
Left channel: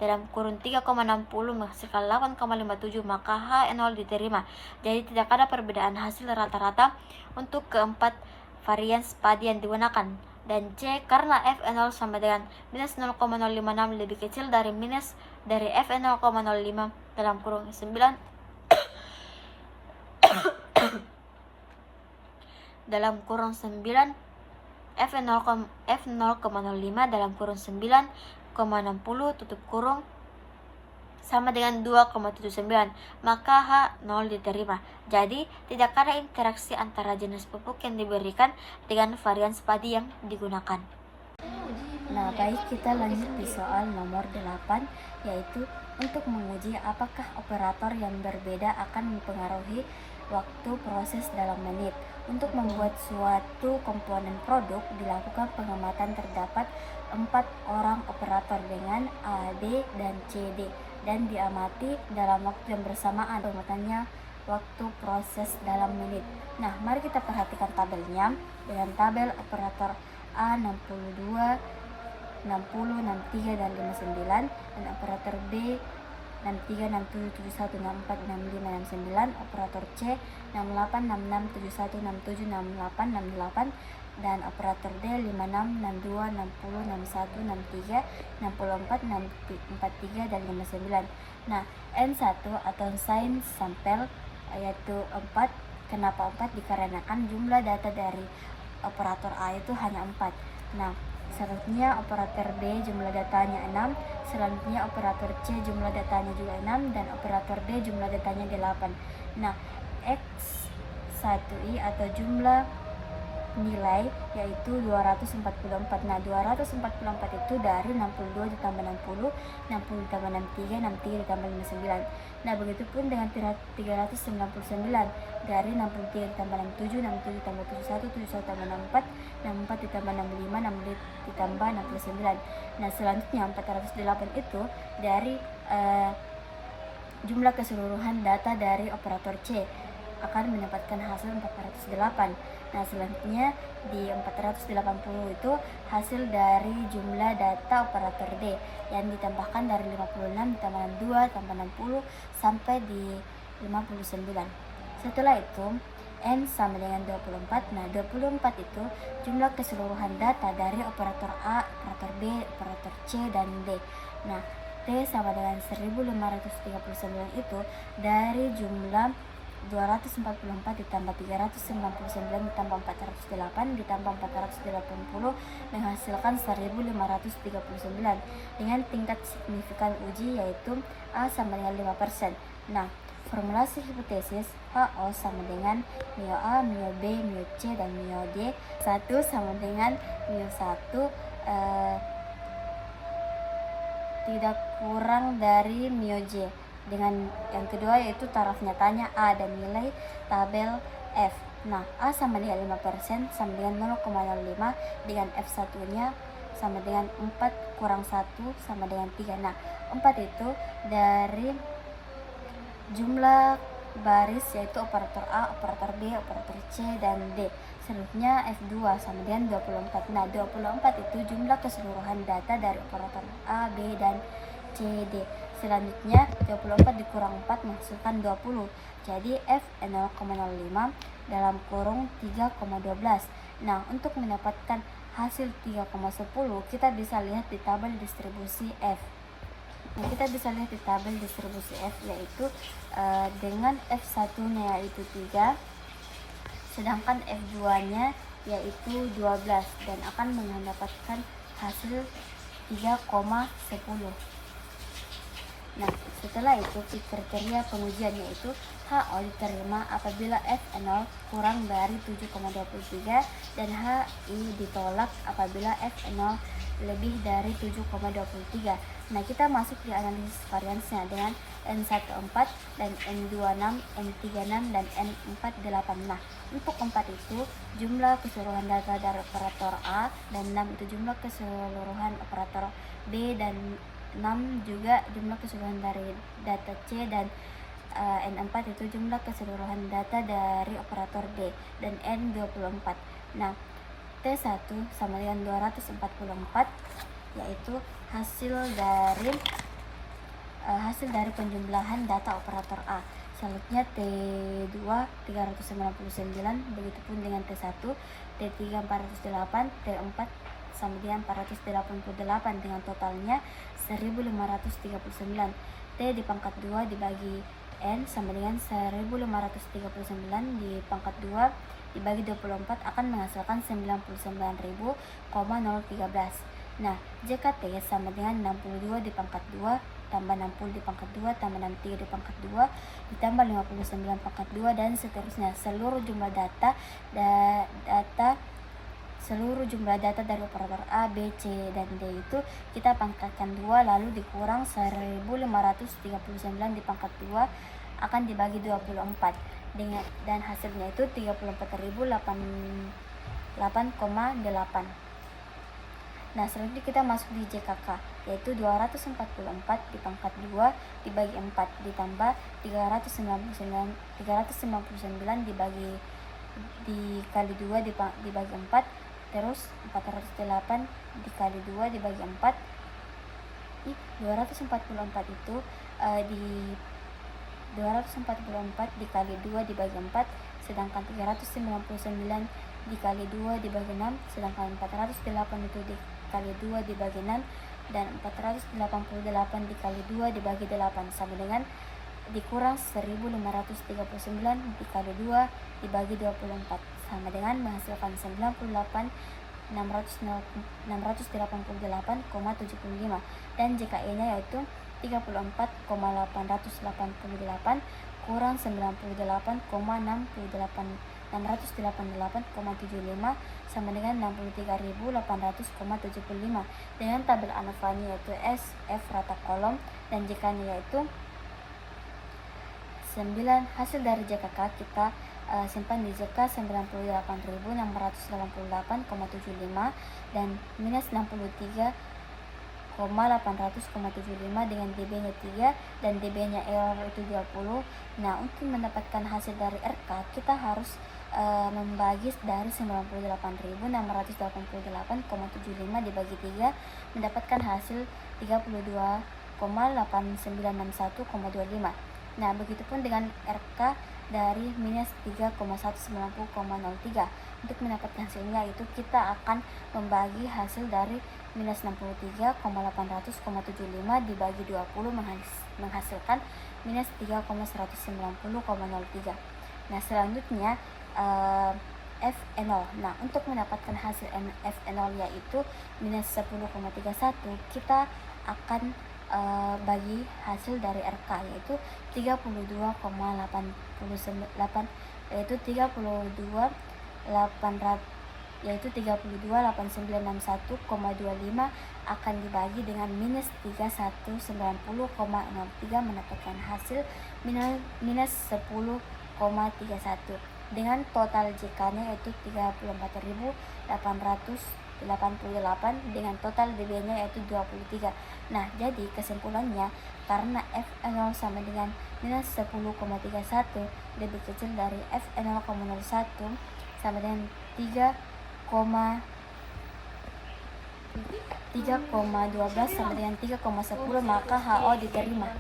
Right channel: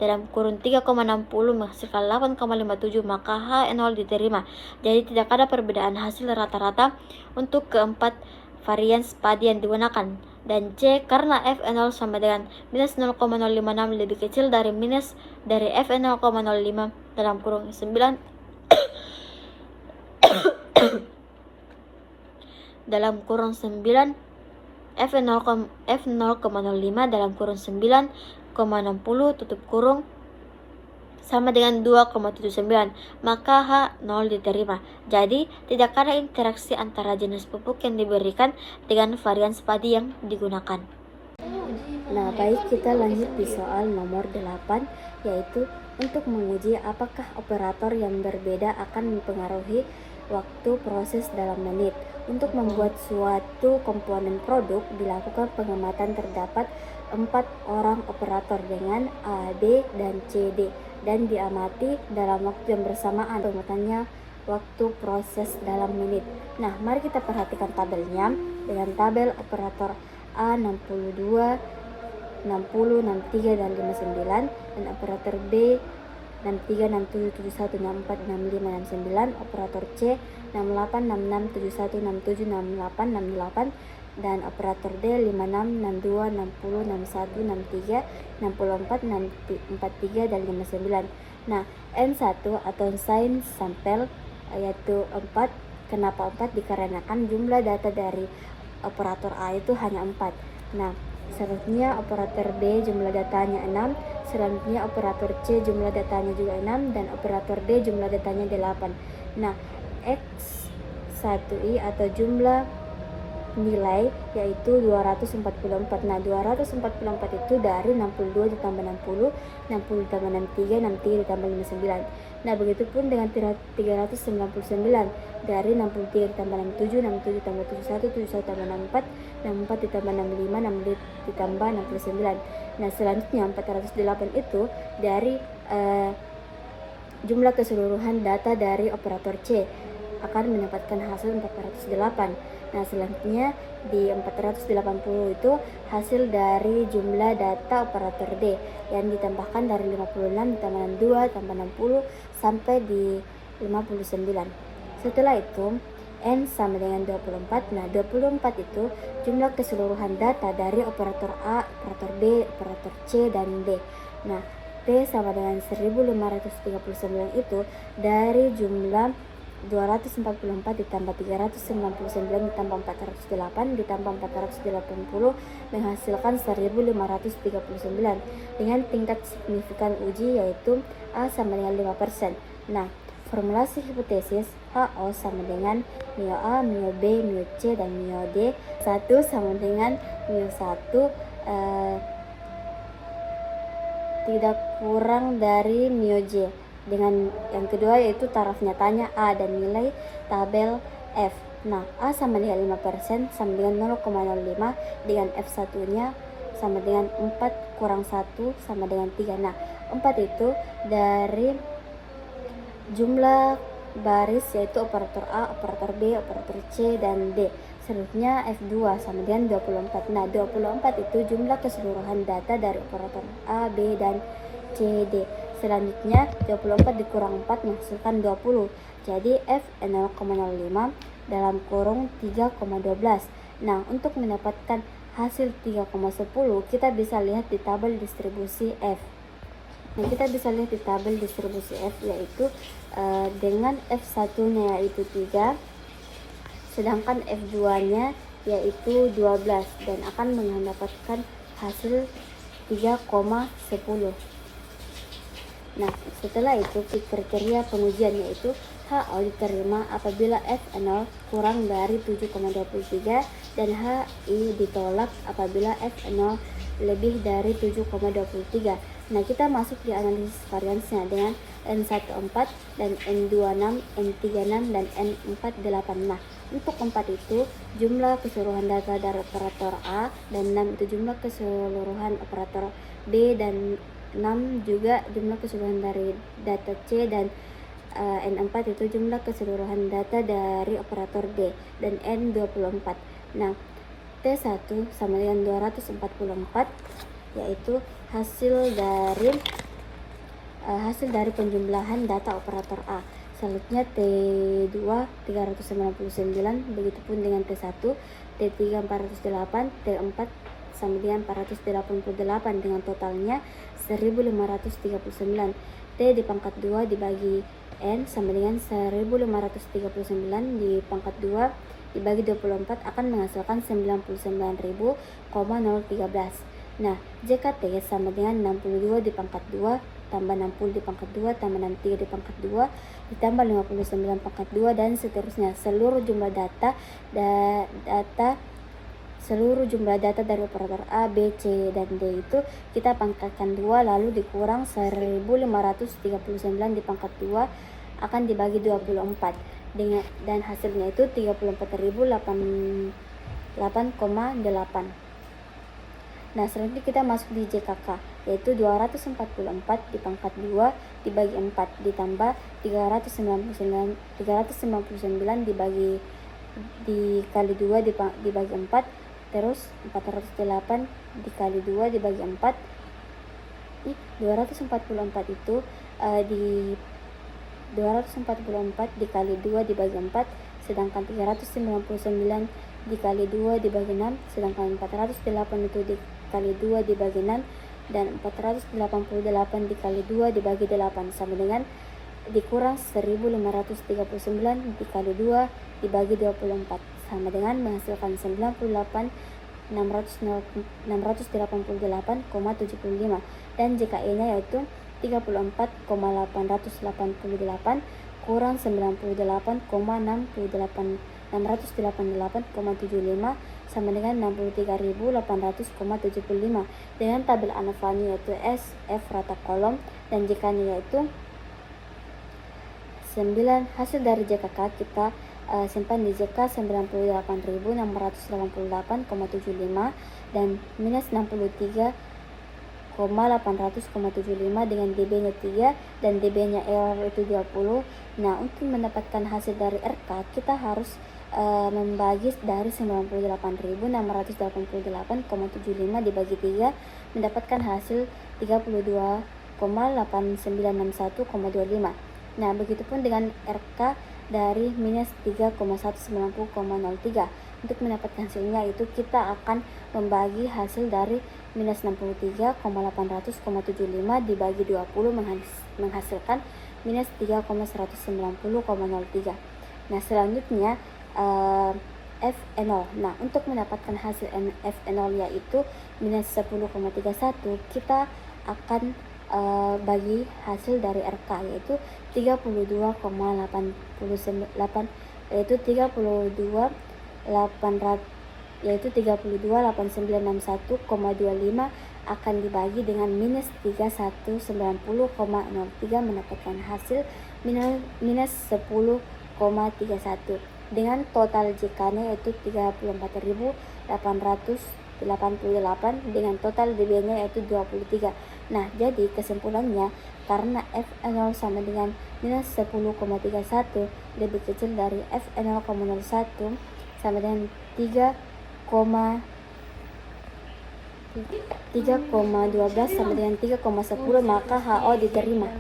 dalam kurun 3,60 menghasilkan 8,57 maka H0 diterima. Jadi tidak ada perbedaan hasil rata-rata untuk keempat varian padi yang digunakan. Dan C, karena F0 sama dengan minus 0,056 lebih kecil dari F0,05 dalam kurung 9 dalam kurung 9 F0,05 dalam kurung 9,60 tutup kurung sama dengan 2,79 maka H0 diterima. Jadi tidak ada interaksi antara jenis pupuk yang diberikan dengan varian padi yang digunakan. Nah, baik, kita lanjut di soal nomor 8 yaitu untuk menguji apakah operator yang berbeda akan mempengaruhi waktu proses dalam menit. Untuk membuat suatu komponen produk dilakukan pengamatan terdapat 4 orang operator dengan A, B, dan C, D dan diamati dalam waktu yang bersamaan. Pengamatannya waktu proses dalam menit. Nah, mari kita perhatikan tabelnya. Dengan tabel operator A 62, 60, 63, dan 59 dan operator B 63, 67, 71, 64, 65, 69, operator C 68, 66, 71, 67, 68, 68 dan operator D 56, 62, 60, 61, 63, 64, 43 dan 59. Nah, N1 atau sign sampel yaitu 4. Kenapa 4? Dikarenakan jumlah data dari operator A itu hanya 4. Nah, selanjutnya operator B jumlah datanya 6, selanjutnya operator C jumlah datanya juga 6 dan operator D jumlah datanya 8. Nah, X1I atau jumlah nilai yaitu 244. Nah, 244 itu dari 62 ditambah 60, 60 ditambah 63, 63 ditambah 59. Nah, begitupun dengan 399 dari 63 ditambah 67, 67 ditambah 71, 71 ditambah 64, 64 ditambah 65, 65 ditambah 69. Nah, selanjutnya 408 itu dari jumlah keseluruhan data dari operator C akan mendapatkan hasil 408. Nah, selanjutnya di 480 itu hasil dari jumlah data operator D yang ditambahkan dari 56 ditambah 62 tambah 60 sampai di 59. Setelah itu N sama dengan 24. Nah, 24 itu jumlah keseluruhan data dari operator A, operator B, operator C, dan D. Nah, T sama dengan 1539 itu dari jumlah 244 ditambah 399 ditambah 408 ditambah 480 menghasilkan 1539 dengan tingkat signifikan uji yaitu A sama dengan 5%. Nah, formulasi hipotesis HO sama dengan Mio A, Mio B, Mio C, dan Mio D. 1 sama dengan Mio 1 tidak kurang dari Mio J. Dengan yang kedua yaitu taraf nyatanya A dan nilai tabel F. Nah, A sama dengan 5% sama dengan 0,05, dengan F1 nya sama dengan 4 kurang 1 sama dengan 3. Nah, 4 itu dari jumlah baris yaitu operator A, operator B, operator C, dan D. Selanjutnya F2 sama dengan 24. Nah, 24 itu jumlah keseluruhan data dari operator A, B, dan C, D. Selanjutnya 24 dikurang 4 menghasilkan 20. Jadi F 0,05 dalam kurung 3,12. Nah, untuk mendapatkan hasil 3,10 kita bisa lihat di tabel distribusi F. Nah, kita bisa lihat di tabel distribusi F yaitu dengan F1 nya yaitu 3, sedangkan F2 nya yaitu 12, dan akan mendapatkan hasil 3,10. Nah, setelah itu kriteria pengujian yaitu HO diterima apabila F0 kurang dari 7,23 dan HI ditolak apabila F0 lebih dari 7,23. Nah, kita masuk di analisis variansnya dengan N14 dan N26, N36, dan N48. Nah, untuk 4 itu jumlah keseluruhan data dari operator A, dan 6 itu jumlah keseluruhan operator B, dan 6 juga jumlah keseluruhan dari data C, dan N4 itu jumlah keseluruhan data dari operator D, dan N24. Nah, T1 sama dengan 244 yaitu hasil dari penjumlahan data operator A. Selanjutnya T2 399, begitupun dengan T1, T3 408, T4 sama dengan 488 dengan totalnya 1539. T di pangkat 2 dibagi N sama dengan 1539 di pangkat 2 dibagi 24 akan menghasilkan 99.013. Nah, JKT sama dengan 62 di pangkat 2 tambah 60 di pangkat 2 tambah 63 di pangkat 2 ditambah 59 pangkat 2 dan seterusnya. Seluruh jumlah data dari operator A, B, C, dan D itu kita pangkatkan 2 lalu dikurang 1539 di pangkat 2 akan dibagi 24 dan hasilnya itu 34.008,8. Nah, selanjutnya kita masuk di JKK yaitu 244 di pangkat 2 dibagi 4 ditambah 399 dikali 2 dibagi 4, terus 408 dikali 2 dibagi 4. 244 itu di 244 dikali 2 dibagi 4, sedangkan 399 dikali 2 dibagi 6, sedangkan 408 itu dikali 2 dibagi 6, dan 488 dikali 2 dibagi 8 sama dengan dikurang 1539 dikali 2 dibagi 24 sama dengan menghasilkan 98.688,75, dan JKE nya yaitu 34,888 kurang 98,688,75 sama dengan 63.800,75. Dengan tabel ANOVA-nya yaitu S, F rata kolom, dan JK-nya yaitu 9. Hasil dari JKK kita simpan di JK 98.688,75 dan minus 63,800,75 dengan DB-nya 3 dan DB-nya error itu 20. Nah, untuk mendapatkan hasil dari RK kita harus membagi dari 98.688,75 dibagi 3 mendapatkan hasil 32,8961,25. Nah, begitupun dengan RK dari minus 3,190,03. Untuk mendapatkan hasilnya itu kita akan membagi hasil dari minus 63,800,75 dibagi 20 menghasilkan minus 3,190,03. Nah, selanjutnya F0. Nah, untuk mendapatkan hasil F0 yaitu minus 10,31 kita akan bagi hasil dari RK, yaitu 32,89 yaitu 32,8961,25 akan dibagi dengan minus 3190,03 mendapatkan hasil minus 10,31 dengan total JK-nya yaitu 34.888 dengan total DB-nya yaitu 23. Nah, jadi kesimpulannya karena F0 sama dengan minus 10,31 lebih kecil dari F0,01 sama dengan 3,12 sama dengan 3,10, maka HO diterima.